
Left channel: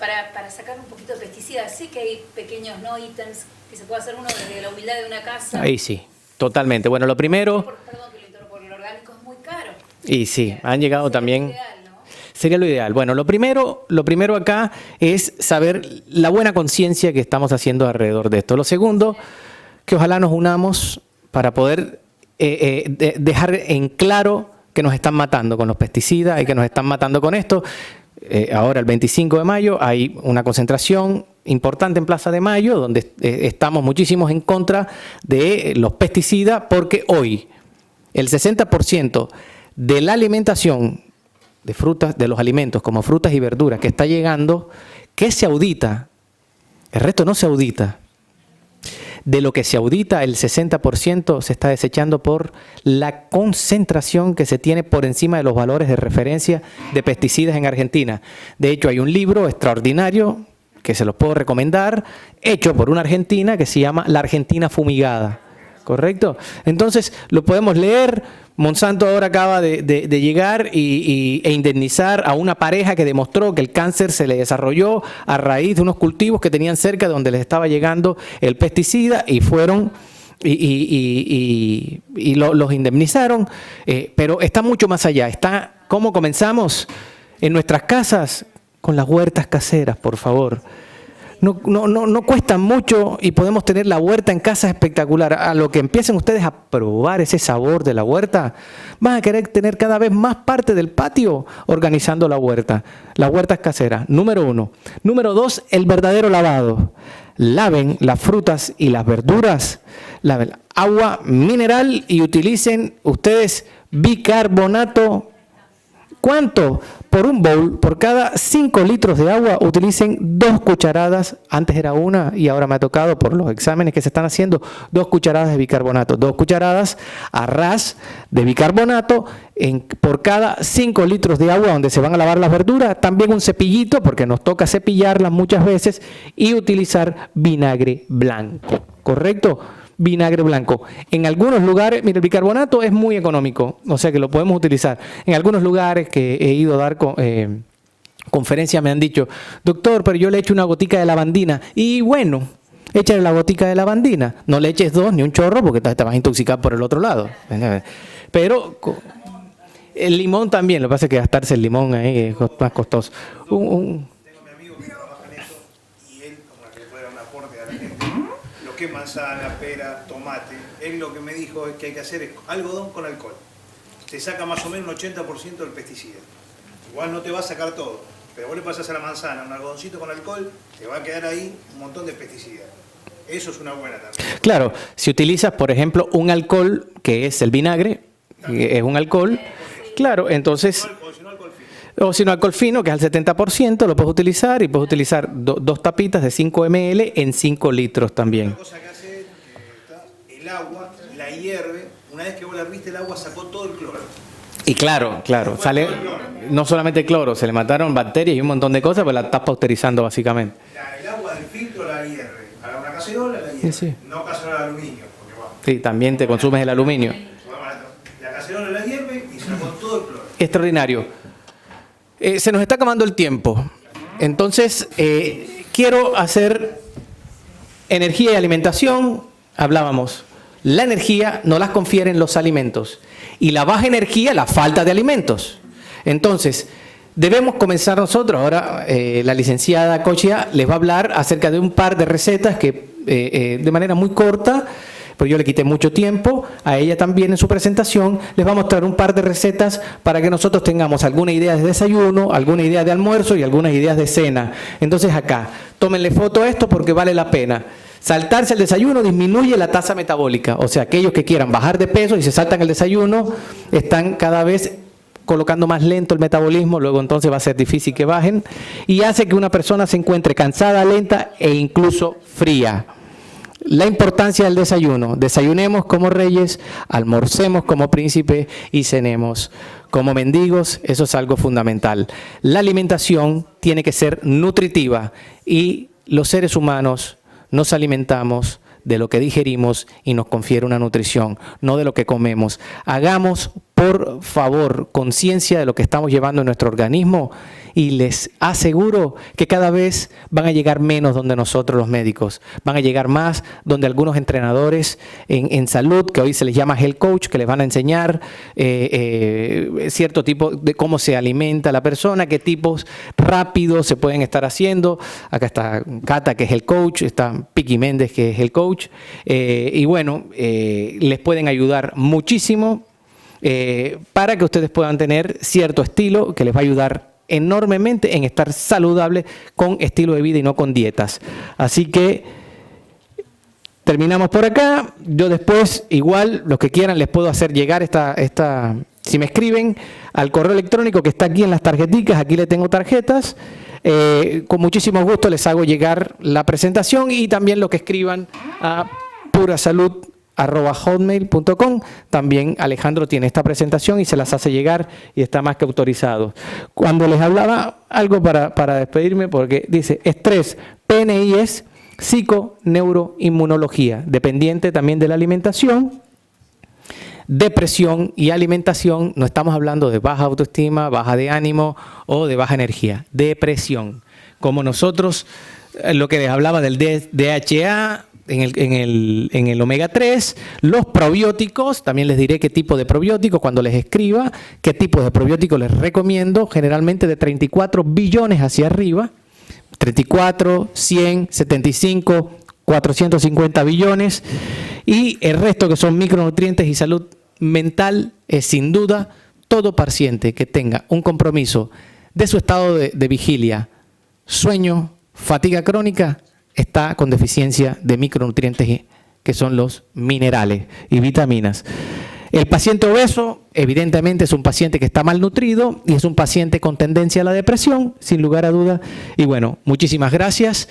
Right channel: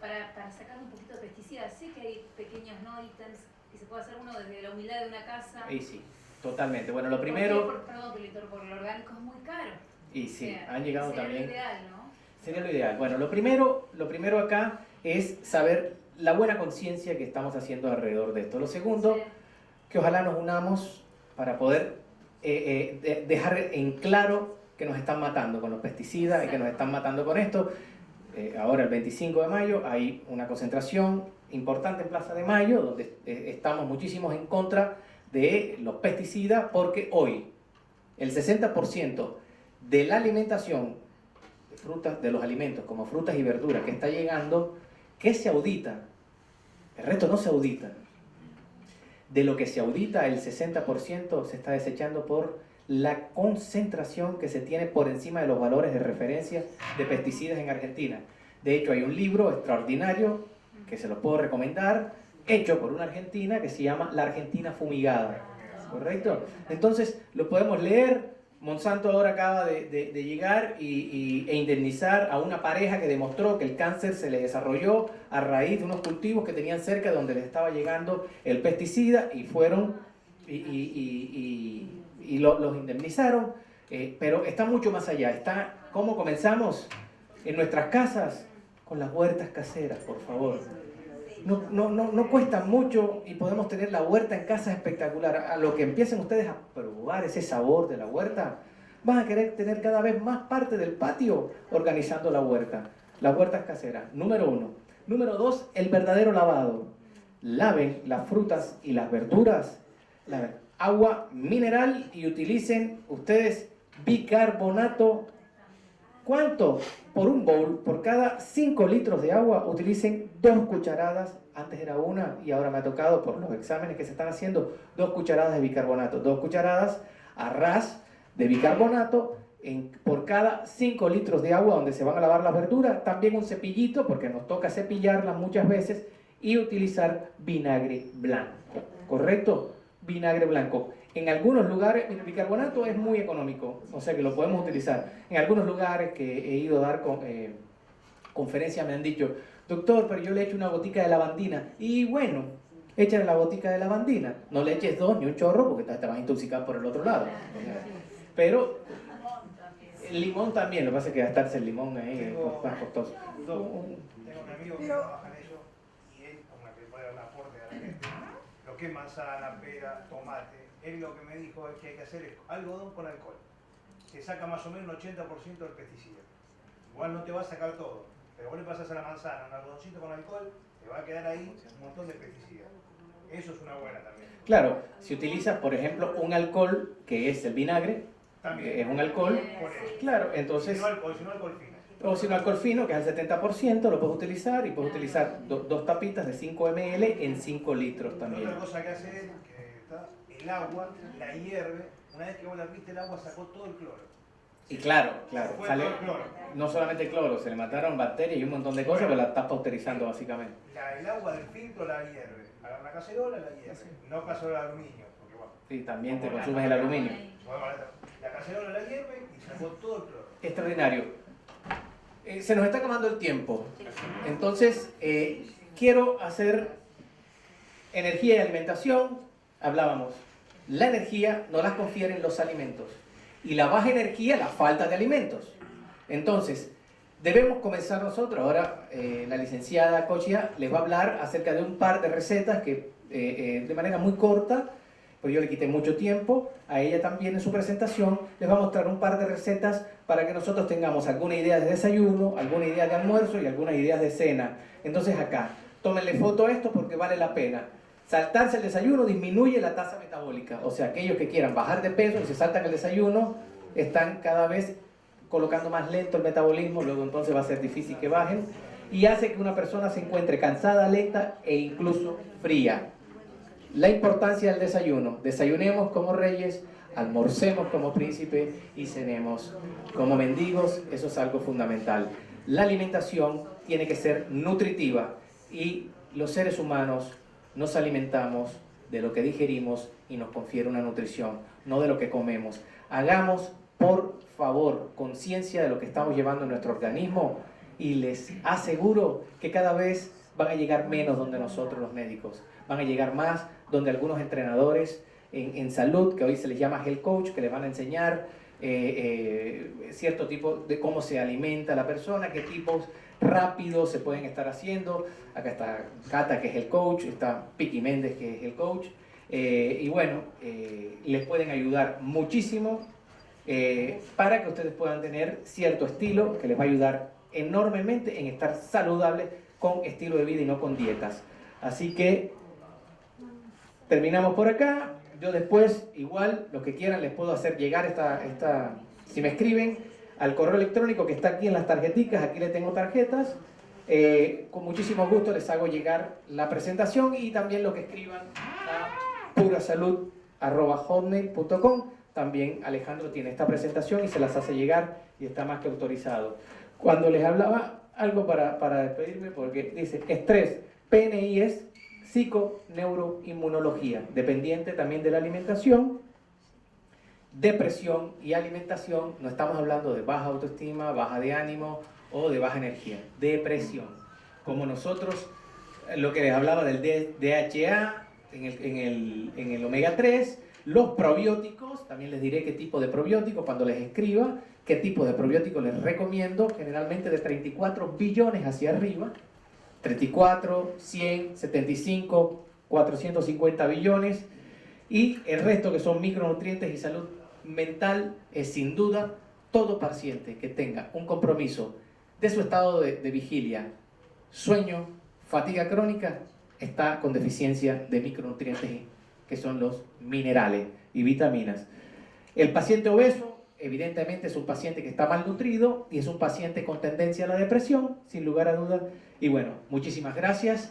para sacar un poquito de pesticidas. Sé que hay pequeños ítems que se puede hacer uno desde la humildad de una casa. Ahí sí, totalmente. Bueno, lo primero... Perdón que lo interrumpo, porque lo orgánico es muy caro. Y sí, han llegado también... Ideal, ¿no? Sería lo ideal. Bueno, lo primero acá es saber la buena conciencia que estamos haciendo alrededor de esto. Lo segundo, que ojalá nos unamos para poder dejar en claro que nos están matando con los pesticidas y que nos están matando con esto. Ahora, el 25 de mayo, hay una concentración importante en Plaza de Mayo, donde estamos muchísimos en contra de los pesticidas, porque hoy el 60% de la alimentación de frutas, de los alimentos como frutas y verduras que está llegando, que se audita, el resto no se audita. De lo que se audita, el 60% se está desechando por la concentración que se tiene por encima de los valores de referencia de pesticidas en Argentina. De hecho, hay un libro extraordinario que se los puedo recomendar, hecho por una argentina que se llama La Argentina Fumigada. ¿Correcto? Entonces, lo podemos leer. Monsanto ahora acaba de llegar e indemnizar a una pareja que demostró que el cáncer se le desarrolló a raíz de unos cultivos que tenían cerca de donde les estaba llegando el pesticida y fueron los indemnizaron. Pero está mucho más allá. Está ¿cómo comenzamos? En nuestras casas, con las huertas caseras, por favor. No cuesta mucho y podemos tener la huerta en casa espectacular. A lo que empiecen ustedes a probar ese sabor de la huerta, van a querer tener cada vez más parte del patio organizando la huerta. Las huertas caseras, número 1. Número 2, el verdadero lavado. Laven las frutas y las verduras, laven agua mineral y utilicen ustedes bicarbonato. ¿Cuánto? Por un bowl, por cada 5 litros de agua, utilicen 2 cucharadas. Antes era una y ahora me ha tocado, por los exámenes que se están haciendo, 2 cucharadas de bicarbonato. 2 cucharadas a ras de bicarbonato por cada 5 litros de agua donde se van a lavar las verduras. También un cepillito, porque nos toca cepillarlas muchas veces. Y utilizar vinagre blanco. ¿Correcto? Vinagre blanco. En algunos lugares, mira, el bicarbonato es muy económico, o sea que lo podemos utilizar. En algunos lugares que he ido a dar conferencias me han dicho, doctor, pero yo le echo una gotica de lavandina. Y bueno, échale la gotica de lavandina. No le eches 2 ni un chorro porque te vas a intoxicar por el otro lado. Pero el limón también, lo que pasa es que gastarse el limón ahí es más costoso. Que manzana, pera, tomate. Él lo que me dijo es que hay que hacer es algodón con alcohol. Se saca más o menos un 80% del pesticida. Igual no te va a sacar todo, pero vos le pasás a la manzana un algodoncito con alcohol, te va a quedar ahí un montón de pesticidas. Eso es una buena también. Claro, si utilizas, por ejemplo, un alcohol que es el vinagre, que es un alcohol, claro, entonces, Si no alcohol fino. o si no alcohol fino, que es al 70%, lo puedes utilizar y puedes utilizar dos tapitas de 5 ml en 5 litros también. Una cosa que hace el agua, la hierve, una vez que vos la herviste el agua sacó todo el cloro. Y claro, sale no solamente cloro, se le mataron bacterias y un montón de cosas, pues la estás pausterizando básicamente. El agua del filtro la hierve. Para una cacerola la hierve. Sí. No cacerola de aluminio, porque bueno. Sí, también te consumes el aluminio. La cacerola la hierve y sacó todo el cloro. Extraordinario. Se nos está acabando el tiempo. Entonces, quiero hacer energía y alimentación. Hablábamos. La energía no las confieren los alimentos. Y la baja energía, la falta de alimentos. Entonces, debemos comenzar nosotros. Ahora, la licenciada Cochia les va a hablar acerca de un par de recetas que, de manera muy corta, pero yo le quité mucho tiempo, a ella también en su presentación, les va a mostrar un par de recetas para que nosotros tengamos alguna idea de desayuno, alguna idea de almuerzo y algunas ideas de cena. Entonces acá, tómenle foto a esto porque vale la pena. Saltarse el desayuno disminuye la tasa metabólica, o sea, aquellos que quieran bajar de peso y se saltan el desayuno, están cada vez colocando más lento el metabolismo, luego entonces va a ser difícil que bajen, y hace que una persona se encuentre cansada, lenta e incluso fría. La importancia del desayuno. Desayunemos como reyes, almorcemos como príncipes y cenemos como mendigos. Eso es algo fundamental. La alimentación tiene que ser nutritiva y los seres humanos nos alimentamos de lo que digerimos y nos confiere una nutrición, no de lo que comemos. Hagamos, por favor, conciencia de lo que estamos llevando en nuestro organismo y les aseguro que cada vez van a llegar menos donde nosotros los médicos, van a llegar más donde algunos entrenadores en salud, que hoy se les llama health coach, que les van a enseñar cierto tipo de cómo se alimenta la persona, qué tipos rápidos se pueden estar haciendo. Acá está Cata, que es el coach, está Piqui Méndez, que es el coach, y bueno, les pueden ayudar muchísimo para que ustedes puedan tener cierto estilo que les va a ayudar enormemente en estar saludable con estilo de vida y no con dietas. Así que terminamos por acá. Yo después, igual, los que quieran, les puedo hacer llegar esta si me escriben al correo electrónico que está aquí en las tarjeticas, aquí le tengo tarjetas. Con muchísimo gusto les hago llegar la presentación y también lo que escriban a purasalud@hotmail.com. También Alejandro tiene esta presentación y se las hace llegar y está más que autorizado. Cuando les hablaba algo para despedirme, porque dice estrés, PNI es psiconeuroinmunología, dependiente también de la alimentación. Depresión y alimentación, no estamos hablando de baja autoestima, baja de ánimo o de baja energía. Depresión, como nosotros, lo que les hablaba del DHA, en el omega 3, los probióticos, también les diré qué tipo de probióticos cuando les escriba, qué tipo de probióticos les recomiendo, generalmente de 34 billones hacia arriba, 34, 100, 75, 450 billones, y el resto que son micronutrientes y salud mental, es sin duda todo paciente que tenga un compromiso de su estado de vigilia, sueño, fatiga crónica, está con deficiencia de micronutrientes que son los minerales y vitaminas. El paciente obeso, evidentemente, es un paciente que está malnutrido y es un paciente con tendencia a la depresión, sin lugar a duda. Y bueno, muchísimas gracias.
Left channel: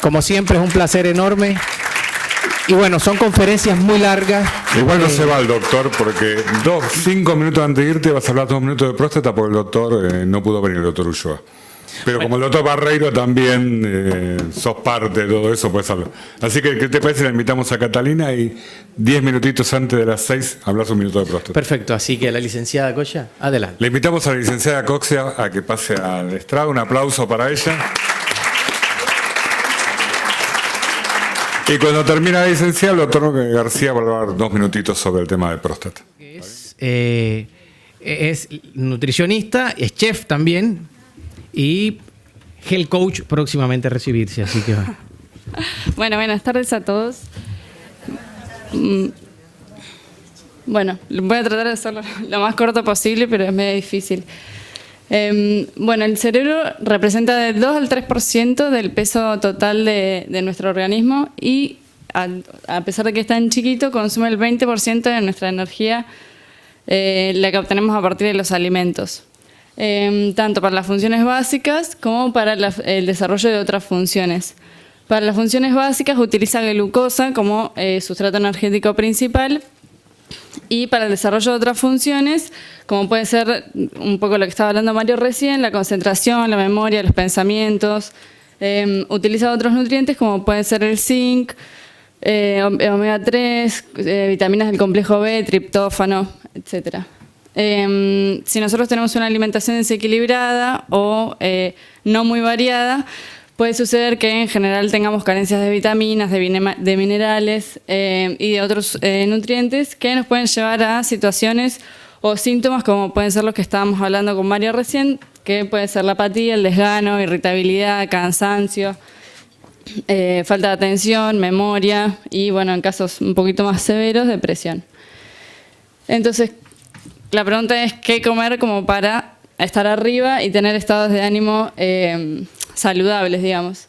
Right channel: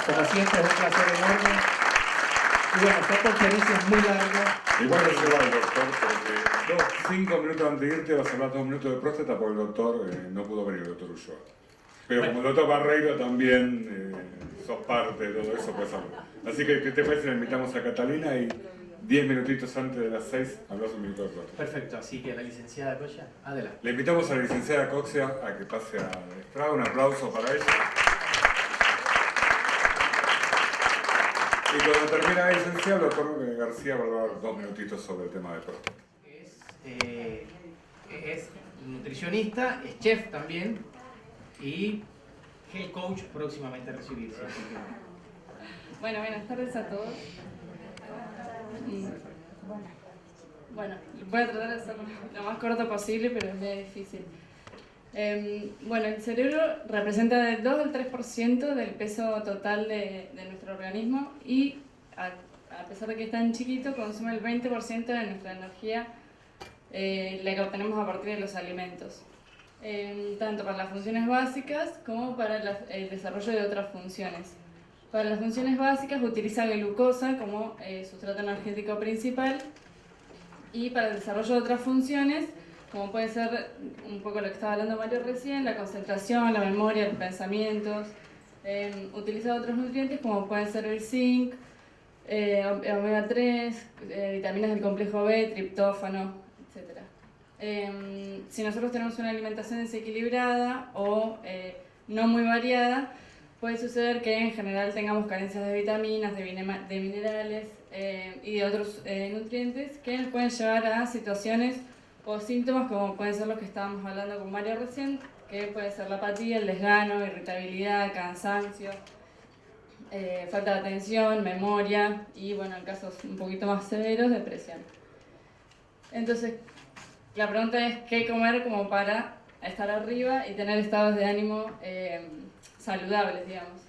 Como siempre, es un placer enorme. Y bueno, son conferencias muy largas. Igual no se va el doctor porque 5 minutos antes de irte vas a hablar 2 minutos de próstata porque el doctor no pudo venir, el doctor Ulloa. Pero como el doctor Barreiro también sos parte de todo eso, puedes hablar. Así que, ¿qué te parece? Le invitamos a Catalina y 10 minutitos antes de las 6 hablas 1 minuto de próstata. Perfecto, así que la licenciada Coya, adelante. Le invitamos a la licenciada Coxia a que pase al estrado. Un aplauso para ella. Y cuando termina la licenciada, el doctor García va a hablar 2 minutitos sobre el tema de próstata. Es nutricionista, es chef también y health coach próximamente a recibirse, así que va. Bueno, buenas tardes a todos. Bueno, voy a tratar de hacerlo lo más corto posible, pero es medio difícil. Bueno, el cerebro representa del 2 al 3% del peso total de nuestro organismo y a pesar de que es tan chiquito, consume el 20% de nuestra energía, la que obtenemos a partir de los alimentos. Tanto para las funciones básicas como para el desarrollo de otras funciones. Para las funciones básicas utiliza glucosa como sustrato energético principal, y para el desarrollo de otras funciones, como puede ser un poco lo que estaba hablando Mario recién, la concentración, la memoria, los pensamientos, utiliza otros nutrientes como pueden ser el zinc, omega 3, vitaminas del complejo B, triptófano, etc. Si nosotros tenemos una alimentación desequilibrada o no muy variada, puede suceder que en general tengamos carencias de vitaminas, de minerales y de otros nutrientes que nos pueden llevar a situaciones o síntomas como pueden ser los que estábamos hablando con Mario recién, que puede ser la apatía, el desgano, irritabilidad, cansancio, falta de atención, memoria y, bueno, en casos un poquito más severos, depresión. Entonces, la pregunta es qué comer como para estar arriba y tener estados de ánimo saludables, digamos.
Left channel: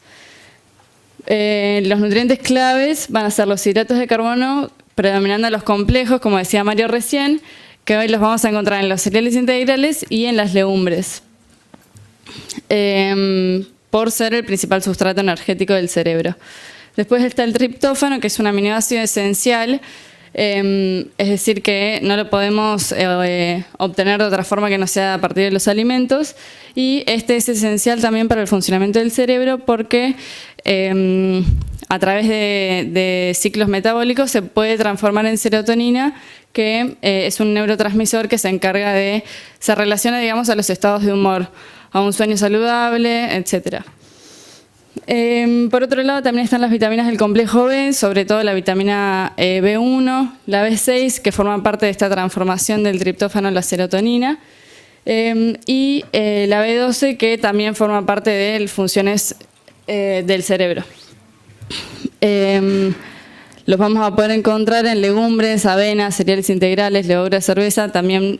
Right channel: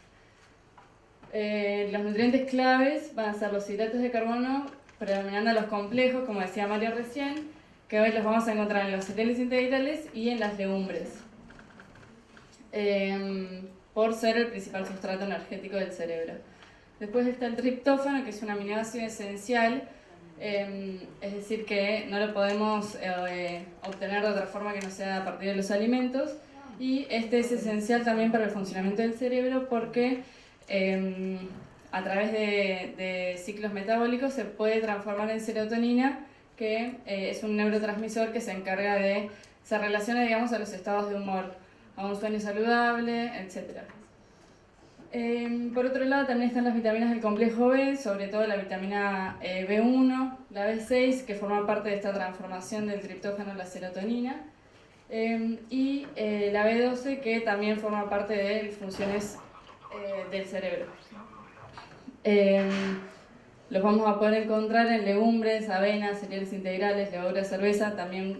Los nutrientes claves van a ser los hidratos de carbono, predominando los complejos, como decía Mario recién, que hoy los vamos a encontrar en los cereales integrales y en las legumbres, por ser el principal sustrato energético del cerebro. Después está el triptófano, que es un aminoácido esencial, es decir, que no lo podemos obtener de otra forma que no sea a partir de los alimentos, y este es esencial también para el funcionamiento del cerebro porque a través de ciclos metabólicos se puede transformar en serotonina, que es un neurotransmisor que se encarga se relaciona, digamos, a los estados de humor, a un sueño saludable, etc. Por otro lado, también están las vitaminas del complejo B, sobre todo la vitamina B1, la B6, que forman parte de esta transformación del triptófano a la serotonina, y la B12, que también forma parte de funciones del cerebro. Los vamos a poder encontrar en legumbres, avena, cereales integrales, levadura de cerveza, también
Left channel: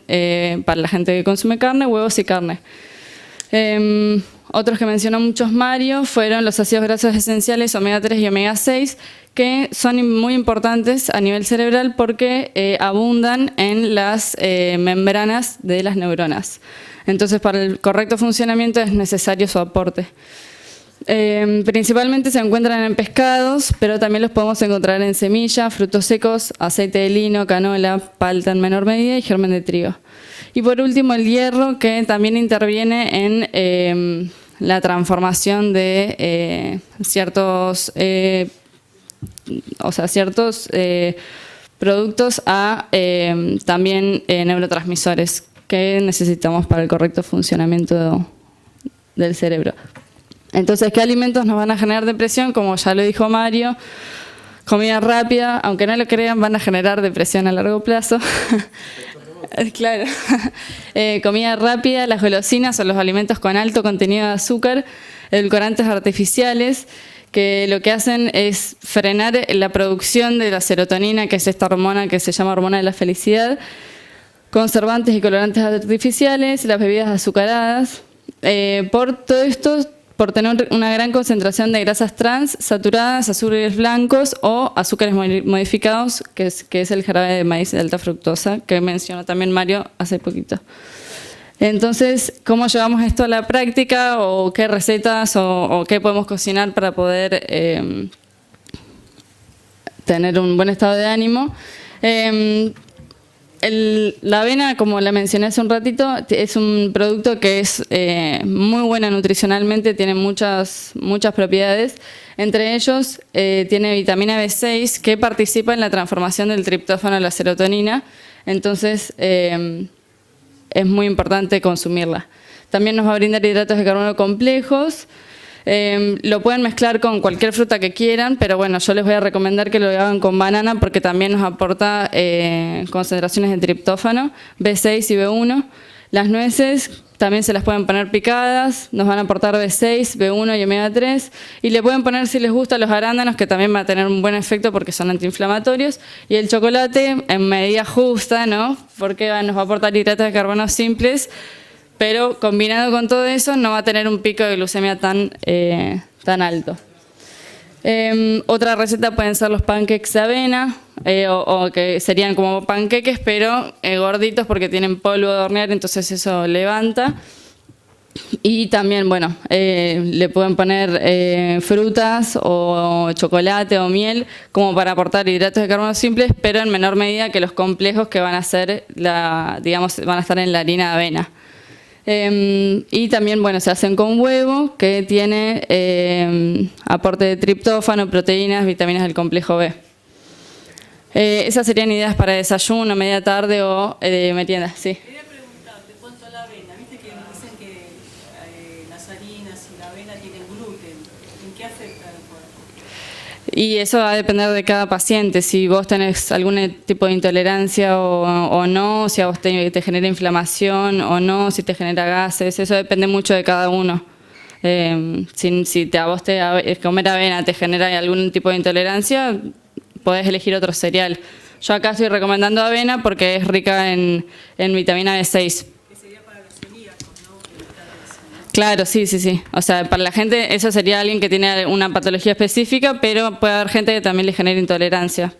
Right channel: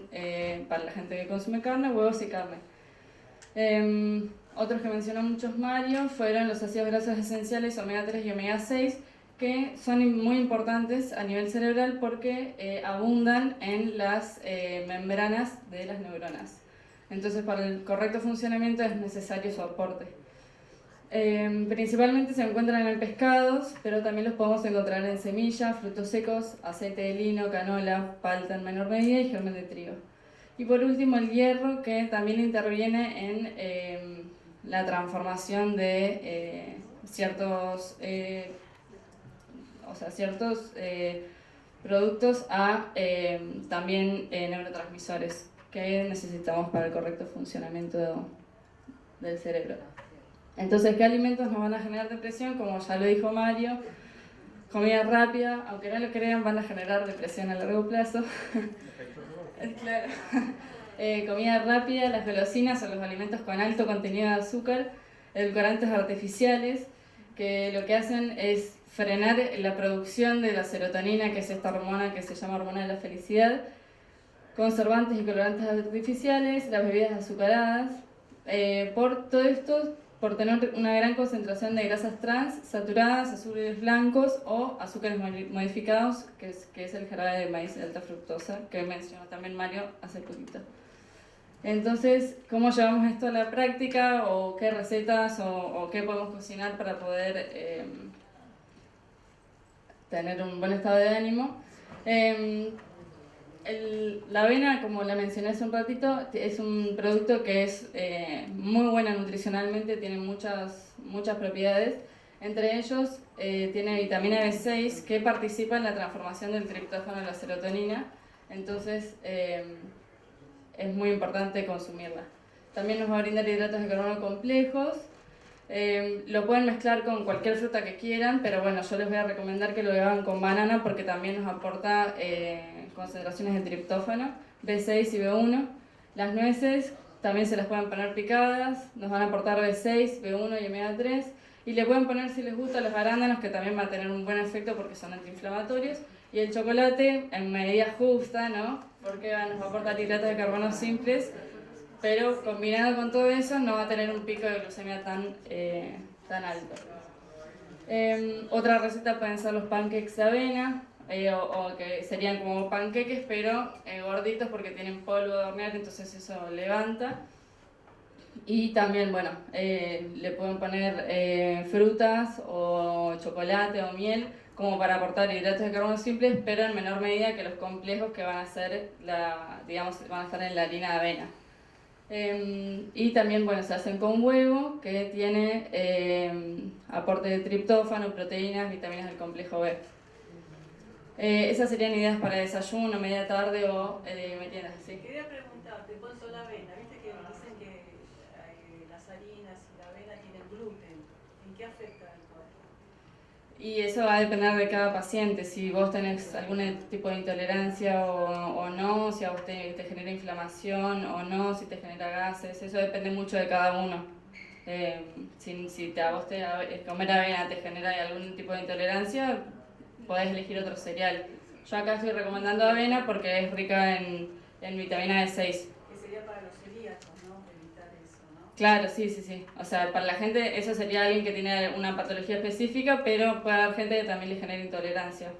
para la gente que consume carne, huevos y carne. Otros que mencionó muchos Mario fueron los ácidos grasos esenciales omega 3 y omega 6, que son muy importantes a nivel cerebral porque abundan en las membranas de las neuronas. Entonces, para el correcto funcionamiento es necesario su aporte. Principalmente se encuentran en pescados, pero también los podemos encontrar en semillas, frutos secos, aceite de lino, canola, palta en menor medida y germen de trigo. Y por último, el hierro, que también interviene en la transformación de ciertos productos a también neurotransmisores que necesitamos para el correcto funcionamiento del cerebro. Entonces, ¿qué alimentos nos van a generar depresión? Como ya lo dijo Mario, comida rápida, aunque no lo crean, van a generar depresión a largo plazo. Claro. Comida rápida, las golosinas o los alimentos con alto contenido de azúcar, edulcorantes artificiales, que lo que hacen es frenar la producción de la serotonina, que es esta hormona que se llama hormona de la felicidad, conservantes y colorantes artificiales, las bebidas azucaradas. Por todo esto, por tener una gran concentración de grasas trans, saturadas, azúcares blancos o azúcares modificados, que es el jarabe de maíz de alta fructosa, que mencionó también Mario hace poquito. Entonces, ¿cómo llevamos esto a la práctica? ¿O qué recetas o qué podemos cocinar para poder tener un buen estado de ánimo? La avena, como la mencioné hace un ratito, es un producto que es muy bueno nutricionalmente, tiene muchas propiedades. Entre ellos, tiene vitamina B6 que participa en la transformación del triptófano a la serotonina. Entonces, es muy importante consumirla. También nos va a brindar hidratos de carbono complejos. Lo pueden mezclar con cualquier fruta que quieran, pero bueno, yo les voy a recomendar que lo hagan con banana porque también nos aporta concentraciones de triptófano, B6 y B1. Las nueces también se las pueden poner picadas, nos van a aportar B6, B1 y omega 3. Y le pueden poner, si les gusta, los arándanos, que también va a tener un buen efecto porque son antiinflamatorios. Y el chocolate en medida justa, ¿no? Porque nos va a aportar hidratos de carbono simples, pero combinado con todo eso no va a tener un pico de glucemia tan alto. Otra receta pueden ser los pancakes de avena, o que serían como panqueques, pero gorditos porque tienen polvo de hornear, entonces eso levanta. Y también, bueno, le pueden poner frutas o chocolate o miel como para aportar hidratos de carbono simples, pero en menor medida que los complejos que van a ser, digamos, van a estar en la harina de avena. Y también, bueno, se hacen con huevo, que tiene aporte de triptófano, proteínas, vitaminas del complejo B. Esas serían ideas para desayuno, media tarde o merienda, sí. Quería preguntarte, en cuanto a la avena, viste que dicen que las harinas y la avena tienen gluten. ¿En qué afecta el cuerpo? Y eso va a depender de cada paciente, si vos tenés algún tipo de intolerancia o no, si a vos te genera inflamación o no, si te genera gases, eso depende mucho de cada uno. Si a vos comer avena te genera algún tipo de intolerancia, podés elegir otro cereal. Yo acá estoy recomendando avena porque es rica en vitamina B6. Que sería para los celíacos, ¿no? Claro, sí. O sea, para la gente eso sería alguien que tiene una patología específica, pero puede haber gente que también le genere intolerancia.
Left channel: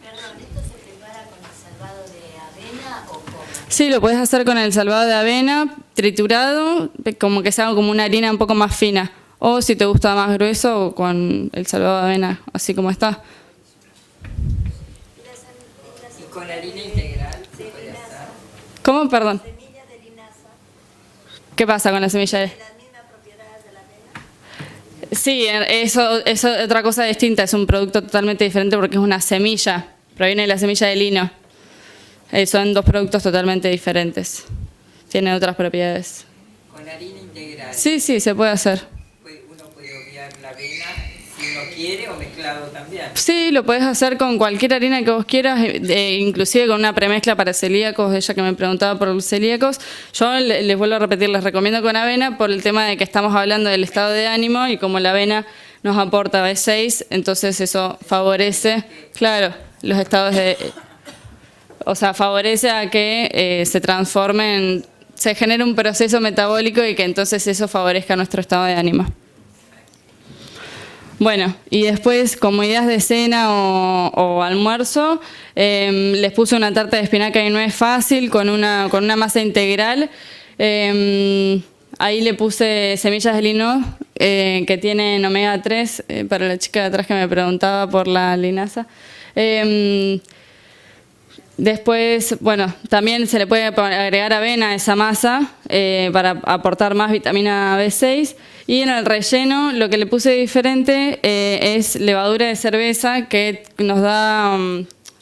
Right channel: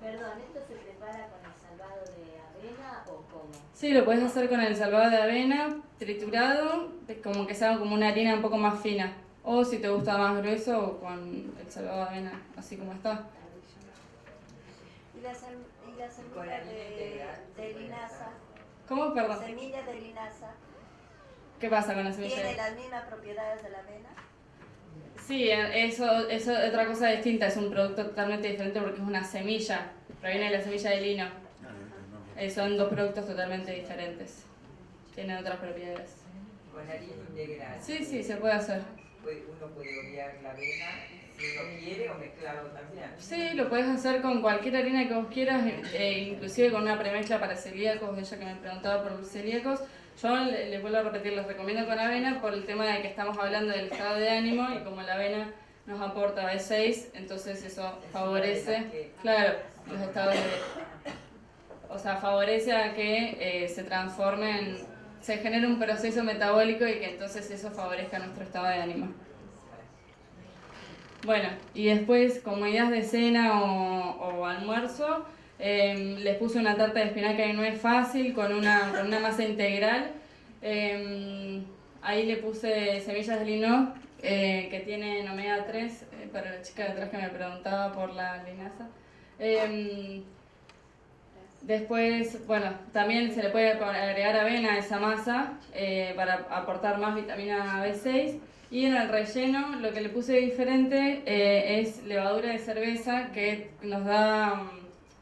Perdón, ¿esto se prepara con el salvado de avena o cómo? Sí, lo puedes hacer con el salvado de avena triturado, como que sea como una harina un poco más fina. O si te gusta más grueso, o con el salvado de avena, así como está. ¿Y con harina integral? ¿Cómo? Perdón. Semilla de linaza. ¿Qué pasa con la semilla de...? ¿Tiene las mismas propiedades de la avena? Sí, eso es otra cosa distinta, es un producto totalmente diferente porque es una semilla, proviene de la semilla de lino. Son dos productos totalmente diferentes, tienen otras propiedades. ¿Con harina integral? Sí, se puede hacer. ¿Uno puede obviar la avena si no quiere o mezclado también? Sí, lo puedes hacer con cualquier harina que vos quieras, inclusive con una premezcla para celíacos, ella que me preguntaba por los celíacos. Yo les vuelvo a repetir, les recomiendo con avena por el tema de que estamos hablando del estado de ánimo y como la avena nos aporta B6, entonces eso favorece, claro, los estados de... O sea, favorece a que se transformen, se genere un proceso metabólico y que entonces eso favorezca nuestro estado de ánimo. Bueno, y después, como ideas de cena o almuerzo, les puse una tarta de espinaca y nuez fácil con una masa integral. Ahí le puse semillas de lino que tienen omega 3, para la chica de atrás que me preguntaba por la linaza. Después, bueno, también se le puede agregar avena a esa masa para aportar más vitamina B6. Y en el relleno lo que le puse diferente es levadura de cerveza que nos da,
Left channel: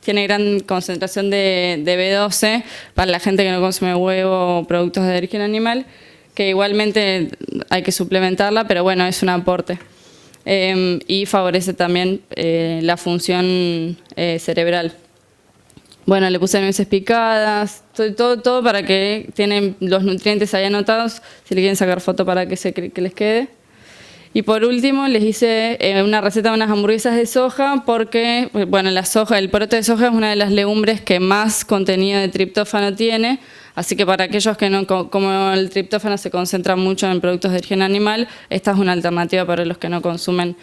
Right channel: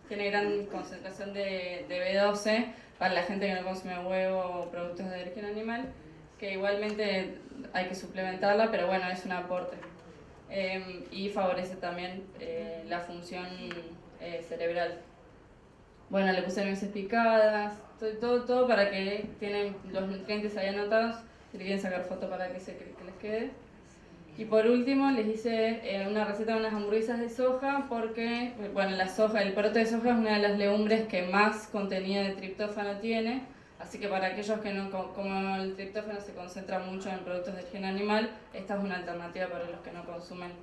tiene gran concentración de B12 para la gente que no consume huevo o productos de origen animal, que igualmente hay que suplementarla, pero bueno, es un aporte. Y favorece también la función cerebral. Bueno, le puse nueces picadas, todo para que tienen los nutrientes ahí anotados, si le quieren sacar foto para que les quede. Y por último les hice una receta de unas hamburguesas de soja porque, bueno, la soja, el poroto de soja es una de las legumbres que más contenido de triptófano tiene, así que para aquellos que no, como el triptófano se concentra mucho en productos de origen animal, esta es una alternativa para los que no consumen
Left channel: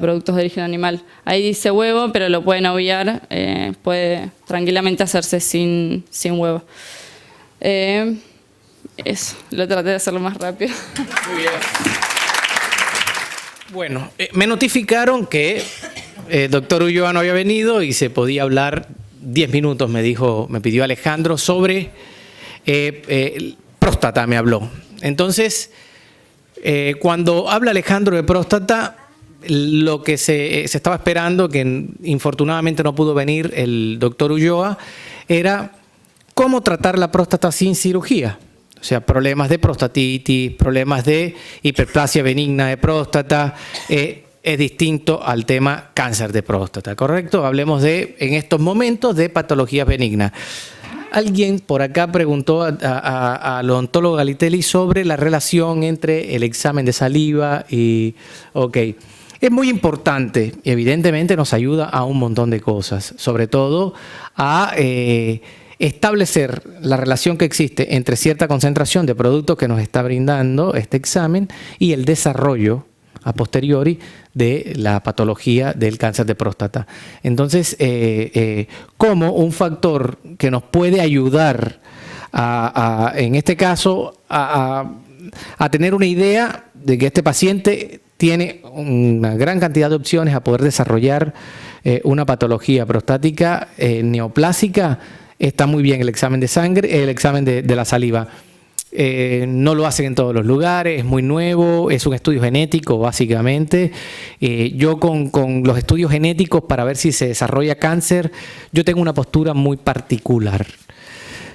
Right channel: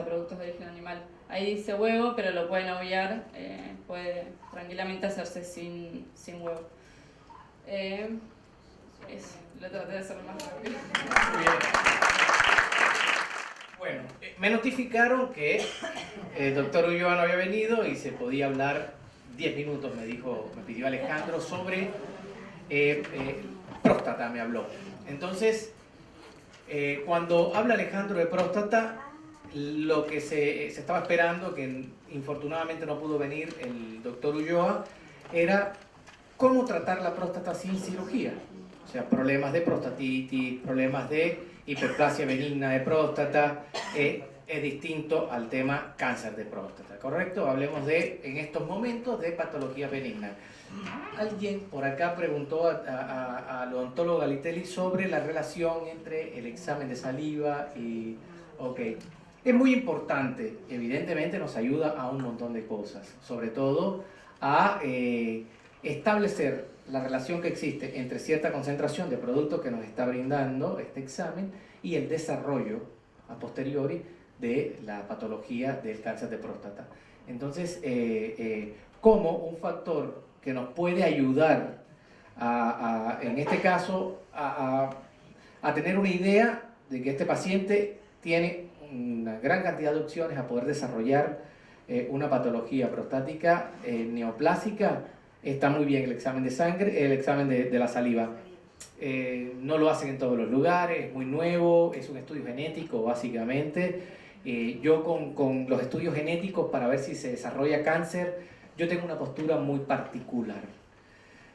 productos de origen animal. Ahí dice huevo, pero lo pueden obviar, puede tranquilamente hacerse sin huevo. Eso, lo traté de hacerlo más rápido. Muy bien. Bueno, me notificaron que el doctor Ulloa no había venido y se podía hablar 10 minutos, me pidió Alejandro, sobre próstata, me habló. Entonces, cuando habla Alejandro de próstata, lo que se estaba esperando, que infortunadamente no pudo venir el doctor Ulloa, era cómo tratar la próstata sin cirugía. O sea, problemas de prostatitis, problemas de hiperplasia benigna de próstata, es distinto al tema cáncer de próstata, ¿correcto? Hablemos en estos momentos de patologías benignas. Alguien por acá preguntó al odontólogo Galitelli sobre la relación entre el examen de saliva y... Ok. Es muy importante y evidentemente nos ayuda a un montón de cosas, sobre todo a establecer la relación que existe entre cierta concentración de productos que nos está brindando este examen y el desarrollo a posteriori de la patología del cáncer de próstata. Entonces, como un factor que nos puede ayudar en este caso, a tener una idea de que este paciente tiene una gran cantidad de opciones a poder desarrollar una patología prostática neoplásica. Está muy bien el examen de sangre, el examen de la saliva. No lo hacen en todos los lugares, es muy nuevo, es un estudio genético básicamente. Yo con los estudios genéticos para ver si se desarrolla cáncer, yo tengo una postura muy particular.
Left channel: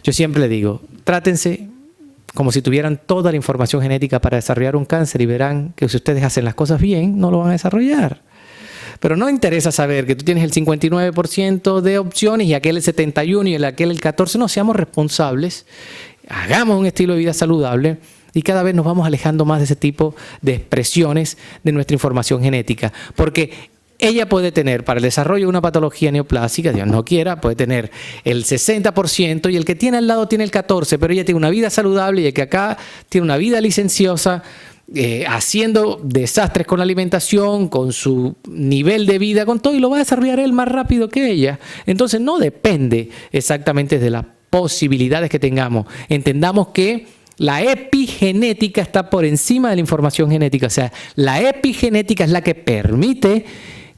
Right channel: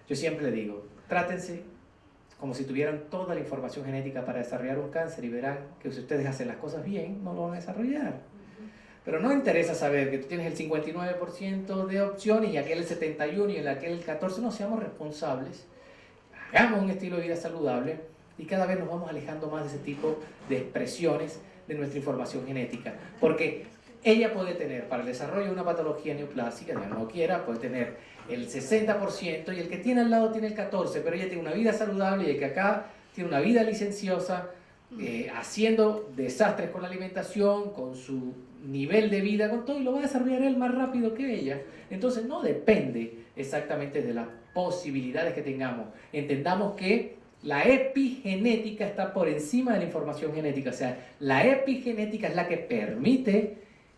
Yo siempre le digo, trátense como si tuvieran toda la información genética para desarrollar un cáncer y verán que si ustedes hacen las cosas bien, no lo van a desarrollar. Pero no interesa saber que tú tienes el 59% de opciones y aquel el 71% y aquel el 14%. No, seamos responsables, hagamos un estilo de vida saludable y cada vez nos vamos alejando más de ese tipo de expresiones de nuestra información genética. Porque ella puede tener, para el desarrollo de una patología neoplásica, Dios no quiera, puede tener el 60% y el que tiene al lado tiene el 14%, pero ella tiene una vida saludable y el que acá tiene una vida licenciosa, haciendo desastres con la alimentación, con su nivel de vida, con todo, y lo va a desarrollar él más rápido que ella. Entonces no depende exactamente de las posibilidades que tengamos. Entendamos que la epigenética está por encima de la información genética. O sea, la epigenética es la que permite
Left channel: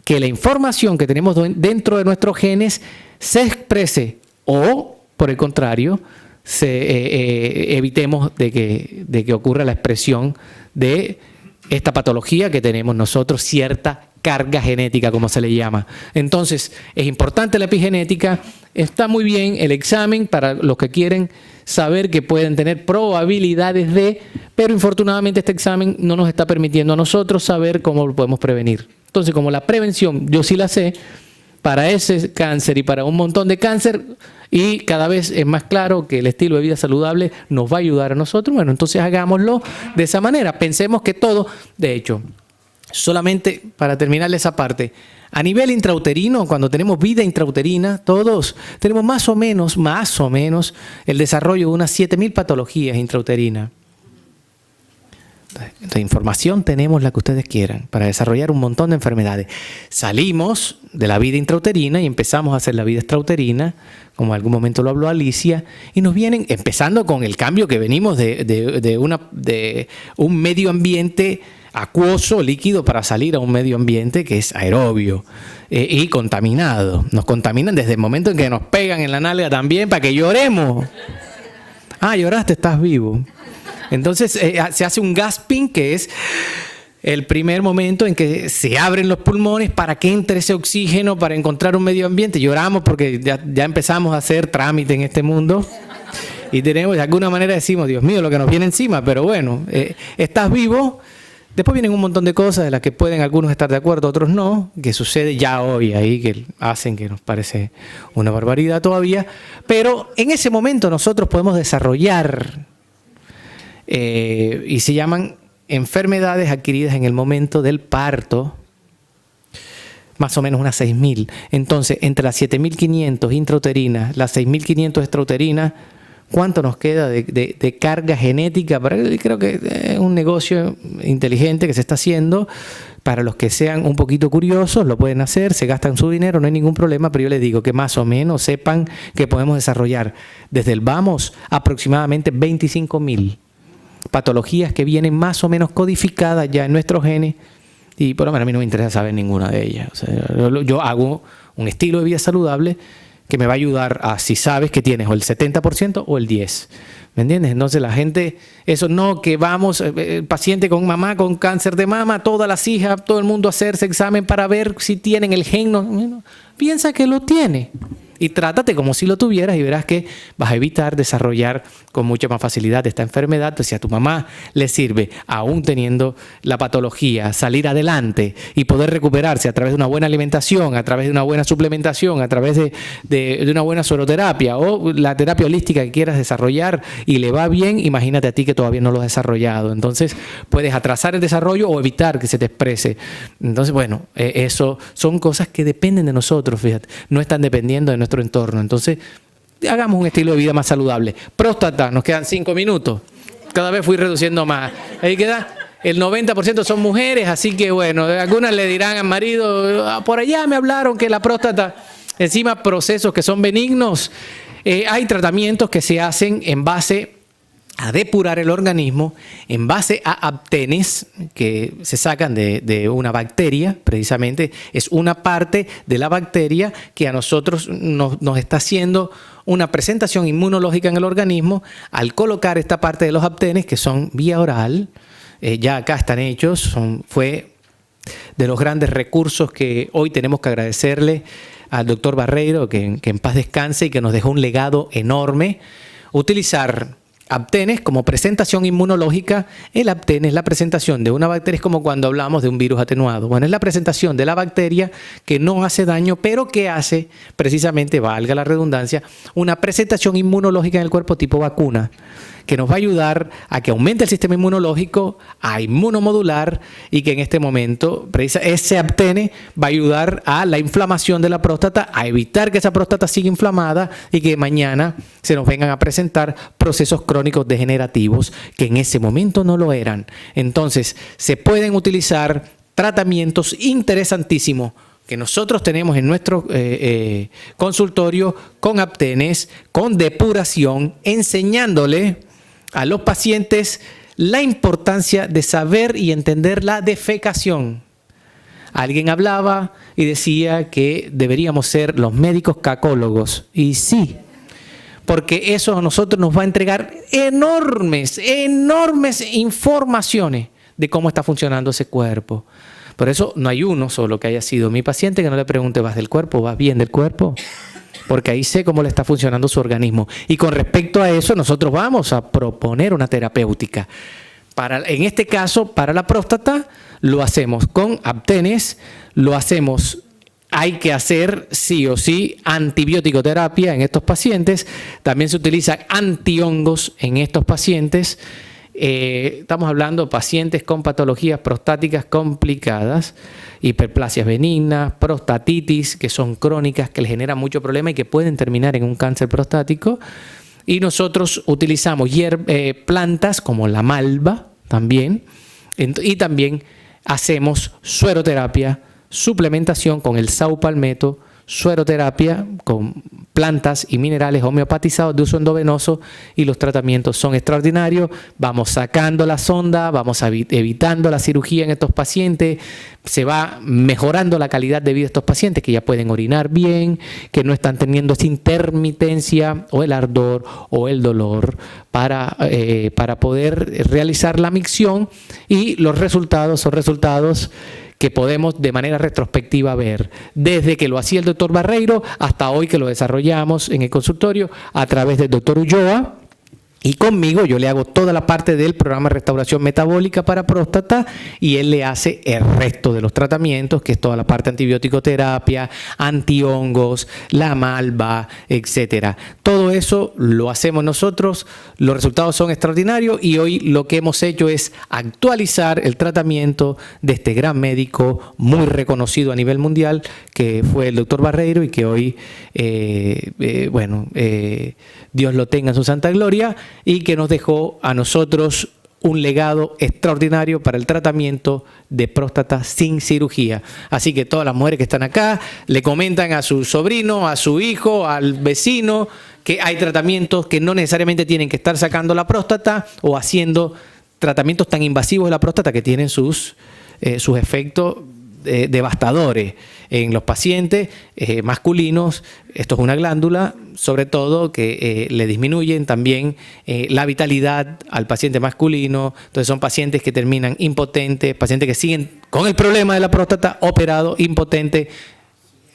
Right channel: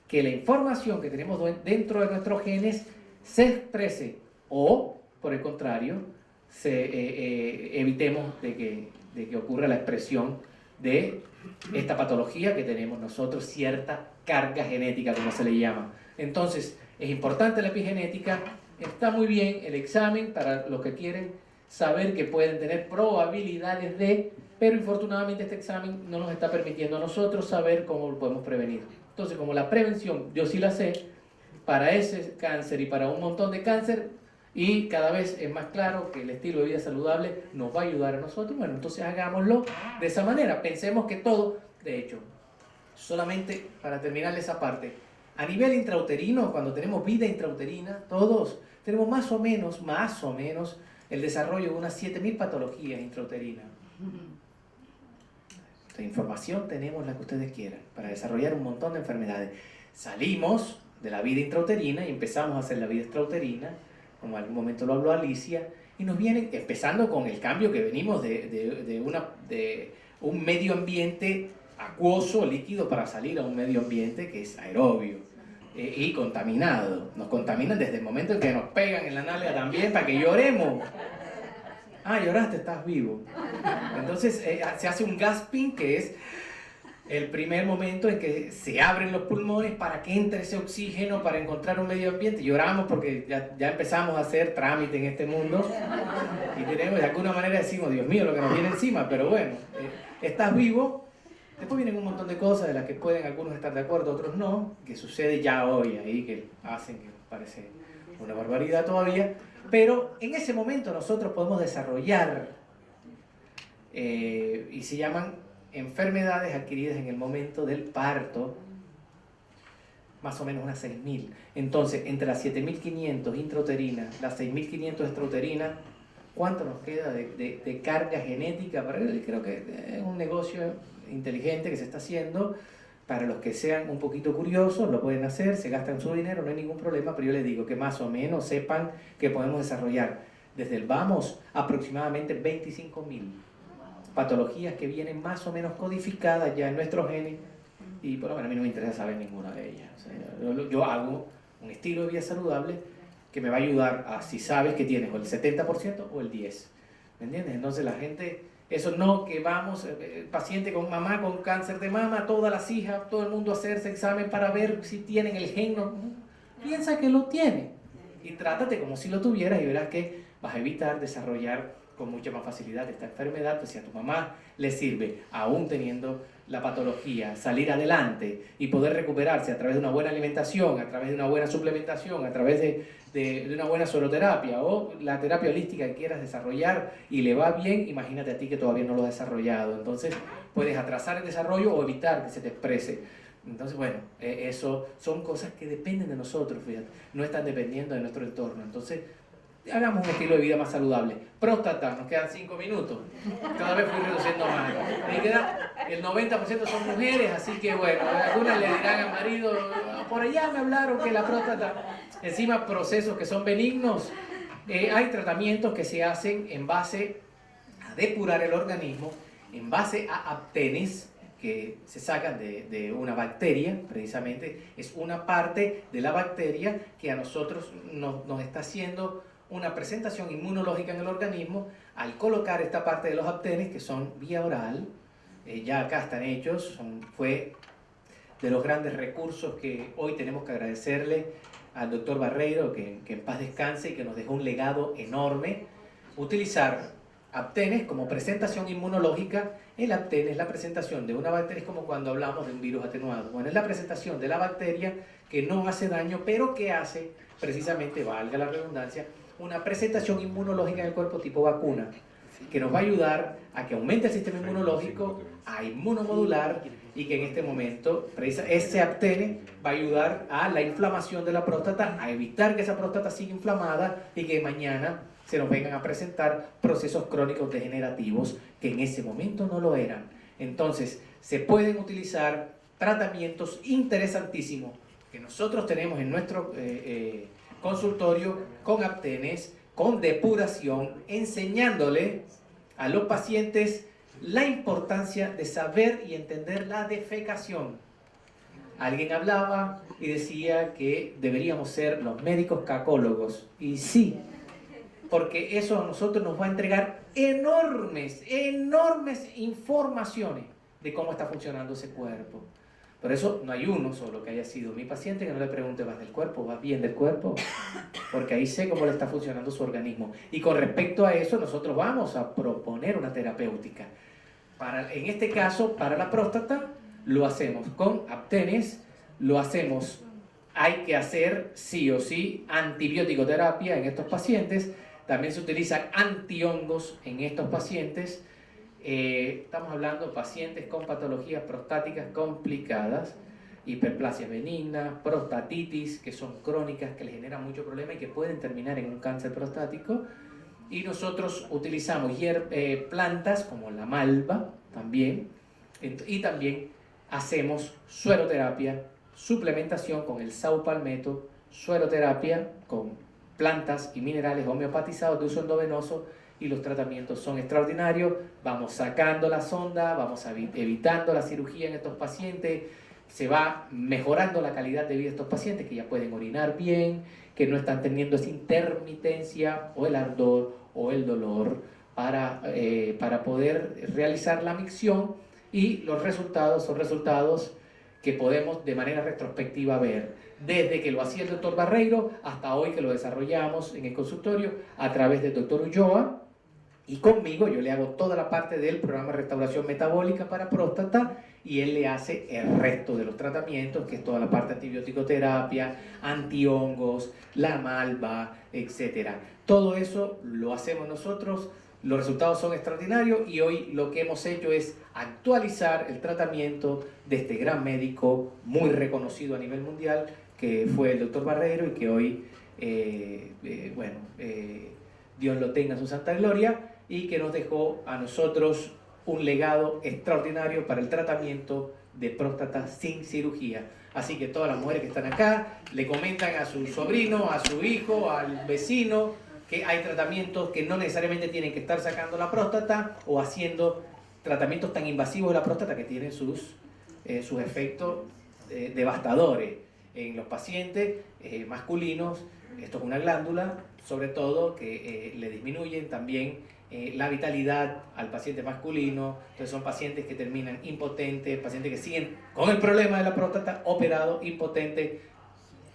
que la información que tenemos dentro de nuestros genes se exprese o, por el contrario, evitemos de que ocurra la expresión de esta patología que tenemos nosotros, cierta carga genética, como se le llama. Entonces, es importante la epigenética, está muy bien el examen para los que quieren saber que pueden tener probabilidades de, pero infortunadamente este examen no nos está permitiendo a nosotros saber cómo lo podemos prevenir. Entonces, como la prevención, yo sí la sé, para ese cáncer y para un montón de cáncer, y cada vez es más claro que el estilo de vida saludable nos va a ayudar a nosotros. Bueno, entonces hagámoslo de esa manera. Pensemos que todo, de hecho, solamente para terminar esa parte, a nivel intrauterino, cuando tenemos vida intrauterina, todos tenemos más o menos el desarrollo de unas 7.000 patologías intrauterinas. La información tenemos la que ustedes quieran para desarrollar un montón de enfermedades. Salimos de la vida intrauterina y empezamos a hacer la vida extrauterina, como en algún momento lo habló Alicia, y nos vienen, empezando con el cambio que venimos de un medio ambiente acuoso, líquido, para salir a un medio ambiente que es aerobio y contaminado. Nos contaminan desde el momento en que nos pegan en la nalga también para que lloremos. Ah, lloraste, estás vivo. Entonces se hace un gasping, que es el primer momento en que se abren los pulmones para que entre ese oxígeno para encontrar un medio ambiente. Lloramos porque ya empezamos a hacer trámite en este mundo y tenemos, de alguna manera decimos, Dios mío, lo que nos viene encima, pero bueno, estás vivo. Después vienen un montón de cosas de las que pueden algunos estar de acuerdo, otros no, que sucede ya hoy ahí, que hacen que nos parece una barbaridad todavía, pero en ese momento nosotros podemos desarrollar y se llaman enfermedades adquiridas en el momento del parto, más o menos unas 6.000. Entonces, entre las 7.500 intrauterinas, las 6.500 extrauterinas, ¿cuánto nos queda de carga genética? Creo que es un negocio inteligente que se está haciendo. Para los que sean un poquito curiosos, lo pueden hacer, se gastan su dinero, no hay ningún problema, pero yo les digo que más o menos sepan que podemos desarrollar desde el vamos aproximadamente 25.000 patologías que vienen más o menos codificadas ya en nuestros genes, y por lo menos a mí no me interesa saber ninguna de ellas. O sea, yo hago un estilo de vida saludable que me va a ayudar a si sabes que tienes o el 70% o el 10%. ¿Me entiendes? Entonces la gente, eso no que vamos, el paciente con mamá con cáncer de mama, todas las hijas, todo el mundo a hacerse examen para ver si tienen el gen. No, piensa que lo tiene. Y trátate como si lo tuvieras y verás que vas a evitar desarrollar con mucha más facilidad esta enfermedad. Entonces, si a tu mamá le sirve, aún teniendo la patología, salir adelante y poder recuperarse a través de una buena alimentación, a través de una buena suplementación, a través de una buena sueroterapia o la terapia holística que quieras desarrollar y le va bien, imagínate a ti que todavía no lo has desarrollado. Entonces, puedes atrasar el desarrollo o evitar que se te exprese. Entonces, bueno, eso son cosas que dependen de nosotros, fíjate. No están dependiendo de nuestro entorno. Entonces, hagamos un estilo de vida más saludable. Próstata, nos quedan 5 minutos. Cada vez fui reduciendo más. Ahí queda. El 90% son mujeres, así que bueno, algunas le dirán al marido, por allá me hablaron que la próstata, encima procesos que son benignos. Hay tratamientos que se hacen en base a depurar el organismo, en base a aptenes que se sacan de una bacteria, precisamente es una parte de la bacteria que a nosotros nos está haciendo una presentación inmunológica en el organismo al colocar esta parte de los aptenes que son vía oral. Ya acá están hechos, fue de los grandes recursos que hoy tenemos que agradecerle al doctor Barreiro, que en paz descanse y que nos dejó un legado enorme. Utilizar aptenes como presentación inmunológica. El aptén es la presentación de una bacteria, es como cuando hablamos de un virus atenuado. Bueno, es la presentación de la bacteria que no hace daño, pero que hace precisamente, valga la redundancia, una presentación inmunológica en el cuerpo tipo vacuna, que nos va a ayudar a que aumente el sistema inmunológico, a inmunomodular, y que en este momento ese aptene va a ayudar a la inflamación de la próstata, a evitar que esa próstata siga inflamada y que mañana se nos vengan a presentar procesos crónicos degenerativos que en ese momento no lo eran. Entonces, se pueden utilizar tratamientos interesantísimos que nosotros tenemos en nuestro consultorio con aptenes, con depuración, enseñándole a los pacientes la importancia de saber y entender la defecación. Alguien hablaba y decía que deberíamos ser los médicos cacólogos. Y sí, porque eso a nosotros nos va a entregar enormes informaciones de cómo está funcionando ese cuerpo. Por eso no hay uno solo que haya sido mi paciente que no le pregunte, ¿vas del cuerpo? ¿Vas bien del cuerpo? Porque ahí sé cómo le está funcionando su organismo. Y con respecto a eso, nosotros vamos a proponer una terapéutica. En este caso, para la próstata, lo hacemos con aptenes, hay que hacer sí o sí antibiótico terapia en estos pacientes. También se utiliza antihongos en estos pacientes. Estamos hablando de pacientes con patologías prostáticas complicadas, hiperplasias benignas, prostatitis, que son crónicas, que les generan mucho problema y que pueden terminar en un cáncer prostático. Y nosotros utilizamos plantas como la malva también. Y también hacemos sueroterapia, suplementación con el saupalmeto, sueroterapia con plantas y minerales homeopatizados de uso endovenoso, y los tratamientos son extraordinarios. Vamos sacando la sonda, vamos evitando la cirugía en estos pacientes, se va mejorando la calidad de vida de estos pacientes que ya pueden orinar bien, que no están teniendo esa intermitencia o el ardor o el dolor para poder realizar la micción, y los resultados son resultados que podemos de manera retrospectiva ver, desde que lo hacía el doctor Barreiro hasta hoy que lo desarrollamos en el consultorio a través del doctor Ulloa. Y conmigo yo le hago toda la parte del programa de restauración metabólica para próstata, y él le hace el resto de los tratamientos, que es toda la parte antibioticoterapia, antihongos, la malva, etcétera. Todo eso lo hacemos nosotros, los resultados son extraordinarios, y hoy lo que hemos hecho es actualizar el tratamiento de este gran médico muy reconocido a nivel mundial, que fue el doctor Barreiro, y que hoy, Dios lo tenga en su santa gloria, y que nos dejó a nosotros un legado extraordinario para el tratamiento de próstata sin cirugía. Así que todas las mujeres que están acá le comentan a su sobrino, a su hijo, al vecino, que hay tratamientos que no necesariamente tienen que estar sacando la próstata o haciendo tratamientos tan invasivos de la próstata que tienen sus efectos devastadores en los pacientes masculinos. Esto es una glándula, sobre todo, que le disminuyen también la vitalidad al paciente masculino. Entonces son pacientes que terminan impotentes, pacientes que siguen con el problema de la próstata, operado, impotente.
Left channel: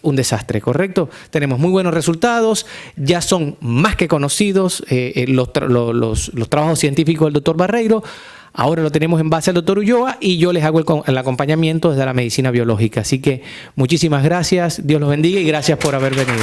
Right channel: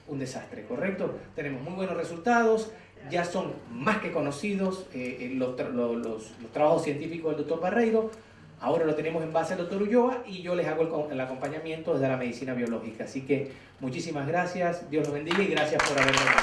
Un desastre, ¿correcto? Tenemos muy buenos resultados, ya son más que conocidos los trabajos científicos del doctor Barreiro. Ahora lo tenemos en base al doctor Ulloa, y yo les hago el acompañamiento desde la medicina biológica. Así que muchísimas gracias, Dios los bendiga y gracias por haber venido.